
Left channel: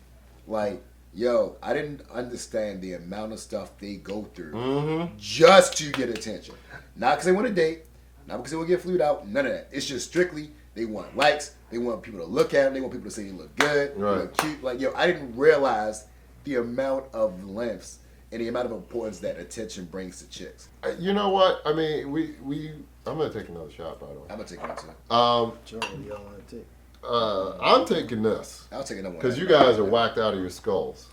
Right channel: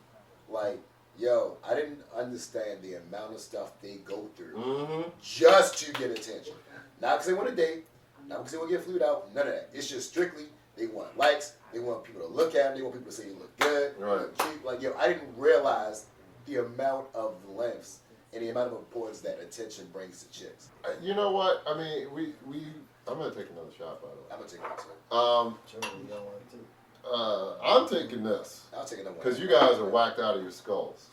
Like, yo, I didn't understand the amount of stuff they go through just to get attention. Not because they want to date, not because they want to get flued out, none of that. It's just strictly they want likes, they want people to look at them, they want people to say you look good, you look cute. Like, yo, I didn't realize the amount of lengths and the amount of importance that attention brings to chicks. You know what? I mean, I'm gonna take another shot, by the way. I'm gonna take one too. Sure, you don't want it too. I'm taking this I'll take another one. because you guys are whacked out of your skulls.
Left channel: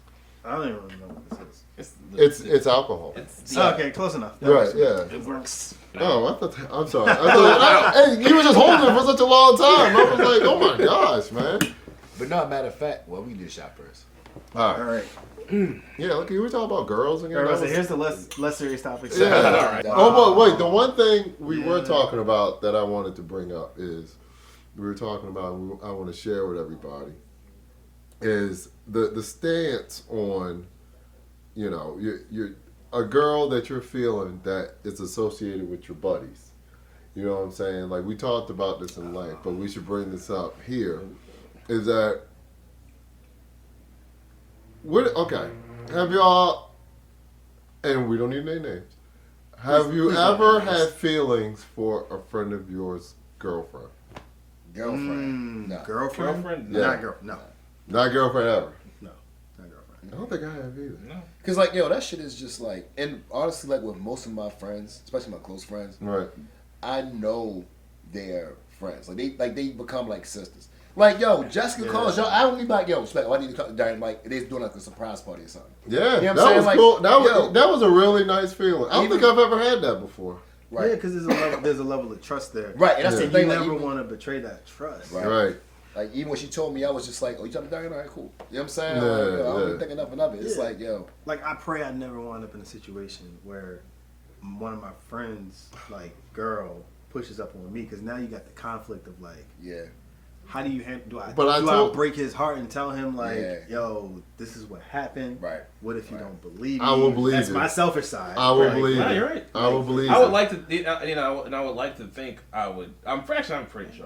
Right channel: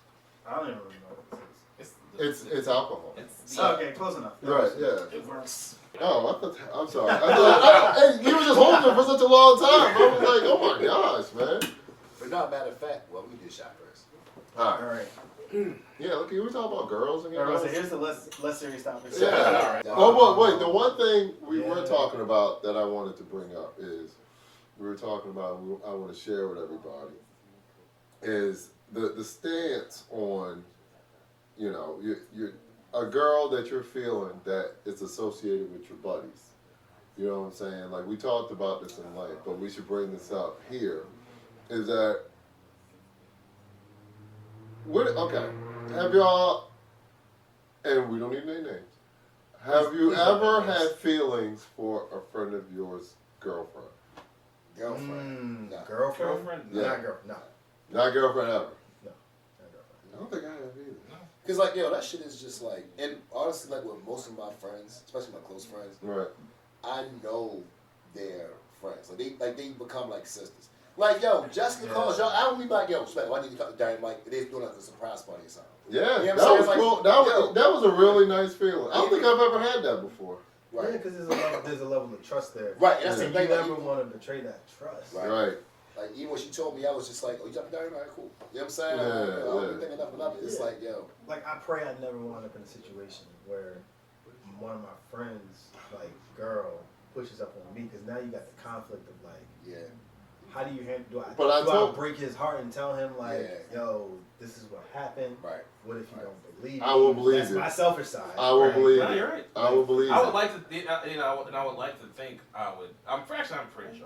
I don't even really know what this is. It's alcohol. It's Okay, close enough. That Right? works. Yeah. It works. Oh, I'm sorry. Hey, you were just holding it for such a long time. I was like, oh my gosh, man. But no, matter of fact, well, we do shot first. All All right. right. Yeah. Okay. We're talking about girls again. Everybody say, here's the less serious topic. Yeah. All right. Oh, but wait. The one thing we were talking about that I wanted to bring up is we were talking about. I want to share with everybody is the stance on, you know, you're a girl that you're feeling that is associated with your buddies. You know what I'm saying? Like we talked about this in length, but we should bring this up here. Is that okay? Have y'all? And we don't need any names. Have you ever had feelings for a friend of yours' girlfriend? Girlfriend. No. Girlfriend? Girlfriend? Yeah. Not girl. No. Not girlfriend ever. No. Not girlfriend. I don't think I have either. No. Cause like, yo, that shit is just like, and honestly, like with most of my friends, especially my close friends, Right. I know their friends. Like they become like sisters. Like, yo, Jessica calls y'all. I don't be like, yo, Spec, why did you call during like they're doing like a surprise party or something? Yeah, You know what I'm that saying? was Like, cool. yo. That was a really nice feeling. I don't think I've ever had that before. Right. Yeah, because there's a level of trust there. Right, and that's Yeah. the thing. You Like, never even, want to betray that trust. Right. Right. like even when she told me, I was just like, oh, you jumping down? All right, cool. You know what I'm saying? Yeah, like, yo, I don't yeah. even think enough of it. It's Yeah. like, yo, Like, I pray I never wind up in a situation where one of my friends, like, girl, pushes up on me, because now you got the conflict of, like, yeah. how do you handle, But I I told- break his heart and tell him, like, Yeah. yo, this is what happened. Right. What if you Right. don't believe me? I will believe That's you. my selfish side. I will right? believe No, it. you're right. I will believe I would it. like to, you know, and I would like to think I would. I'm pretty sure I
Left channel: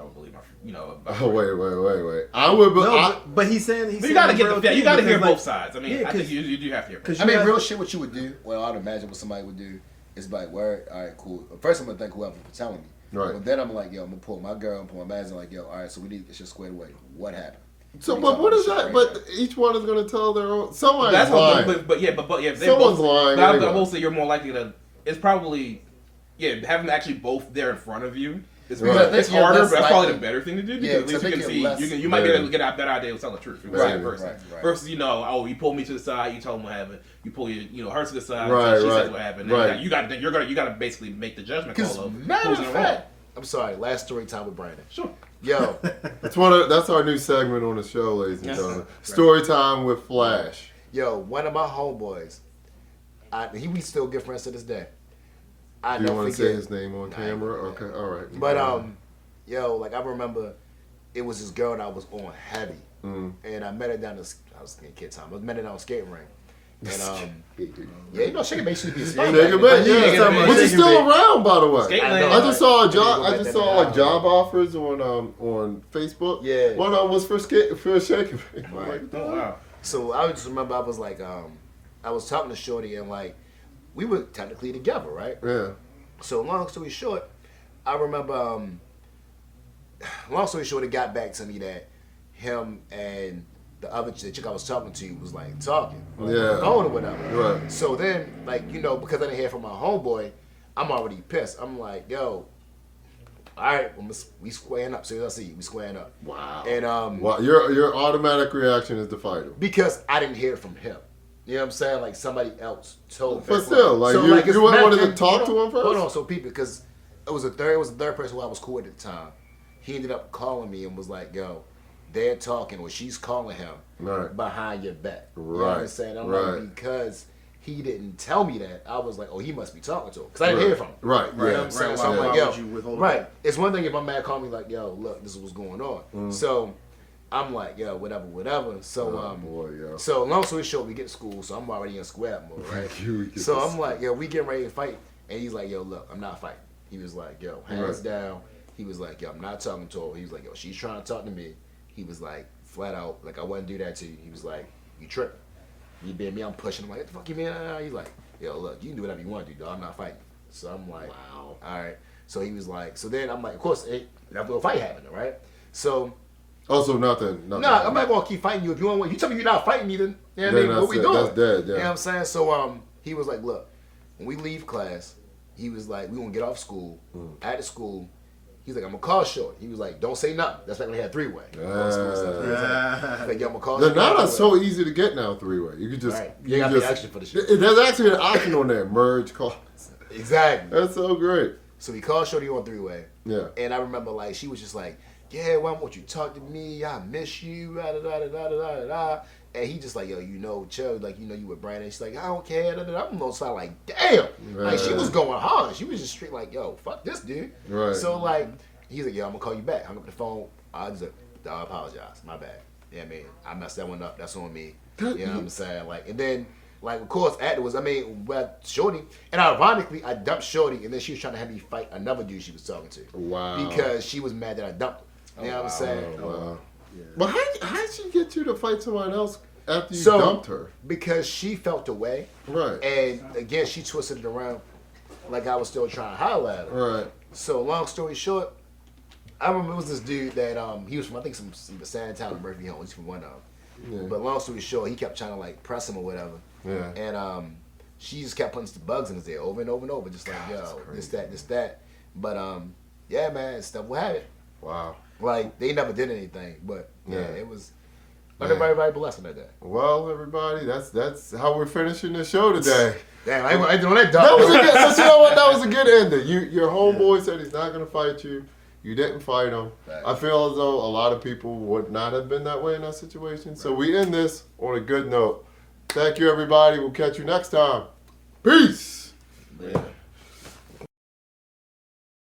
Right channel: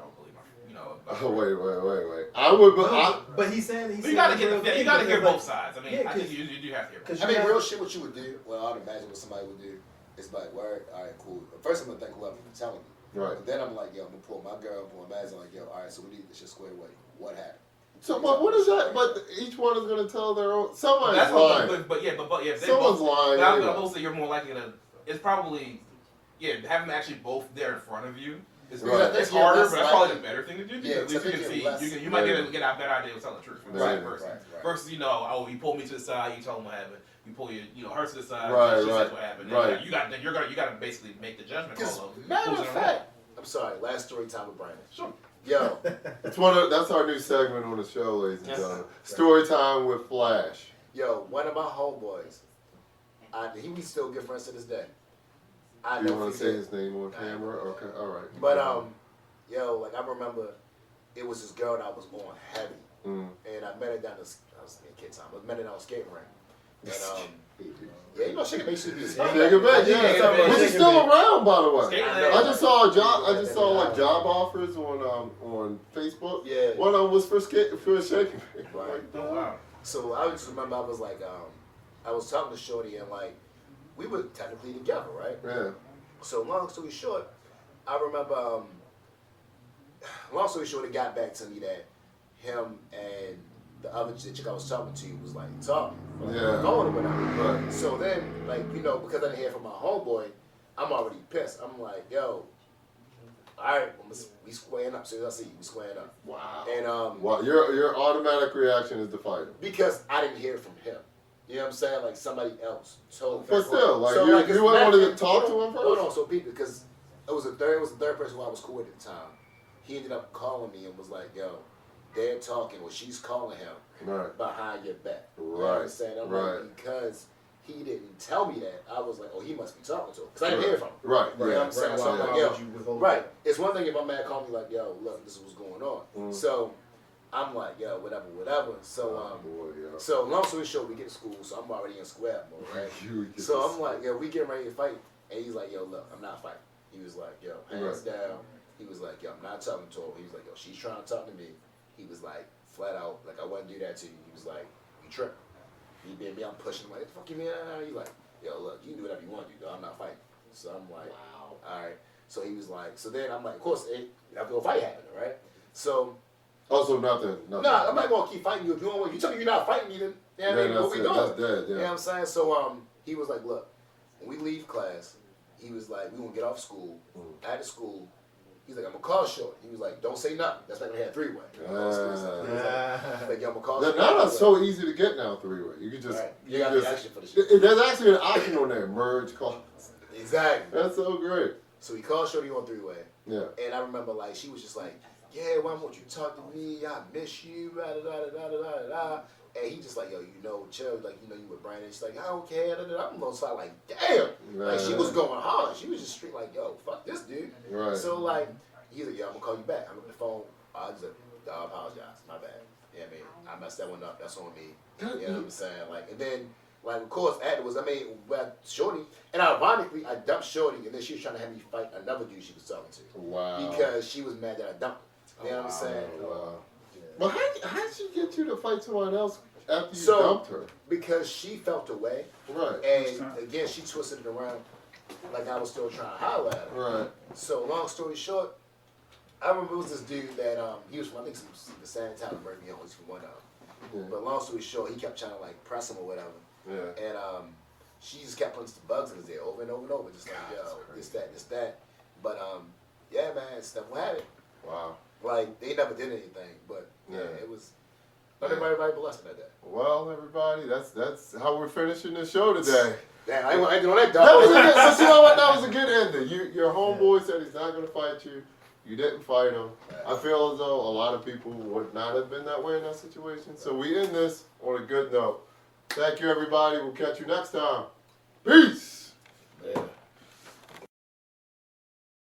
would believe my, you know. Oh, wait. I would. No, but he's saying You gotta get the, you gotta hear both sides. sides. I mean, Yeah, I think 'cause- you do have to hear. Both. 'cause I mean, have- real shit. What you would do? Well, I'd imagine what somebody would do is like, word, all right, cool. First, I'm gonna thank whoever for telling me. Right. But then I'm like, yo, I'm gonna pull my girl and pull my man. Like, yo, all right, so we need this shit squared away. What happened? So, but what is that? But each one is going to tell their own. Somebody's That's lying. what, but yeah, if they Someone's both, lying. But Anyway. I will say you're more likely to. It's probably, yeah, having them actually both there in front of you. It's, Right. it's You're harder, less but that's probably likely- the better thing to do Yeah, because at least I you think can you're see less- you might be able Yeah. to get a better idea of telling the truth. From Right, the person. right. Versus, you know, oh, you pull me to the side, you tell them what happened. You pull her to the side, Right, she right, says what happened. right. Then you got to basically make the judgment Because call of matter who's of in the wrong. fact, I'm sorry. Last story time with Brandon. Sure. Yo, That's our new segment on the show, ladies and Yes. gentlemen. Story time with Flash. one of my homeboys, we still good friends to this day. I Do you never want to say forget. his name on Nah, camera? yeah. Okay, all right. But like I remember, it was this girl that I was on heavy, and I met her down the. I was in kid time. I met her down the skating rink, and yeah, you know, she can make sure be Shake it back, yeah. Which is still around, by the way. Skate I land. know. I just saw a I job. gotta I go just back saw there. job offers on Facebook. Yeah. One of them was for shaking. Right. Oh wow. So I just remember I was like, I was talking to Shorty, and like, we were technically together, right? Yeah. So long story short, I remember. Long story short, it got back to me that him and the chick I was talking to was like talking, on the Yeah. phone or whatever. Right. So then, like, you know, because I didn't hear from my homeboy, I'm already pissed. I'm like, yo, all right, we squaring up. As soon as I see you, we squaring up. Wow. And Well, your automatic reaction is to fight him. because I didn't hear from him. You know what I'm saying? Like somebody else told me. But still, like, So, you it's wanted not- to talk to him first? Hold on, so people, because it was the third person who I was cool with at the time. He ended up calling me and was like, yo, they're talking, or she's calling him Right. behind your back. You know Right. what I'm saying? I'm Right. like, because he didn't tell me that, I was like, oh, he must be talking to him. Because I didn't hear from him. Right, You know what I'm right. saying? Right, So I'm why like, yo, would you withhold right. that? It's one thing if my man called me like, yo, look, this is what's going on. So I'm like, yo, whatever. So, Boy, yo. so long story short, we get to school, so I'm already in square mode, right? You get So this. I'm like, yo, we getting ready to fight. And he's like, yo, look, I'm not fighting. He was like, yo, hands down. He was like, yo, I'm not talking to her. He was like, yo, she's trying to talk to me. He was like, flat out, like, I wouldn't do that to you. He was like, you tripping. You been me, I'm pushing him like, what the fuck you mean? He's like, yo, look, you can do whatever you want to do, dog. I'm not fighting. So I'm like, wow. All right. So he was like, so then I'm like, of course, after a fight happened, right? So, Also, nothing. no, I'm not going to keep fighting you. If you want, you tell me you're not fighting me, then, you know what I mean? What we doing? That's dead, yeah. You know what I'm saying? So he was like, look, when we leave class, he was like, we gonna get off school. At the school, he's like, I'm gonna call Short. He was like, don't say nothing. That's back when we had three-way. He was like, yo, I'm gonna call The Short. not so easy to get now, three-way. You can just... Right. You got to pay extra for the shit. There's actually an option on there, merge calls. Exactly. That's so great. So he called Shorty on three-way. Yeah. And I remember, like, she was just like, yeah, why won't you talk to me? I miss you. Da, da, da, da, da, da, da. And he just like, yo, you know, Chubb, like, you know, you with Brandon. She's like, I don't care. Da, da, da. I'm gonna start like, damn. Like, she was going hard. She was just straight like, yo, fuck this dude. Right. So, like, he's like, yo, I'm gonna call you back. Hung up the phone. I just like, I apologize. My bad. Yeah, I mean, I messed that one up. That's on me. You know what I'm saying? Like, and then, like, of course, afterwards, I mean, with Shorty, and ironically, I dumped Shorty, and then she was trying to have me fight another dude she was talking to. Wow. Because she was mad that I dumped her. You know what I'm saying? Oh, wow. But how'd she get you to fight someone else after you So, dumped her? Because she felt the way, Right. and again, she twisted it around like I was still trying to holler at her. Right. So, long story short, I remember it was this dude that he was from, I think, some San Antonio Murphy home. He's from one of them. Yeah. But long story short, he kept trying to like press him or whatever. Yeah. And she just kept putting some bugs in his ear over and over and over, just like, yo, this, that. But yeah, man, stuff will happen. Wow. Like, they never did anything, but yeah, Yeah. it was. Everybody blessed with that. Well, everybody, that's how we're finishing the show today. Damn, I ain't doing that, dog. That was a good, so you know what, that was a good ending. Your homeboy said he's not gonna fight you. You didn't fight him. Right. I feel as though a lot of people would not have been that way in that situation. So we end this on a good note. Thank you, everybody. We'll catch you next time. Peace.